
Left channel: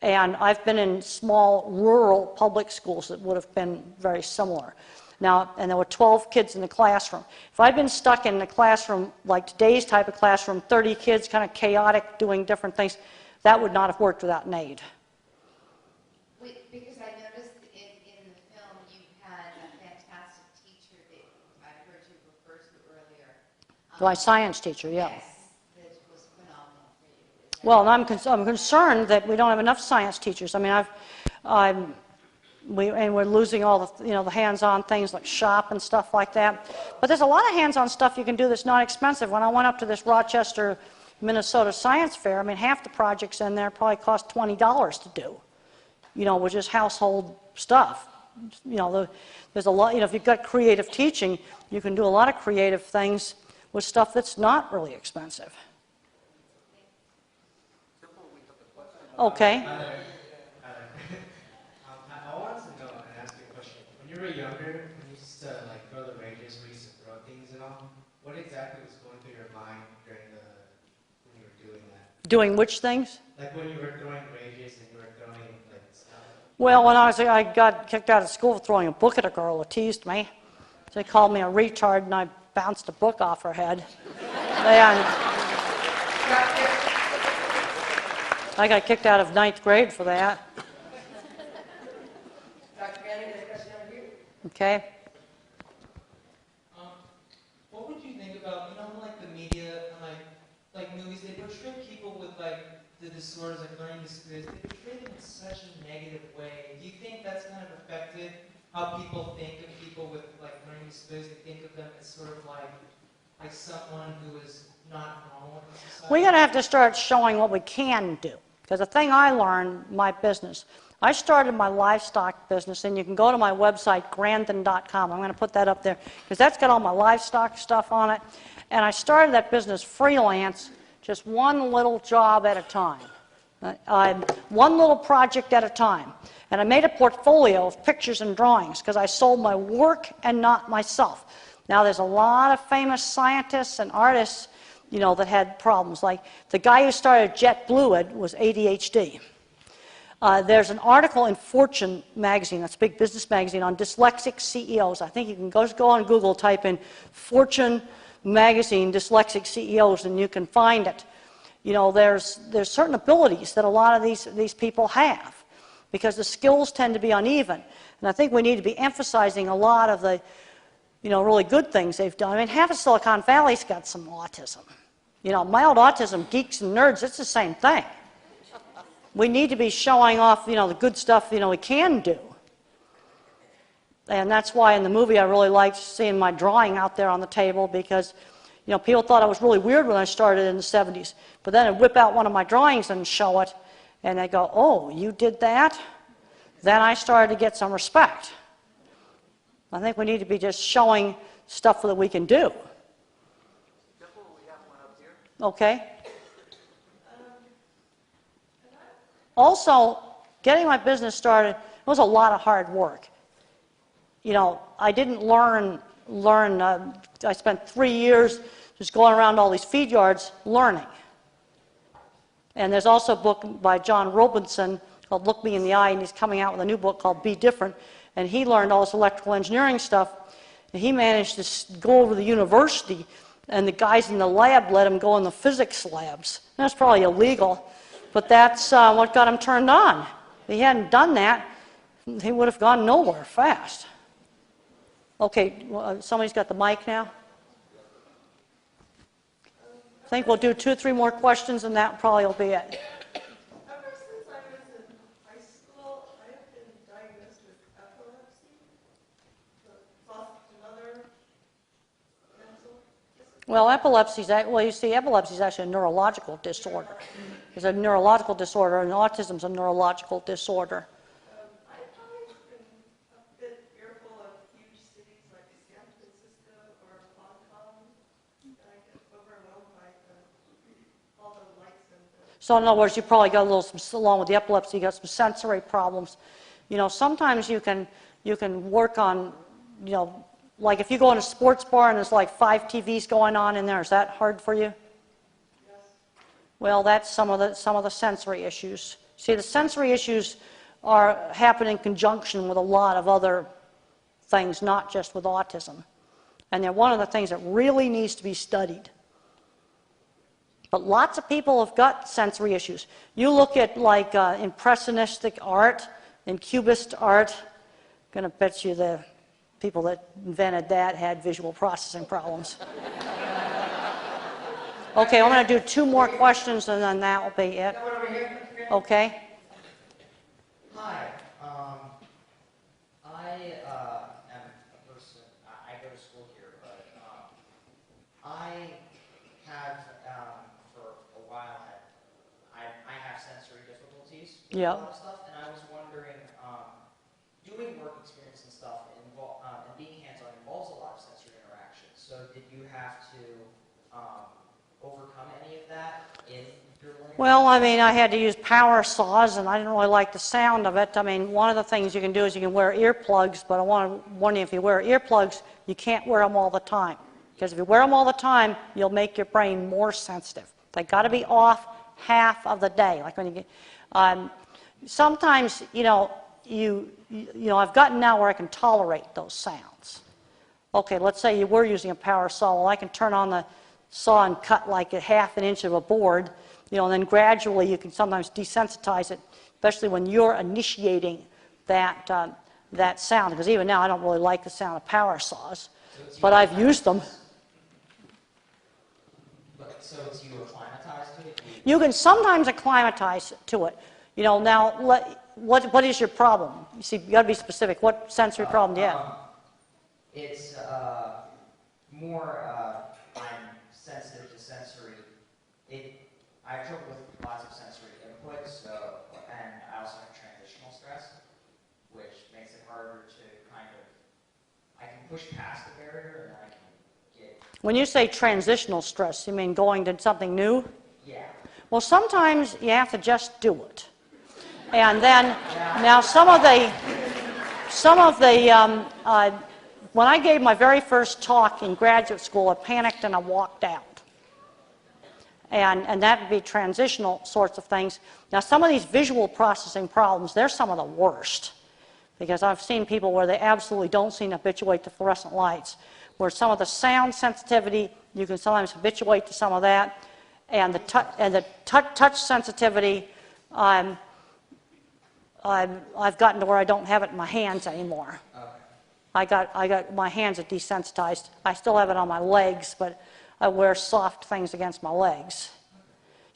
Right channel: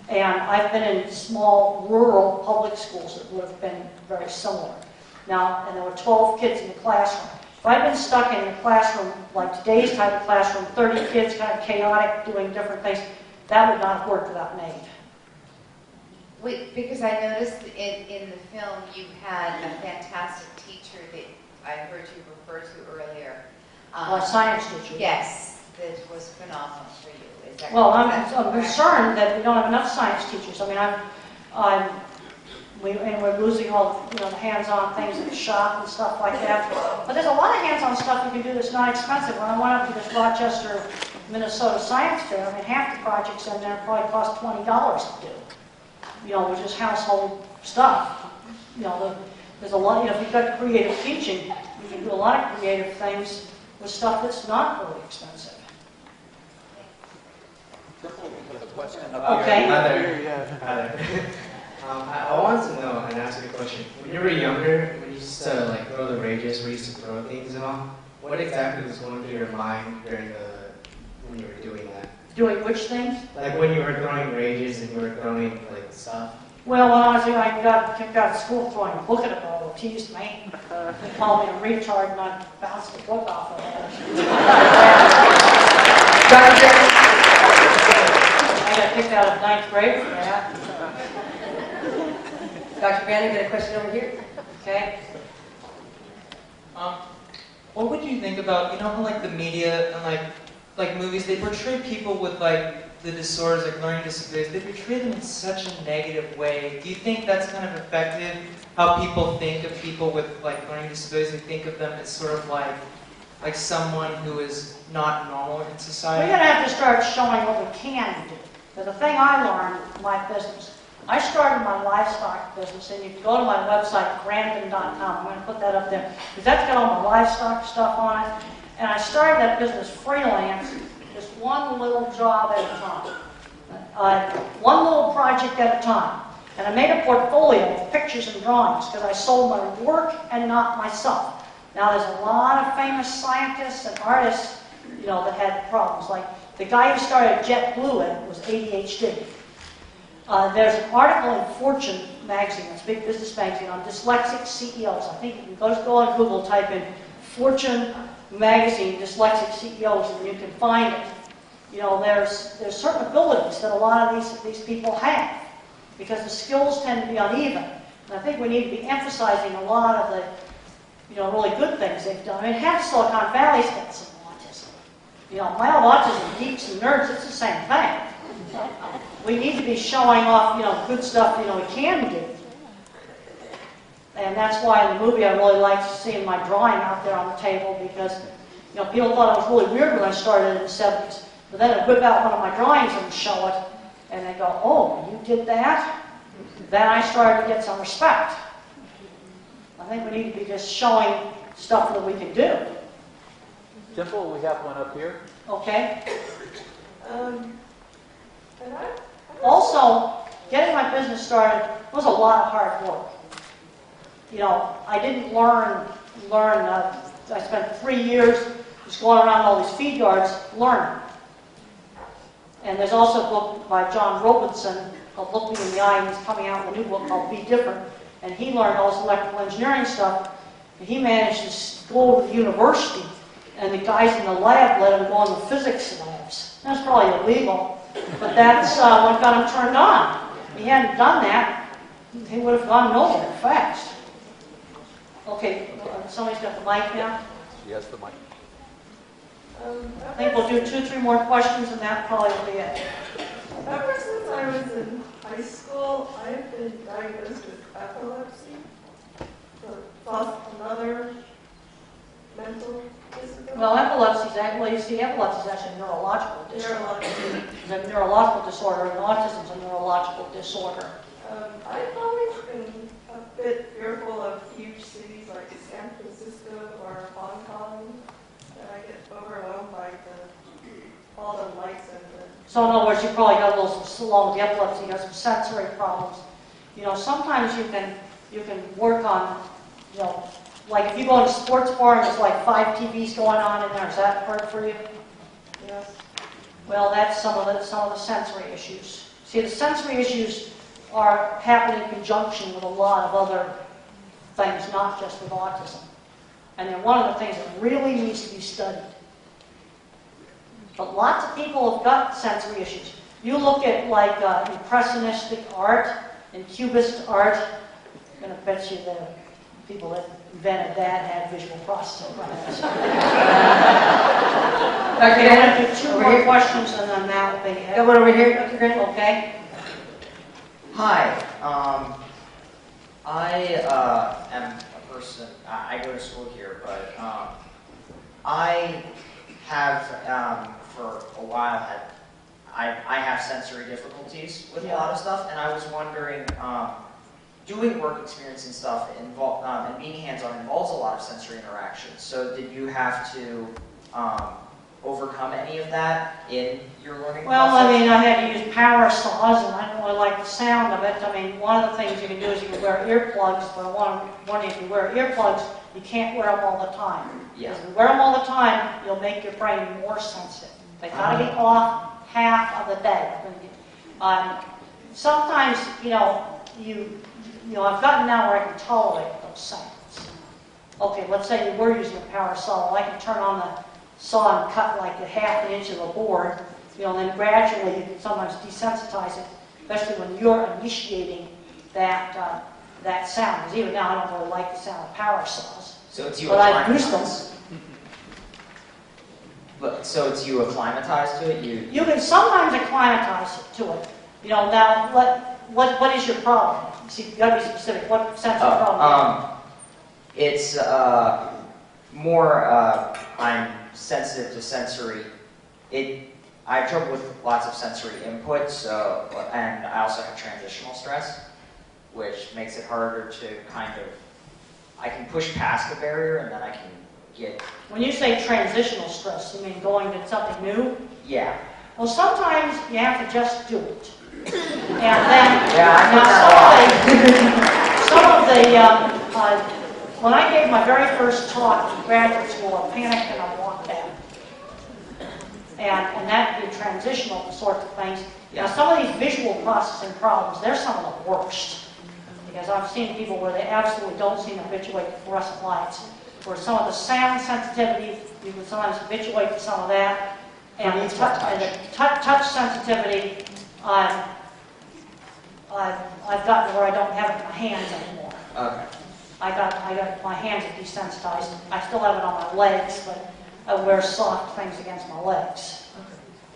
and I've been in small rural public schools that would have been very similar. Now, and there were 12 kids in the classroom. If I'd been stuck in the classroom, like today's type of classroom, 30 kids, kind of chaotic, doing different things, that would not have worked without an aid. Wait, because I noticed in the film you had a fantastic teacher that I heard you refer to earlier. My science teacher, yeah. Yes, that was phenomenal for you. Well, I'm concerned that we don't have enough science teachers. I mean, we're losing all the, the hands-on things like shop and stuff like that. But there's a lot of hands-on stuff you can do that's not expensive. When I went up to this Rochester, Minnesota Science Fair, I mean, half the projects in there probably cost $20 to do. Which is household stuff. There's a lot, if you've got creative teaching, you can do a lot of creative things with stuff that's not really expensive. Okay. Hi there. I wanted to know and ask you a question. When you were younger, when you used to throw the rages, we used to throw things and all, what exactly was going through your mind when you were doing that? Doing which things? Like when you were throwing rages and you were throwing stuff. Well, when I got kicked out of school for throwing a book at a girl who teased me. They called me a retard and I bounced the book off her head. I got kicked out of 9th grade for that. Dr. Grandin, got a question over here? Okay. What would you think about, how the media and like movies, they portray people with the disorders, learning disabilities, they portray them in such a negative way. Do you think that's kind of affected how people think of people with learning disabilities? They think of them as sort of like someone who is not normal in society? We're going to have to start showing what we can do. Because the thing I learned in my business, I started my livestock business, and you can go to my website, Grandin.com. I'm going to put that up there, because that's got all my livestock stuff on it. And I started that business freelance, just one little job at a time. One little project at a time. And I made a portfolio of pictures and drawings, because I sold my work and not myself. Now, there's a lot of famous scientists and artists, that had problems. Like the guy who started JetBlue was ADHD. There's an article in Fortune magazine, that's a big business magazine, on dyslexic CEOs. I think you can go on Google, type in Fortune magazine, dyslexic CEOs, and you can find it. There's certain abilities that a lot of these people have, because the skills tend to be uneven. And I think we need to be emphasizing a lot of the, really good things they've done. I mean, half Silicon Valley's got some autism. Mild autism, geeks and nerds, it's the same thing. We need to be showing off, the good stuff, we can do. And that's why in the movie I really liked seeing my drawing out there on the table, because, people thought it was really weird when I started in the 70s. But then I'd whip out one of my drawings and show it, and they go, oh, you did that? Then I started to get some respect. I think we need to be just showing stuff that we can do. Dimple, we have one up here. Okay? Also, getting my business started was a lot of hard work. You know, I didn't learn. I spent 3 years just going around all these feed yards learning. And there's also a book by John Robinson called Look Me in the Eye. He's coming out with a new book called Be Different. And he learned all this electrical engineering stuff. And he managed to go over to the university, and the guys in the lab let him go on the physics labs. That's probably illegal, but that's what got him turned on. If he hadn't done that, he would have gone nowhere fast. Okay, somebody's got the mic now. Yes, the mic. I think we'll do 2 or 3 more questions, and that probably will be it. Ever since I was in high school, I've been diagnosed with epilepsy, plus another mental disability. Well, epilepsy is actually a neurological disorder. It's a neurological disorder, and autism is a neurological disorder. I've always been a bit fearful of huge cities like San Francisco or Hong Kong, that I get overwhelmed by all the lights and the... So in other words, you probably got a little, along with the epilepsy, you got some sensory problems. You know, sometimes you can work on, you know, like if you go to a sports bar and there's like 5 TVs going on in there, is that hard for you? Yes. Well, that's some of the sensory issues. See, the sensory issues happen in conjunction with a lot of other things, not just with autism. And they're one of the things that really needs to be studied. But lots of people have got sensory issues. You look at like impressionistic art and cubist art, I'm going to bet you the people that invented that had visual processing problems. Okay, we're going to do 2 more questions and then that'll be it. Go over here, Dr. Grandin. Okay. Hi. I am a person, I go to school here, but I have, for a while, I have sensory difficulties with a lot of stuff, and I was wondering, doing work experience and stuff and being hands-on involves a lot of sensory interactions. So did you have to overcome any of that in your learning Well, process? I mean, I had to use power saws, and I don't really like the sound of it. I mean, one of the things you can do is you can wear earplugs, but if you wear earplugs, you can't wear them all the time. Because if you wear them all the time, you'll make your brain more sensitive. They got to be off half of the day. Sometimes, you know, I've gotten now where I can tolerate those sounds. Okay, let's say you were using a power saw. Well, I can turn on the saw and cut like 1/2 inch of a board, you know, and then gradually you can sometimes desensitize it, especially when you're initiating that sound. Because even now I don't really like the sound of power saws, but I've used them. So it's you acclimatized to it? You can sometimes acclimatize to it. You know, now what is your problem? See, you got to be specific. What sensory problem do you have? It's more, I'm sensitive to sensory. I have trouble with lots of sensory input, and I also have transitional stress, which makes it harder to I can push past the barrier and then I can get... When you say transitional stress, you mean going to something new? Yeah. Well, sometimes you have to just do it. And then, when I gave my very first talk in graduate school, I panicked and I walked out. And that would be transitional sorts of things. Now, some of these visual processing problems, they're some of the worst. Because I've seen people where they absolutely don't seem to habituate to fluorescent lights. Where some of the sound sensitivity, you can sometimes habituate to some of that. And the touch sensitivity, I've gotten to where I don't have it in my hands anymore. Okay. I got my hands are desensitized. I still have it on my legs, but I wear soft things against my legs.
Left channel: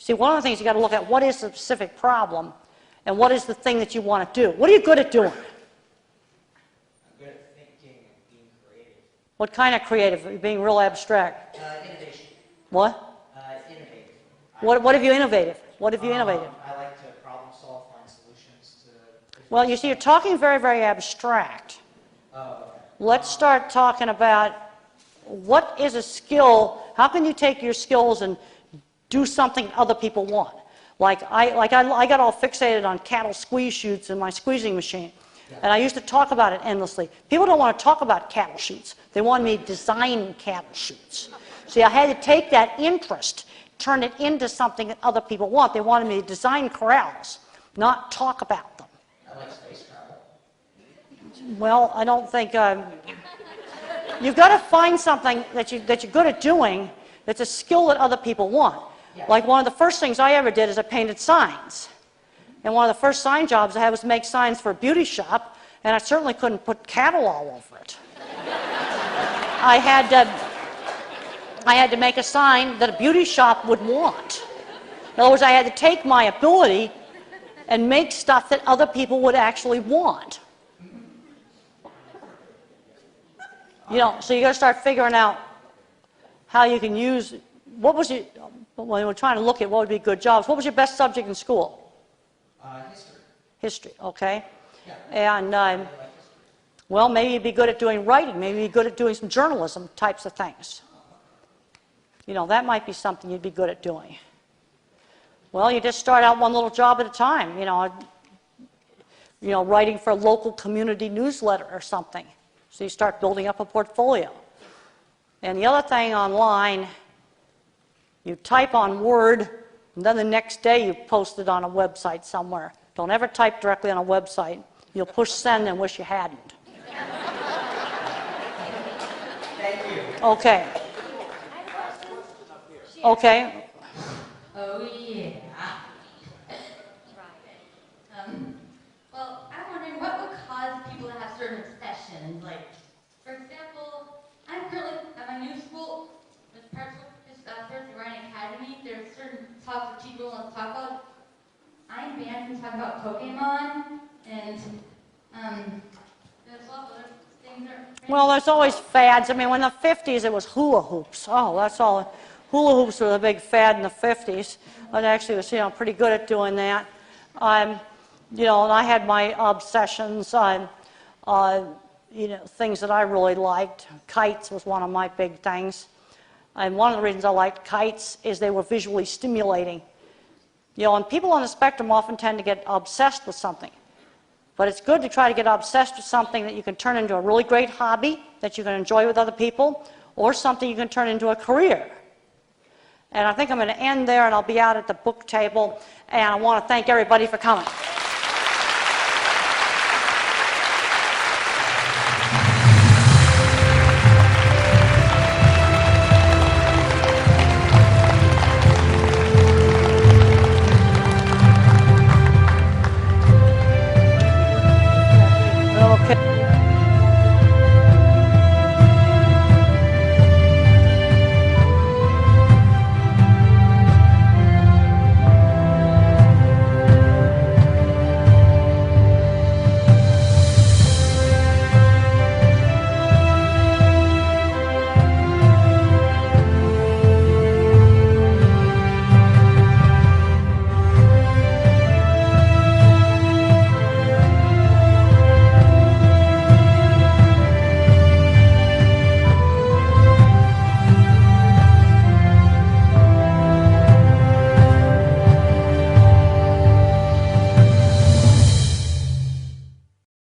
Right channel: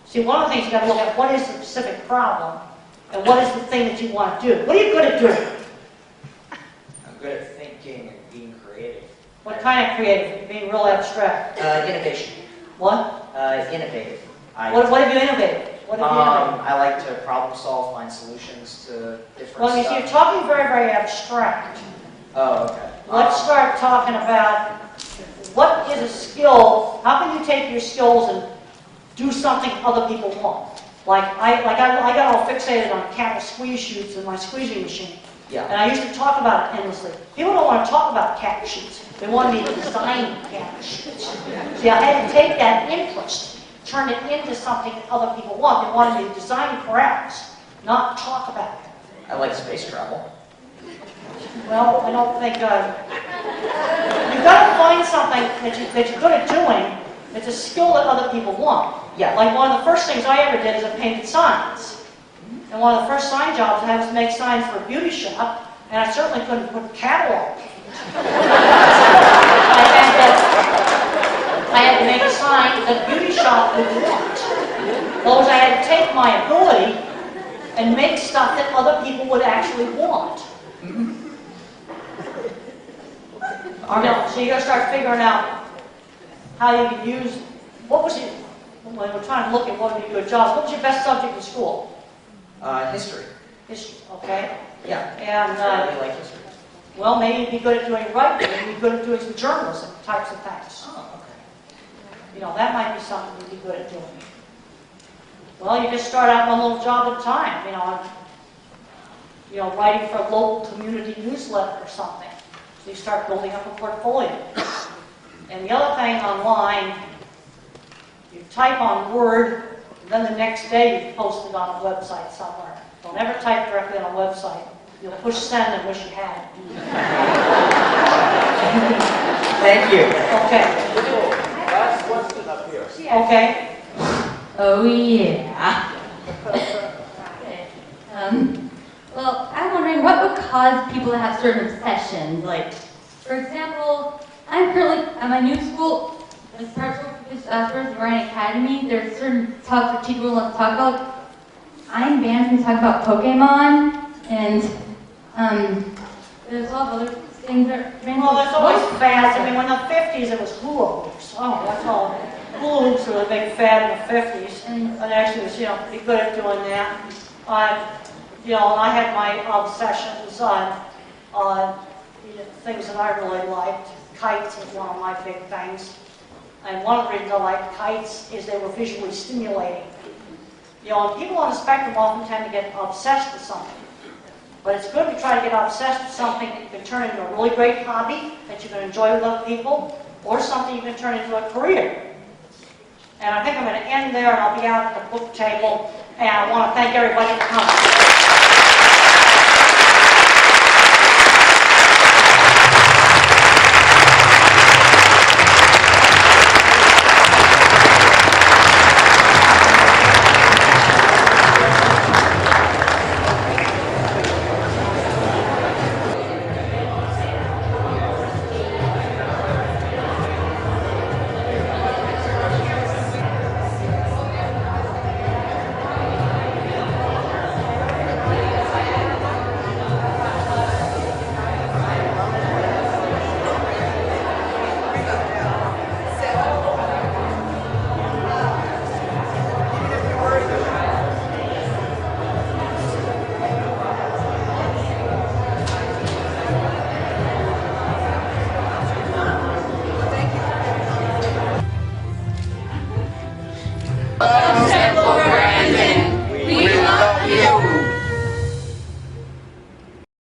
See, one of the things you got to look at, what is the specific problem, and what is the thing that you want to do? What are you good at doing? I'm good at thinking and being creative. What kind of creative? Being real abstract. Innovation. What? Innovative. What have you innovated? What have you innovated? I like to problem solve, find solutions to different Well, you see, you're talking very, very abstract. Oh, okay. let's start talking about what is a skill, how can you take your skills and do something other people want? Like, I got all fixated on cattle squeeze chutes in my squeezing machine. Yeah. And I used to talk about it endlessly. People don't want to talk about cattle chutes. They want me to design cattle chutes. See, I had to take that interest, turn it into something that other people want. They wanted me to design crafts, not talk about it. I like space travel. Well, I don't think, you've got to find something that you're good at doing that's a skill that other people want. Yeah. Like one of the first things I ever did is I painted signs. And one of the first sign jobs I had was to make signs for a beauty shop, and I certainly couldn't put cattle on it. I had to make a sign that a beauty shop would want. Otherwise, I had to take my ability and make stuff that other people would actually want. You know, so you got to start figuring out how you can use. When we're trying to look at what would be good jobs, what was your best subject in school? History. History, okay. Yeah. And I really like history. well, maybe you'd be good at doing writing. Maybe you'd be good at doing some journalism types of things. Oh, okay. You know, that might be something you'd be good at doing. Well, you just start out one little job at a time. You know, writing for a local community newsletter or something. So you start building up a portfolio. And the other thing online, you type on Word, and then the next day you post it on a website somewhere. Don't ever type directly on a website. You'll push send and wish you hadn't. Thank you. Okay. Last question up here. Okay. Oh, yeah. Well, I'm wondering what would cause people to have certain obsessions. Like, for example, I'm currently at my new school, the Grandin Academy. There's certain topics that people want to talk about. I'm banned from talking about Pokemon, and there's a lot of other things that. Well, there's always fads. I mean, when in the 50s it was hula hoops. Oh, that's all. Hula hoops were a big fad in the 50s. And I actually was, pretty good at doing that. I had my obsessions on, things that I really liked. Kites was one of my big things. And one of the reasons I liked kites is they were visually stimulating. And people on the spectrum often tend to get obsessed with something. But it's good to try to get obsessed with something that you can turn into a really great hobby that you can enjoy with other people, or something you can turn into a career. And I think I'm going to end there, and I'll be out at the book table. And I want to thank everybody for coming.